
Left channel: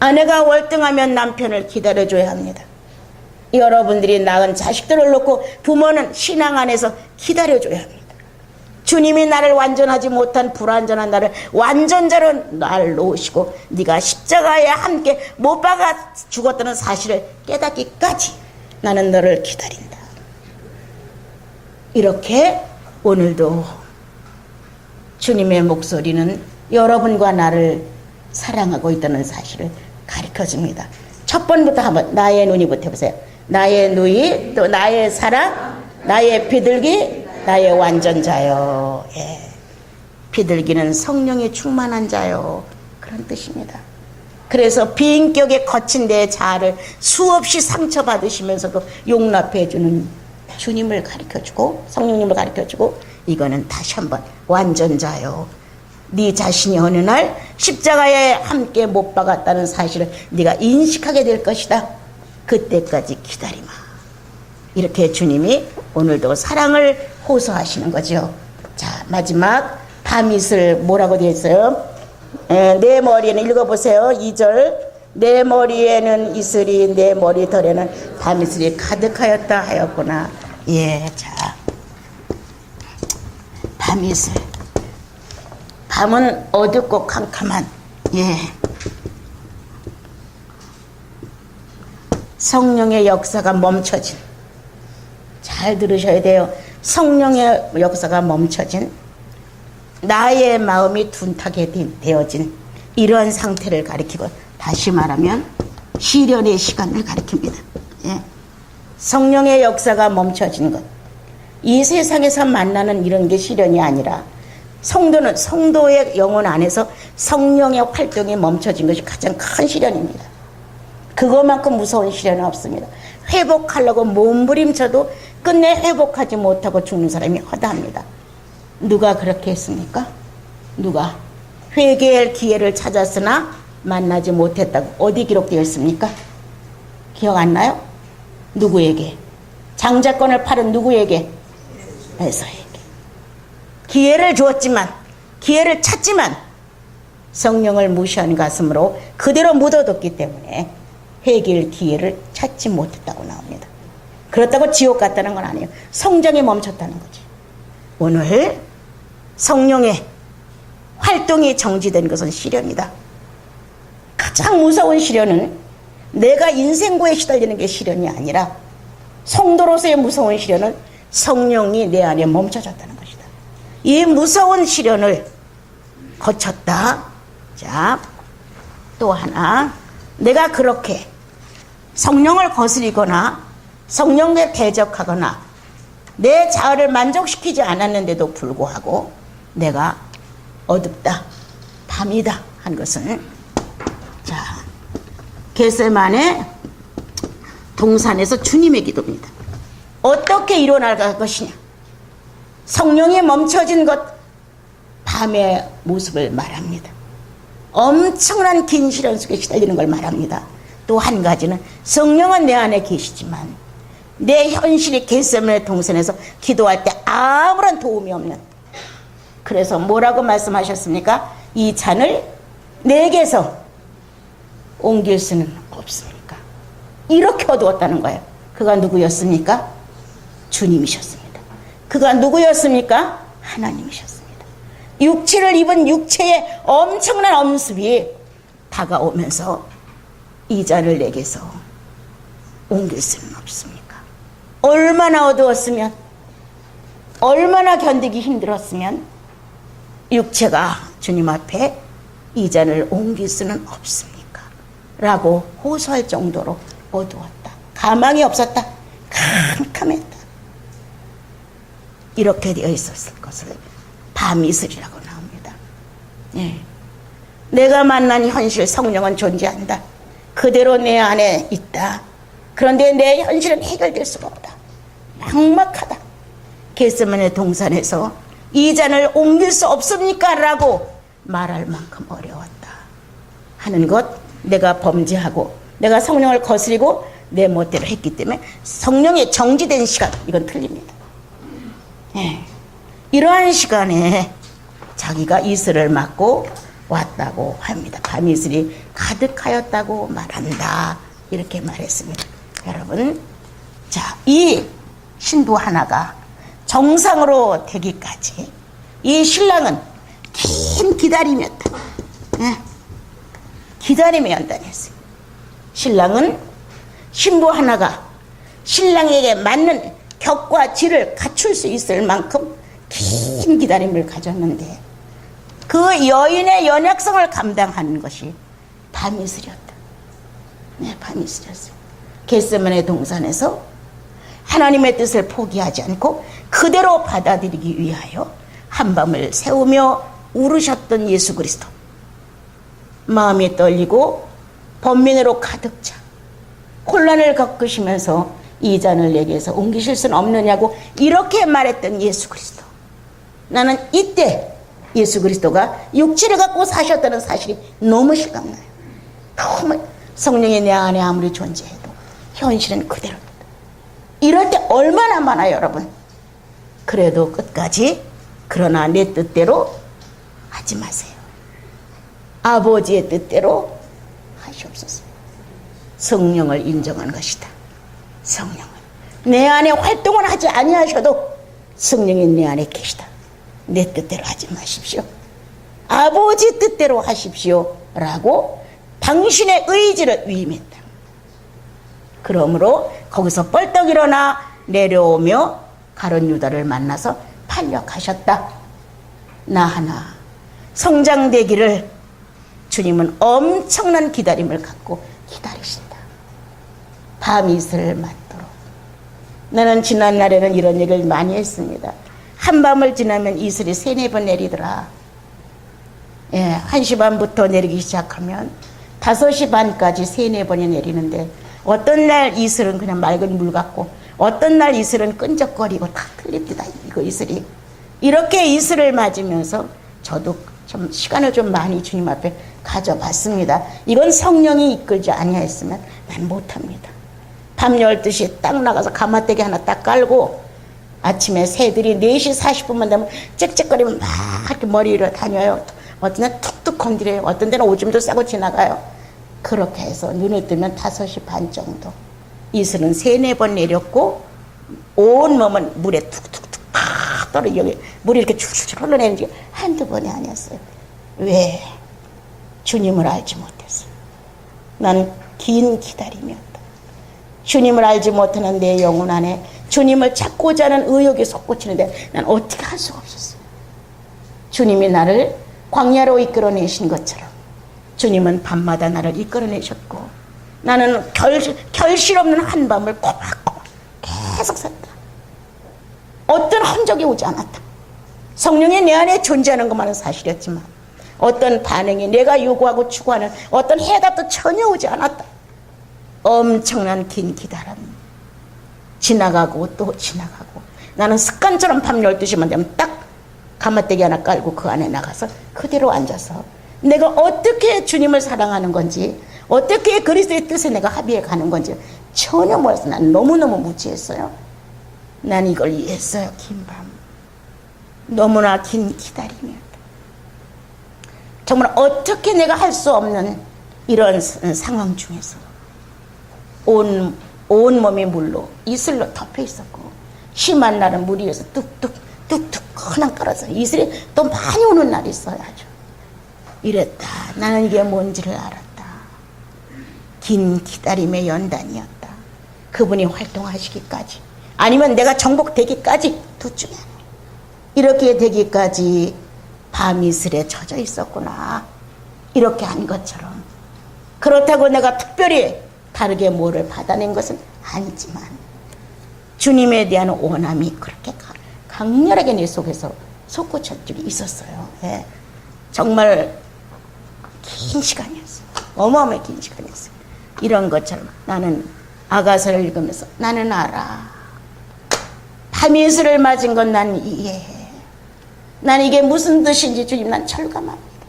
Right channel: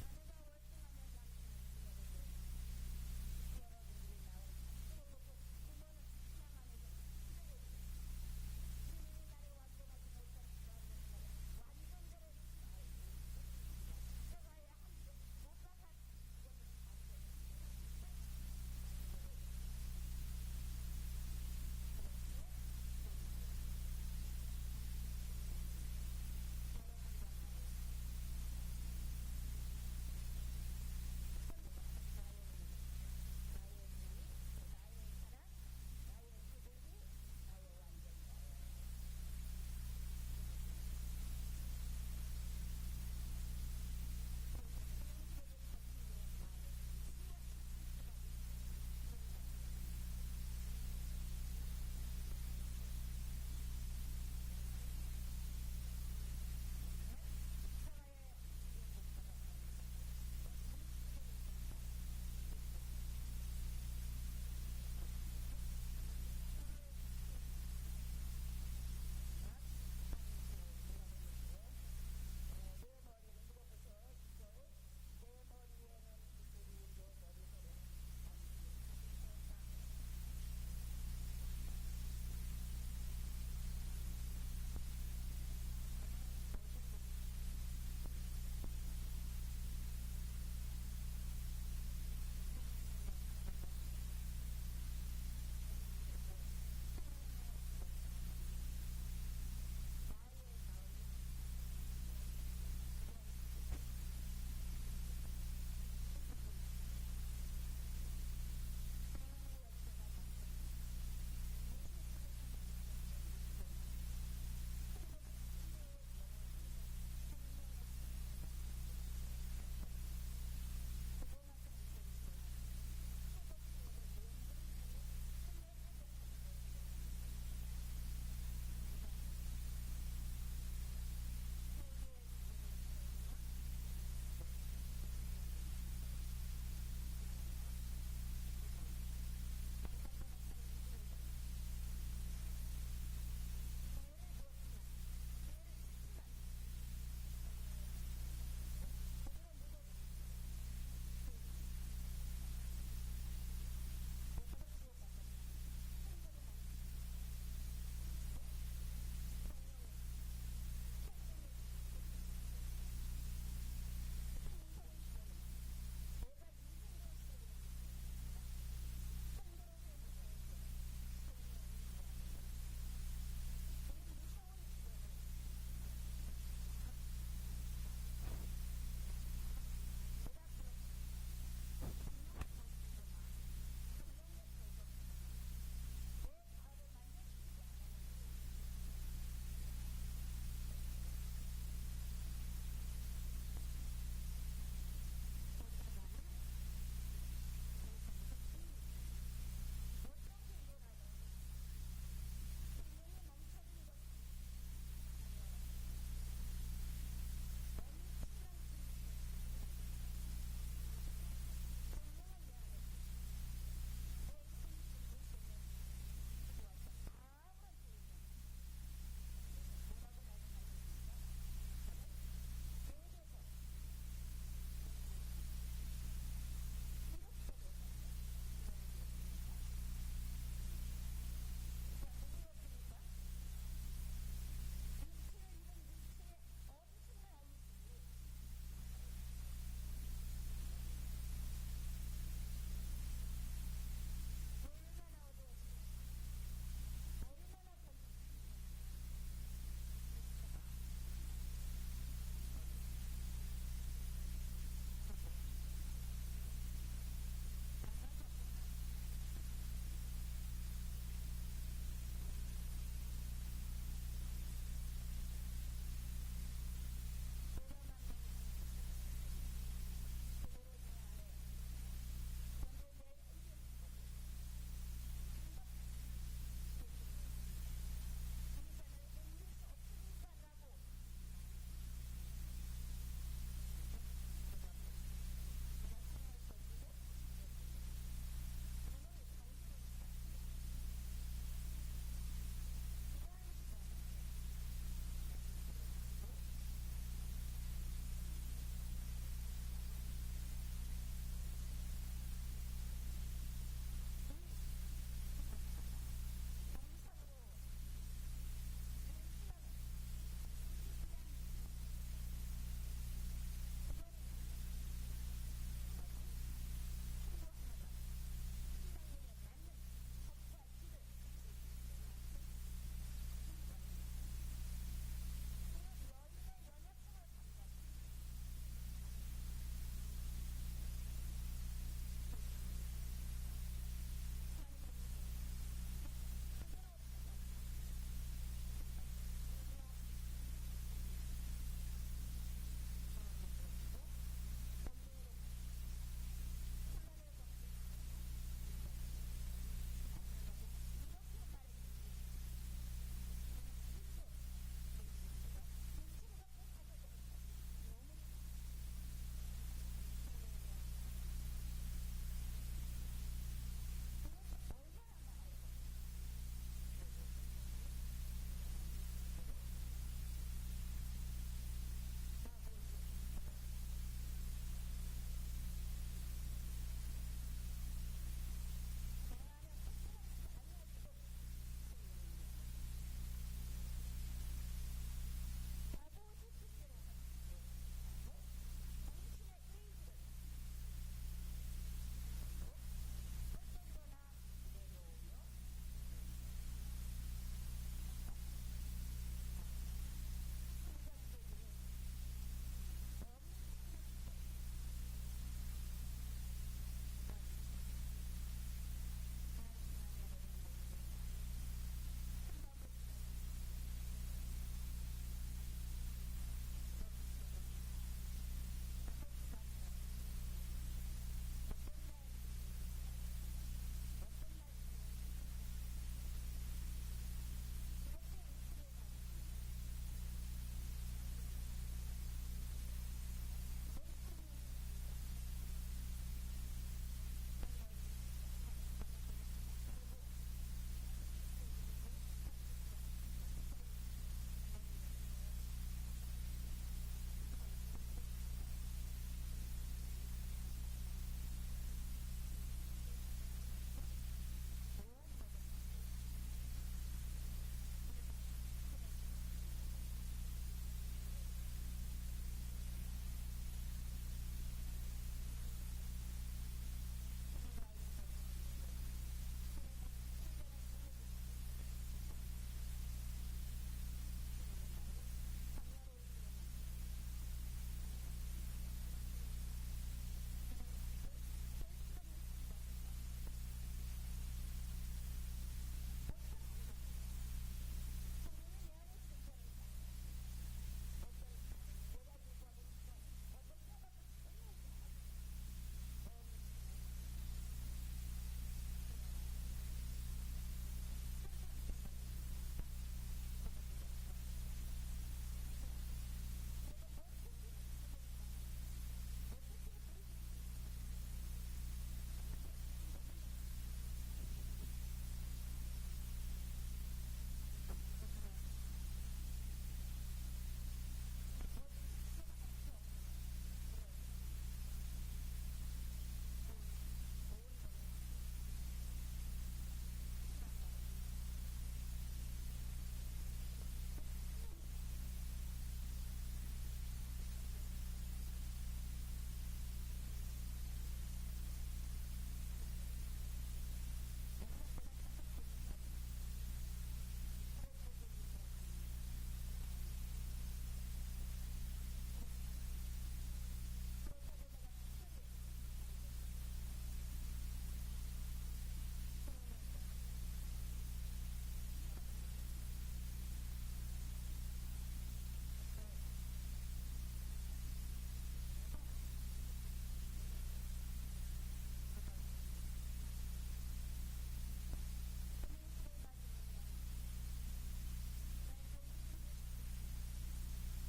아내가 월등하면 남편을 기다려줘야 합니다. 여러분들이 낳은 자식들을 놓고 부모는 신앙 안에서 기다려줘야 합니다. 주님이 나를 완전하지 못한 불완전한 나를 완전자로 날 놓으시고 네가 십자가에 함께 못 박아 죽었다는 사실을 깨닫기까지 나는 너를 기다린다. 이렇게 오늘도 주님의 목소리는 여러분과 나를 사랑하고 있다는 사실을 가르쳐줍니다. 첫 번부터 한번 나의 눈이부터 해보세요. 나의 누이, 또 나의 사랑, 나의 비둘기, 나의 완전자요. 예. 비둘기는 성령이 충만한 자요. 그런 뜻입니다. 그래서 비인격에 거친 내 자아를 수없이 상처받으시면서도 용납해주는 주님을 가르쳐주고 성령님을 가르쳐주고, 이거는 다시 한번 완전자요. 네 자신이 어느 날 십자가에 함께 못 박았다는 사실을 네가 인식하게 될 것이다. 그때까지 기다리마. 이렇게 주님이 오늘도 사랑을 호소하시는 거죠. 자, 마지막 밤이슬 뭐라고 되어 있어요? 내 머리에는, 읽어보세요. 2절. 내 머리에는 이슬이, 내 머리털에는 밤이슬이 가득하였다 하였구나. 예, 자, 밤이슬. 밤은 어둡고 캄캄한, 예, 성령의 역사가 멈춰진, 잘 들으셔야 돼요. 성령의 역사가 멈춰진, 나의 마음이 둔탁하게 되어진 이러한 상태를 가리키고, 다시 말하면 시련의 시간을 가리킵니다. 예. 성령의 역사가 멈춰진 것, 이 세상에서 만나는 이런 게 시련이 아니라 성도는 성도의 영혼 안에서 성령의 활동이 멈춰진 것이 가장 큰 시련입니다. 그것만큼 무서운 시련은 없습니다. 회복하려고 몸부림쳐도 끝내 회복하지 못하고 죽는 사람이 허다합니다. 누가 그렇게 했습니까? 누가? 회개할 기회를 찾았으나 만나지 못했다고 어디 기록되어 있습니까? 기억 안 나요? 누구에게? 장자권을 팔은 누구에게? 에서에게. 기회를 주었지만, 기회를 찾지만 성령을 무시한 가슴으로 그대로 묻어뒀기 때문에 회개할 기회를 찾지 못했다고 나옵니다. 그렇다고 지옥 갔다는 건 아니에요. 성장이 멈췄다는 거지. 오늘 성령의 활동이 정지된 것은 시련이다. 가장 무서운 시련은 내가 인생고에 시달리는 게 시련이 아니라 성도로서의 무서운 시련은 성령이 내 안에 멈춰졌다는 것이다. 이 무서운 시련을 거쳤다. 자, 또 하나, 내가 그렇게 성령을 거스리거나 성령에 대적하거나 내 자아를 만족시키지 않았는데도 불구하고 내가 어둡다, 밤이다 한 것은, 자, 겟세마네 동산에서 주님의 기도입니다. 어떻게 일어날 것이냐? 성령이 멈춰진 것, 밤의 모습을 말합니다. 엄청난 긴 시련 속에 시달리는 걸 말합니다. 또 한 가지는 성령은 내 안에 계시지만 내 현실이 겟세마네 동산에서 기도할 때 아무런 도움이 없는, 그래서 뭐라고 말씀하셨습니까? 이 잔을 내게서 옮길 수는 없습니까? 이렇게 어두웠다는 거예요. 그가 누구였습니까? 주님이셨습니다. 그가 누구였습니까? 하나님이셨습니다. 육체를 입은 육체의 엄청난 엄습이 다가오면서 이 잔을 내게서 옮길 수는 없습니까? 얼마나 어두웠으면, 얼마나 견디기 힘들었으면 육체가 주님 앞에 이 잔을 옮길 수는 없습니까? 라고 호소할 정도로 어두웠다. 가망이 없었다. 캄캄했다. 이렇게 되어 있었을 것을 밤이슬이라고 나옵니다. 예. 내가 만난 현실 성령은 존재한다. 그대로 내 안에 있다. 그런데 내 현실은 해결될 수가 없다. 막막하다. 겟세마네 동산에서 이 잔을 옮길 수 없습니까? 라고 말할 만큼 어려웠다 하는 것, 내가 범죄하고 내가 성령을 거스리고 내 멋대로 했기 때문에 성령의 정지된 시간, 이건 틀립니다. 예. 이러한 시간에 자기가 이슬을 맞고 왔다고 합니다. 밤이슬이 가득하였다고 말한다. 이렇게 말했습니다. 여러분, 자, 이 신부 하나가 정상으로 되기까지 이 신랑은 긴 기다림이었다. 예. 기다림의 연단이었어요. 신랑은 신부 하나가 신랑에게 맞는 격과 질을 갖출 수 있을 만큼 긴 기다림을 가졌는데 그 여인의 연약성을 감당하는 것이 밤이슬이었다. 네, 밤이슬이었어요. 겟세마네 동산에서 하나님의 뜻을 포기하지 않고 그대로 받아들이기 위하여 한밤을 새우며 울으셨던 예수 그리스도. 마음이 떨리고 번민으로 가득 차 혼란을 겪으시면서 이 잔을 내게서 옮기실 수는 없느냐고 이렇게 말했던 예수 그리스도. 나는 이때 예수 그리스도가 육체를 갖고 사셨다는 사실이 너무 실감나요. 너무 성령이 내 안에 아무리 존재해도 현실은 그대로다. 이럴 때 얼마나 많아요, 여러분. 그래도 끝까지 그러나 내 뜻대로 하지 마세요. 아버지의 뜻대로 하시옵소서. 성령을 인정한 것이다. 성령을. 내 안에 활동을 하지 아니하셔도 성령이 내 안에 계시다. 내 뜻대로 하지 마십시오. 아버지 뜻대로 하십시오. 라고 당신의 의지를 위임했다. 그러므로 거기서 뻘떡 일어나 내려오며 가룟 유다를 만나서 팔력하셨다. 나 하나 성장되기를 주님은 엄청난 기다림을 갖고 기다리신다. 밤이슬을 맞도록. 나는 지난날에는 이런 얘기를 많이 했습니다. 한밤을 지나면 이슬이 3-4번 내리더라. 예, 1시 반부터 내리기 시작하면 5시 반까지 3-4번이 내리는데 어떤 날 이슬은 그냥 맑은 물 같고 어떤 날 이슬은 끈적거리고 다 틀립니다. 이거 이슬이. 이렇게 이슬을 맞으면서 저도 좀 시간을 좀 많이 주님 앞에 가져봤습니다. 이건 성령이 이끌지 아니하였으면 난 못합니다. 밤 12시에 딱 나가서 가마떼기 하나 딱 깔고 아침에 새들이 4시 40분만 되면 짹짹거리면 막 이렇게 머리 위로 다녀요. 어떤 데는 툭툭 건드려요. 어떤 데는 오줌도 싸고 지나가요. 그렇게 해서 눈을 뜨면 5시 반 정도. 이슬은 3-4번 내렸고 온 몸은 물에 툭툭툭 팍 떨어 여기 물이 이렇게 줄줄 흘러내는 게 한두 번이 아니었어요. 왜? 주님을 알지 못했어요. 난 긴 기다림이었다. 주님을 알지 못하는 내 영혼 안에 주님을 찾고자 하는 의욕이 솟구치는데 난 어떻게 할 수가 없었어요. 주님이 나를 광야로 이끌어내신 것처럼 주님은 밤마다 나를 이끌어내셨고 나는 결실 없는 한밤을 꼬박꼬박 계속 샜다. 어떤 흔적이 오지 않았다. 성령이 내 안에 존재하는 것만은 사실이었지만 어떤 반응이 내가 요구하고 추구하는 어떤 해답도 전혀 오지 않았다. 엄청난 긴 기다림. 지나가고 또 지나가고 나는 습관처럼 밤 12시만 되면 딱 가마떼기 하나 깔고 그 안에 나가서 그대로 앉아서 내가 어떻게 주님을 사랑하는 건지 어떻게 그리스도의 뜻에 내가 합의해 가는 건지 전혀 몰라서 난 너무너무 무지했어요. 난 이걸 이해했어요. 긴 밤. 너무나 긴 기다림이었다. 정말 어떻게 내가 할 수 없는 이런 상황 중에서 온 몸이 물로 이슬로 덮여 있었고 심한 날은 물 위에서 뚝뚝 그냥 떨어져 이슬이 또 많이 오는 날이 있어요. 아주 이랬다. 나는 이게 뭔지를 알았다. 긴 기다림의 연단이었다. 그분이 활동하시기까지 아니면 내가 정복되기까지 둘 중에 하나. 이렇게 되기까지 밤이슬에 젖어 있었구나. 이렇게 한 것처럼 그렇다고 내가 특별히 다르게 뭐를 받아낸 것은 아니지만 주님에 대한 원함이 그렇게 강렬하게 내 속에서 솟구칠 줄이 있었어요. 예. 정말 긴 시간이었어요. 어마어마하게 긴 시간이었어요. 이런 것처럼 나는 아가서를 읽으면서 나는 알아. 밤이슬을 맞은 건 난 이해해. 난 이게 무슨 뜻인지 주님 난 철감합니다.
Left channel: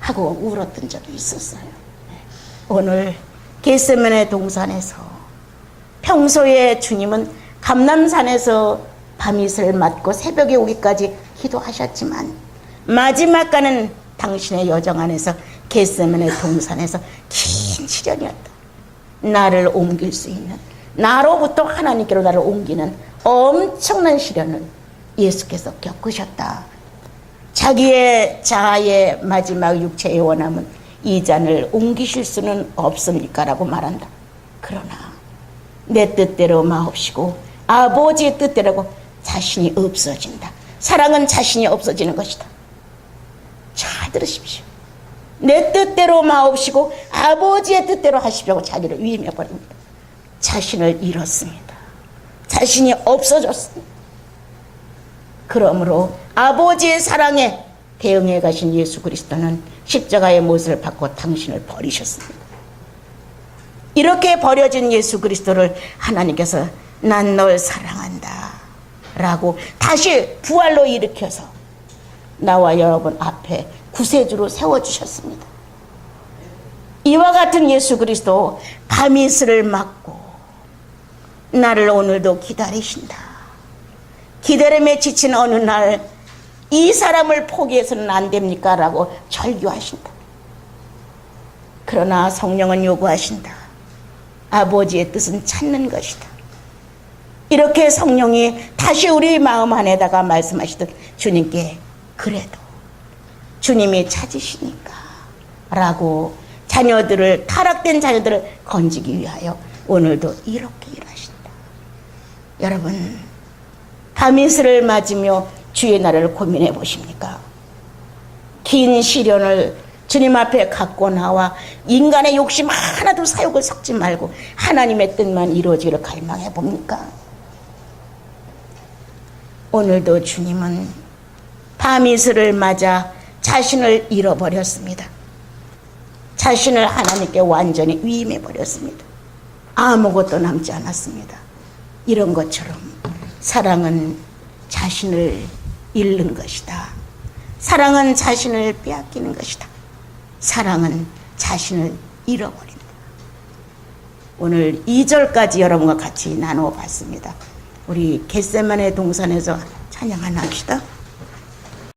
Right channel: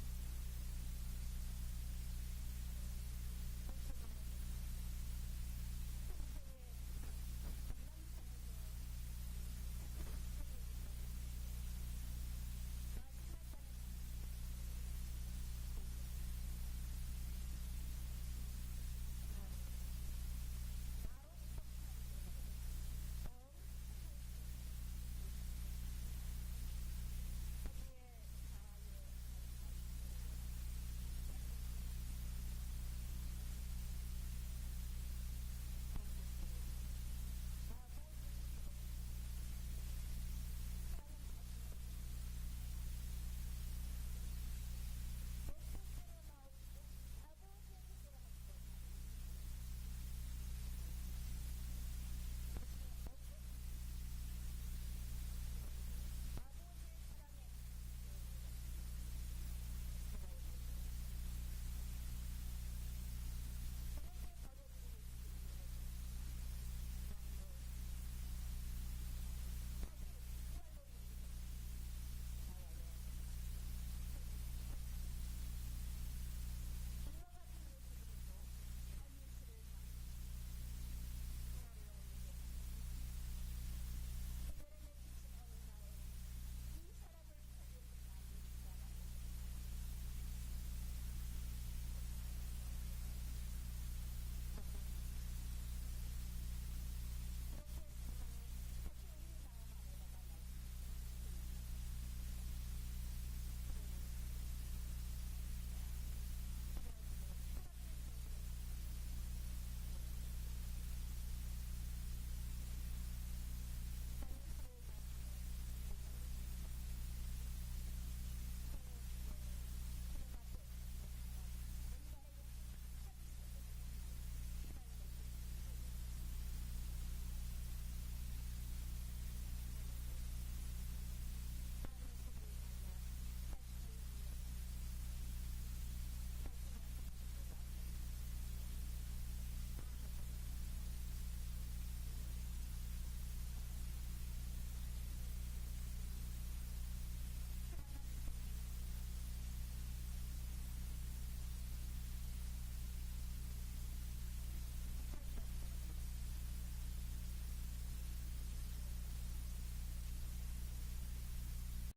하고 울었던 적이 있었어요. 오늘 겟세마네 동산에서 평소에 주님은 감람산에서 밤이슬을 맞고 새벽에 오기까지 기도하셨지만 마지막 가는 당신의 여정 안에서 겟세마네 동산에서 긴 시련이었다. 나를 옮길 수 있는 나로부터 하나님께로 나를 옮기는 엄청난 시련을 예수께서 겪으셨다. 자기의 자아의 마지막 육체의 원함은 이 잔을 옮기실 수는 없습니까라고 말한다. 그러나 내 뜻대로 마옵시고 아버지의 뜻대로고 자신이 없어진다. 사랑은 자신이 없어지는 것이다. 잘 들으십시오. 내 뜻대로 마옵시고 아버지의 뜻대로 하십시오. 자기를 위임해 버립니다. 자신을 잃었습니다. 자신이 없어졌습니다. 그러므로 아버지의 사랑에 대응해 가신 예수 그리스도는 십자가의 못을 받고 당신을 버리셨습니다. 이렇게 버려진 예수 그리스도를 하나님께서 난 널 사랑한다 라고 다시 부활로 일으켜서 나와 여러분 앞에 구세주로 세워주셨습니다. 이와 같은 예수 그리스도 밤이슬을 맞고 나를 오늘도 기다리신다. 기다림에 지친 어느 날 이 사람을 포기해서는 안 됩니까? 라고 절규하신다. 그러나 성령은 요구하신다. 아버지의 뜻은 찾는 것이다. 이렇게 성령이 다시 우리 마음 안에다가 말씀하시듯 주님께 그래도 주님이 찾으시니까 라고 자녀들을 타락된 자녀들을 건지기 위하여 오늘도 이렇게 일하신다. 여러분 밤이슬을 맞으며 주의 날을 고민해 보십니까? 긴 시련을 주님 앞에 갖고 나와 인간의 욕심 하나도 사욕을 섞지 말고 하나님의 뜻만 이루어지기를 갈망해 봅니까? 오늘도 주님은 밤이슬을 맞아 자신을 잃어버렸습니다. 자신을 하나님께 완전히 위임해 버렸습니다. 아무것도 남지 않았습니다. 이런 것처럼 사랑은 자신을 잃는 것이다. 사랑은 자신을 빼앗기는 것이다. 사랑은 자신을 잃어버린다. 오늘 2절까지 여러분과 같이 나누어 봤습니다. 우리 겟세마네 동산에서 찬양 하나 합시다.